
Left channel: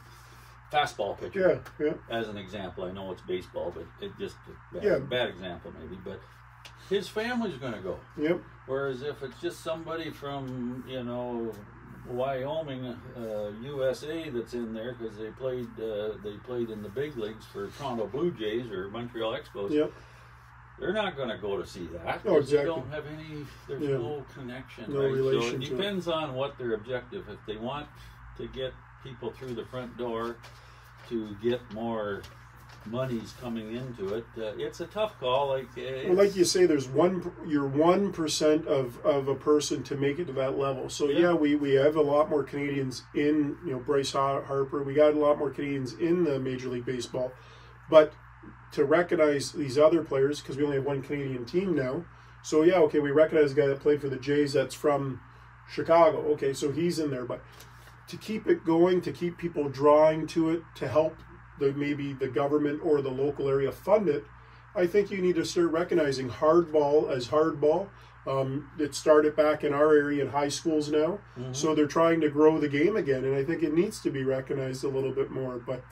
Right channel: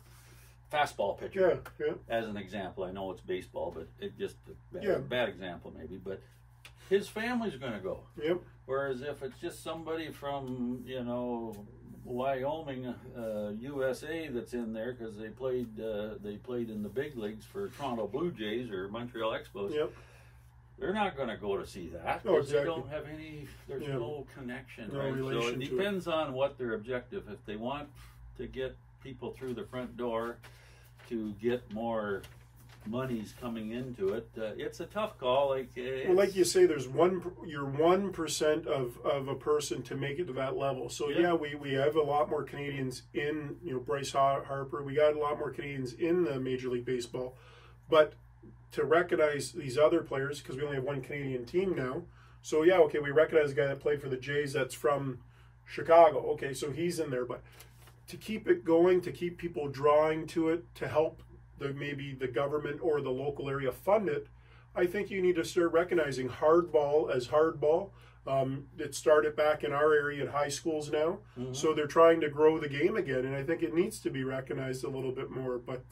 fastball pitcher, as an example. I know it's baseball, but it just a bad example maybe. But his family's going to go. Whereas if it's just somebody from, you know, Wyoming, USA that's in there because they played in the big leagues for Toronto Blue Jays or Montreal Expos. They're not going to go to see that because they don't have any. There's no connection, right? So it depends on what their objective. If they want to get people through the front door to get more monies coming into it, it's a tough call. Like you say, you're 1% of a person to make it to that level. So we have a lot more Canadians in, you know, Bryce Harper. We got a lot more Canadians in the Major League Baseball, but to recognize these other players, because we only have one Canadian team now. So we recognize the guy that played for the Jays that's from Chicago. Okay, so he's in there, but to keep it going, to keep people drawing to it, to help maybe the government or the local area fund it, I think you need to start recognizing hardball as hardball. It started back in our area in high schools now, so they're trying to grow the game again, and I think it needs to be recognized a little bit more. But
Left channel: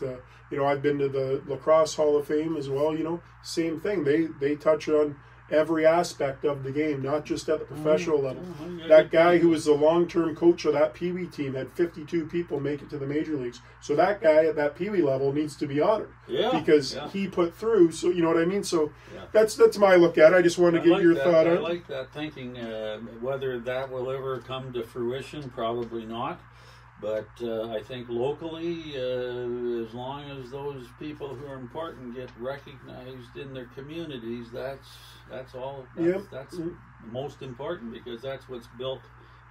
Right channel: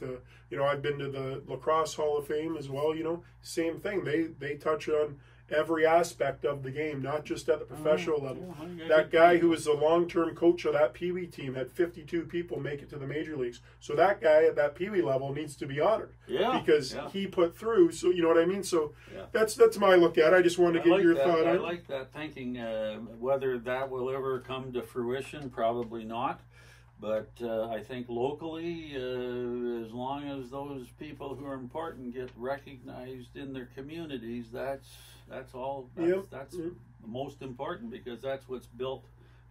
you know, I've been to the Lacrosse Hall of Fame as well. You know, same thing. They touch on every aspect of the game, not just at the professional level. That guy who was the long-term coach of that Pee Wee team had 52 people make it to the major leagues. So that guy at that Pee Wee level needs to be honored because he put through. So you know what I mean. So that's my look at it. I just wanted to get your thought on it. I like that thinking. Whether that will ever come to fruition, probably not. But I think locally, as long as those people who are important get recognized in their communities, that's all. That's the most important, because that's what's built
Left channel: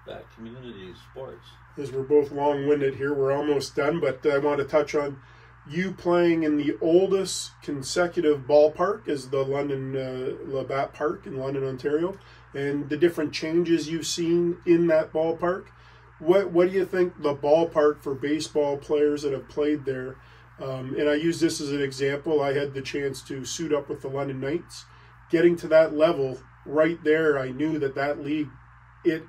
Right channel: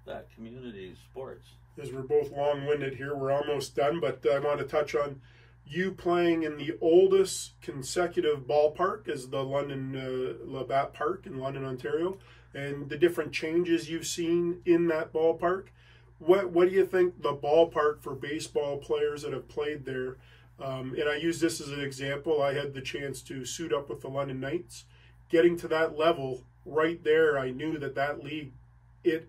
that community's sports. As we're both long-winded here, we're almost done, but I want to touch on you playing in the oldest consecutive ballpark is the London Labatt Park in London, Ontario, and the different changes you've seen in that ballpark. What do you think the ballpark for baseball players that have played there, and I use this as an example, I had the chance to suit up with the London Knights. Getting to that level, right there, I knew that league, it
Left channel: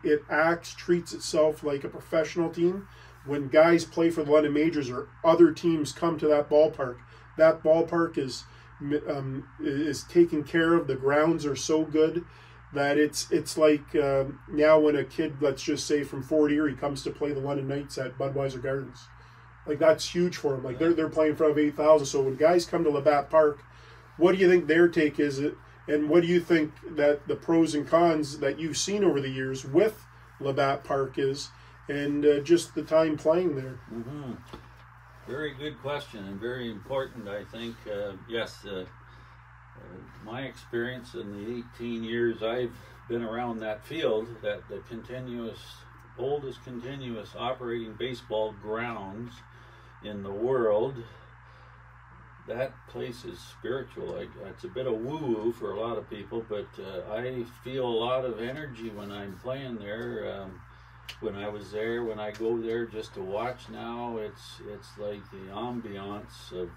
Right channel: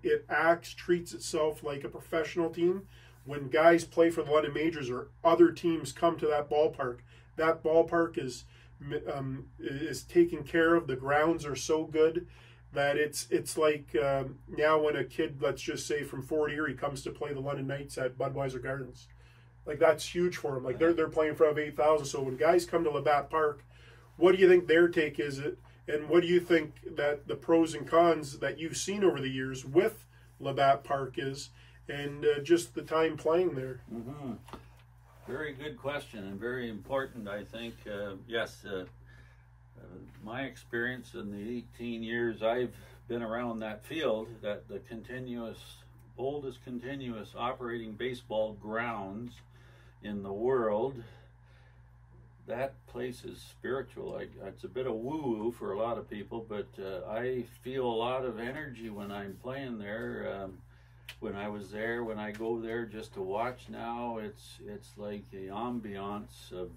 treats itself like a professional team. When guys play for the London Majors or other teams come to that ballpark is taken care of. The grounds are so good that it's like now when a kid, let's just say from Fort Erie, comes to play the London Knights at Budweiser Gardens, like that's huge for them. Like they're playing in front of 8,000. So when guys come to Labatt Park, what do you think their take is? And what do you think that the pros and cons that you've seen over the years with Labatt Park is, and just the time playing there? Very good question, and very important, I think. My experience in the 18 years I've been around that field, that the oldest continuous operating baseball grounds in the world, that place is spiritual. It's a bit of woo-woo for a lot of people, but I feel a lot of energy when I'm playing there. When I was there, when I go there just to watch now, it's like the ambiance of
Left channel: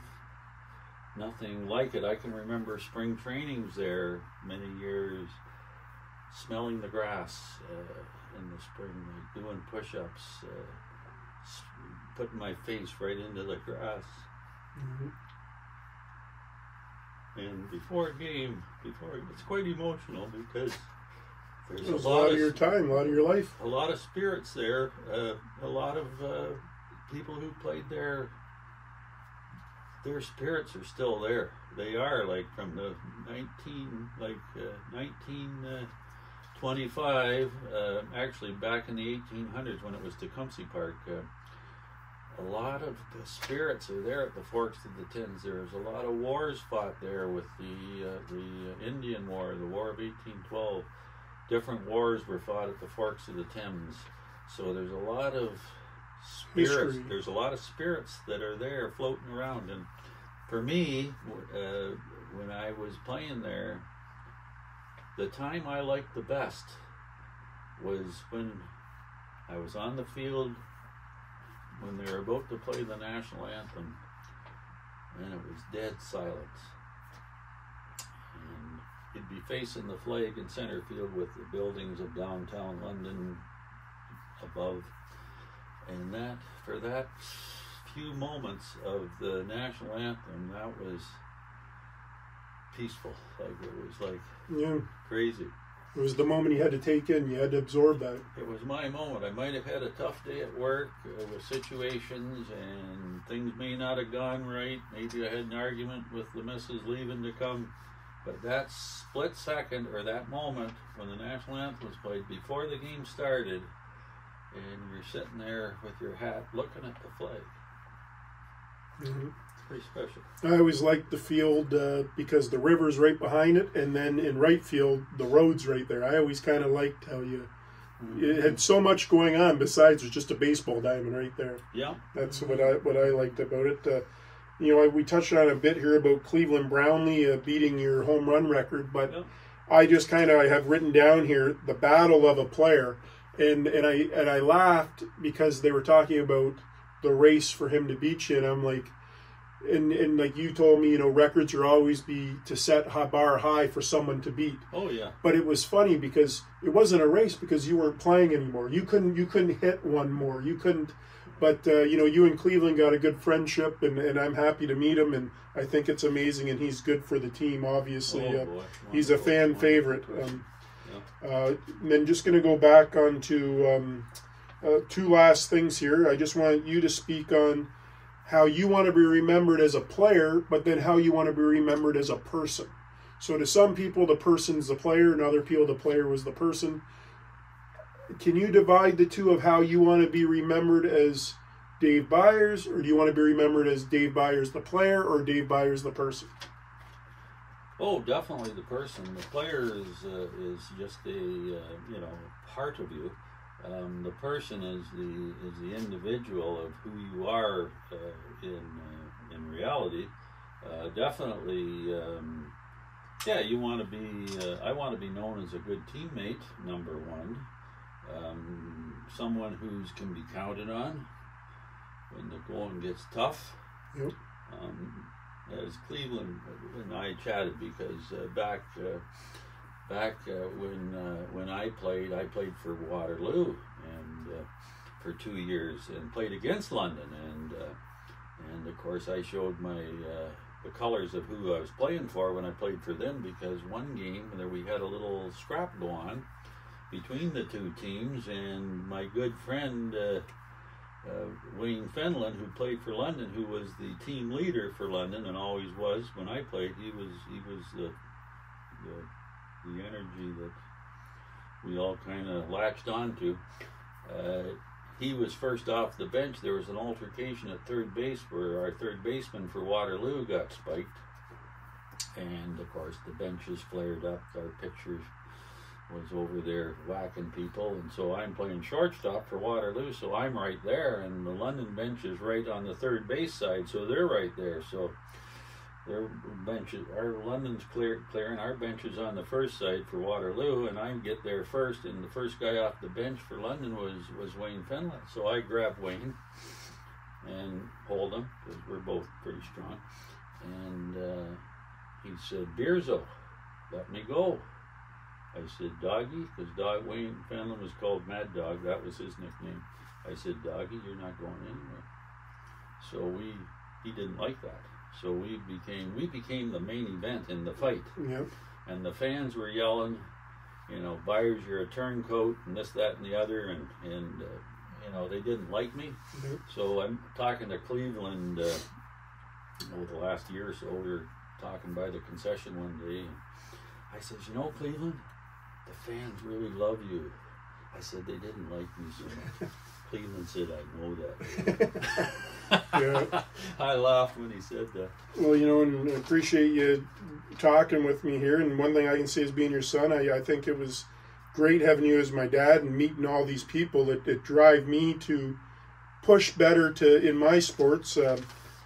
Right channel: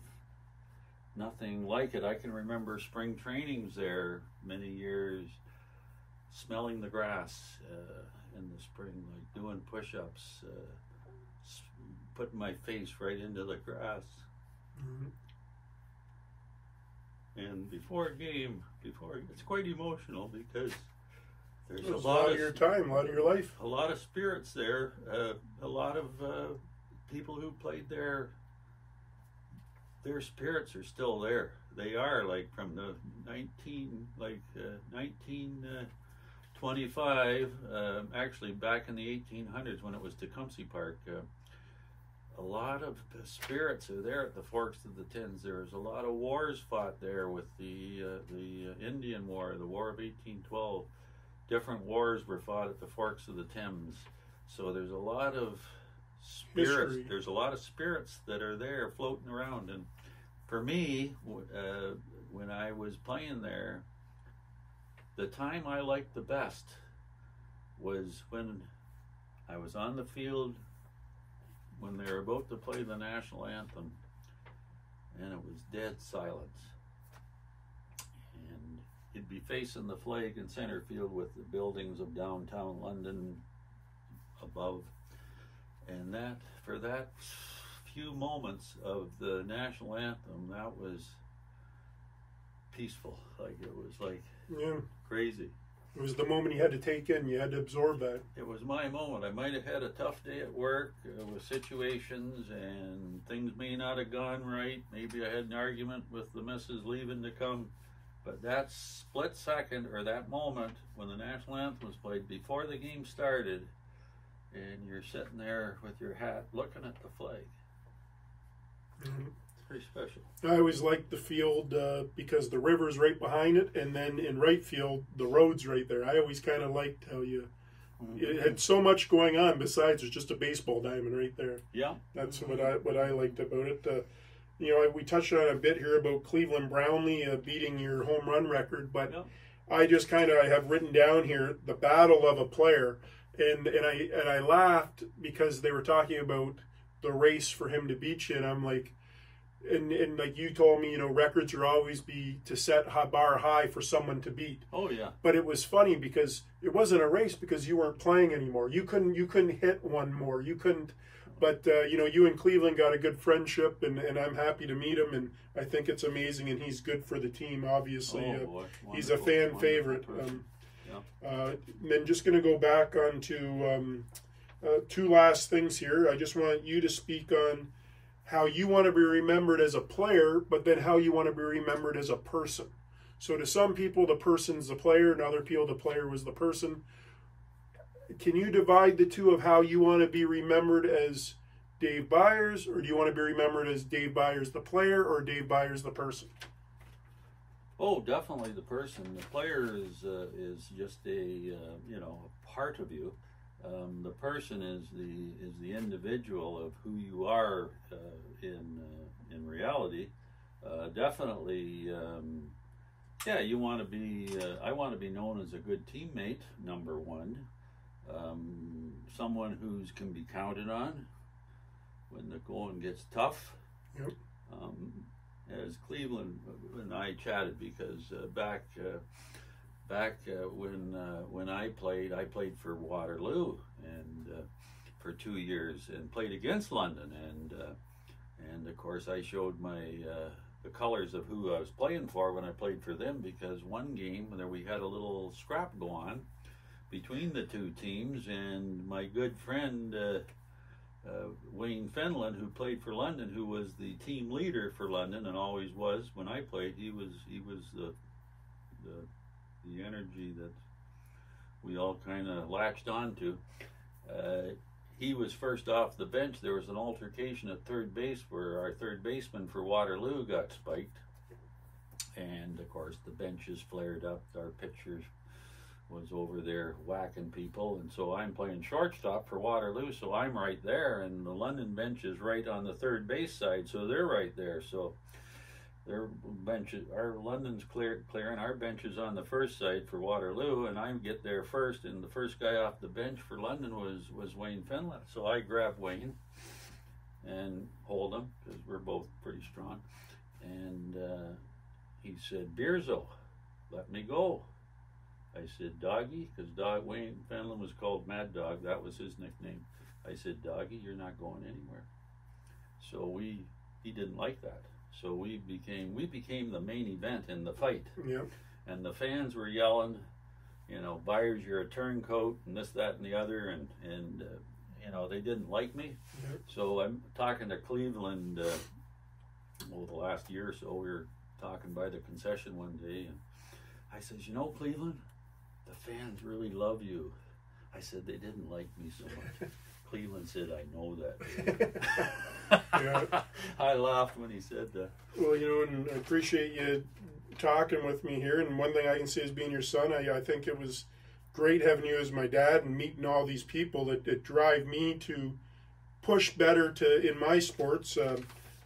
nothing like it. I can remember spring trainings there many years, smelling the grass in the spring, like doing push-ups, putting my face right into the grass. Mm-hmm. And before a game, it's quite emotional because there's a lot of your time, a lot of your life. A lot of spirits there, a lot of people who played there, their spirits are still there. They are like from the 1925, actually back in the 1800s when it was Tecumseh Park. A lot of the spirits are there at the Forks of the Thames. There's a lot of wars fought there with the Indian War, the War of 1812. Different wars were fought at the Forks of the Thames. So there's a lot of spirits. History. There's a lot of spirits that are there floating around. And for me, when I was playing there, the time I liked the best was when I was on the field when they were about to play the national anthem, and it was dead silence. And you'd be facing the flag in center field with the buildings of downtown London above. And for that few moments of the national anthem, that was peaceful. Like it was like crazy. It was the moment you had to take in. You had to absorb that. It was my moment. I might have had a tough day at work with situations, and things may not have gone right. Maybe I had an argument with the missus leaving to come. But that split second, or that moment, when the national anthem was played, before the game started, and you're sitting there with your hat looking at the flag. Mm-hmm. Pretty special. I always liked the field because the river's right behind it, and then in right field, the road's right there. I always kind of liked how it had so much going on besides there's just a baseball diamond right there. Yeah. That's what I liked about it. We touched on a bit here about Cleveland Brownlee beating your home run record, but I just I have written down here the battle of a player, and I laughed because they were talking about the race for him to beat you, and I'm like, and like you told me, records are always be to set a bar high for someone to beat. Oh yeah. But it was funny because it wasn't a race because you weren't playing anymore. You couldn't hit one more. You couldn't. But you and Cleveland got a good friendship, and I'm happy to meet him, and I think it's amazing, and he's good for the team. Obviously, he's a fan favorite. And then just going to go back on to two last things here. I just want you to speak on how you want to be remembered as a player, but then how you want to be remembered as a person. So to some people, the person's the player, and other people, the player was the person. Can you divide the two of how you want to be remembered as Dave Byers, or do you want to be remembered as Dave Byers the player, or Dave Byers the person? Oh, definitely the person. The player is just a part of you. The person is the individual of who you are in reality. Definitely, you want to be. I want to be known as a good teammate. Number one, someone who can be counted on when the going gets tough. Yep. As Cleveland and I chatted, because back when I played for Waterloo and for 2 years, and played against London, and of course I showed my the colors of who I was playing for when I played for them, because one game there we had a little scrap go on between the two teams, and my good friend Wayne Fenlon, who played for London, who was the team leader for London and always was when I played, he was the energy that we all kind of latched onto. He was first off the bench. There was an altercation at third base where our third baseman for Waterloo got spiked, and of course the benches flared up. Our pitcher was over there whacking people, and so I'm playing shortstop for Waterloo, so I'm right there, and the London bench is right on the third base side, so they're right there. So their benches, our London's clearing, our bench is on the first side for Waterloo, and I get there first, and the first guy off the bench for London was Wayne Finlay. So I grabbed Wayne and hold him, because we're both pretty strong. And he said, Beerzo, let me go. I said, Doggy, because Wayne Finlay was called Mad Dog, that was his nickname. I said, Doggy, you're not going anywhere. So he didn't like that. So we became the main event in the fight. Yep. And the fans were yelling, you know, Byers, you're a turncoat, and this, that, and the other, and you know, they didn't like me. Yep. So I'm talking to Cleveland over the last year or so. We were talking by the concession one day, and I says, you know, Cleveland, the fans really love you. I said, they didn't like me so much. Cleveland said, I know that. Yeah. I laughed when he said that. Well, you know, and I appreciate you talking with me here. And one thing I can say is being your son, I think it was great having you as my dad and meeting all these people that drive me to push better in my sports. I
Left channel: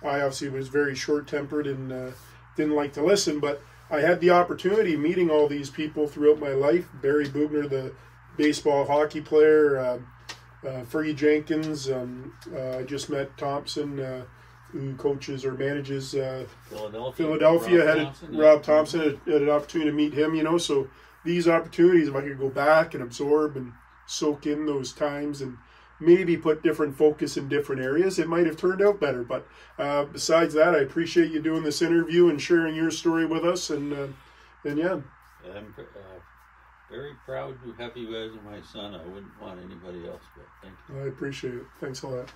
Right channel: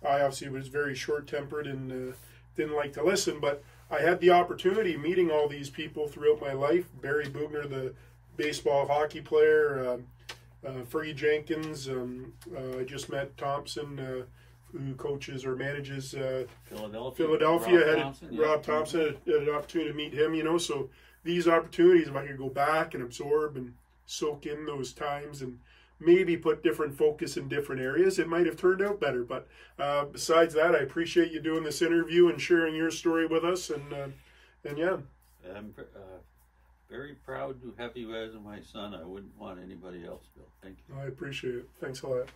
obviously was very short-tempered and didn't like to listen, but I had the opportunity meeting all these people throughout my life. Barry Bugner, the baseball hockey player, Fergie Jenkins. I just met Thompson, who coaches or manages Philadelphia. Rob Thompson had an opportunity to meet him. You know, so these opportunities, if I could go back and absorb and soak in those times and maybe put different focus in different areas, it might have turned out better. But besides that, I appreciate you doing this interview and sharing your story with us. And yeah. I'm very proud to have you as my son. I wouldn't want anybody else, but thank you. I appreciate it. Thanks a lot.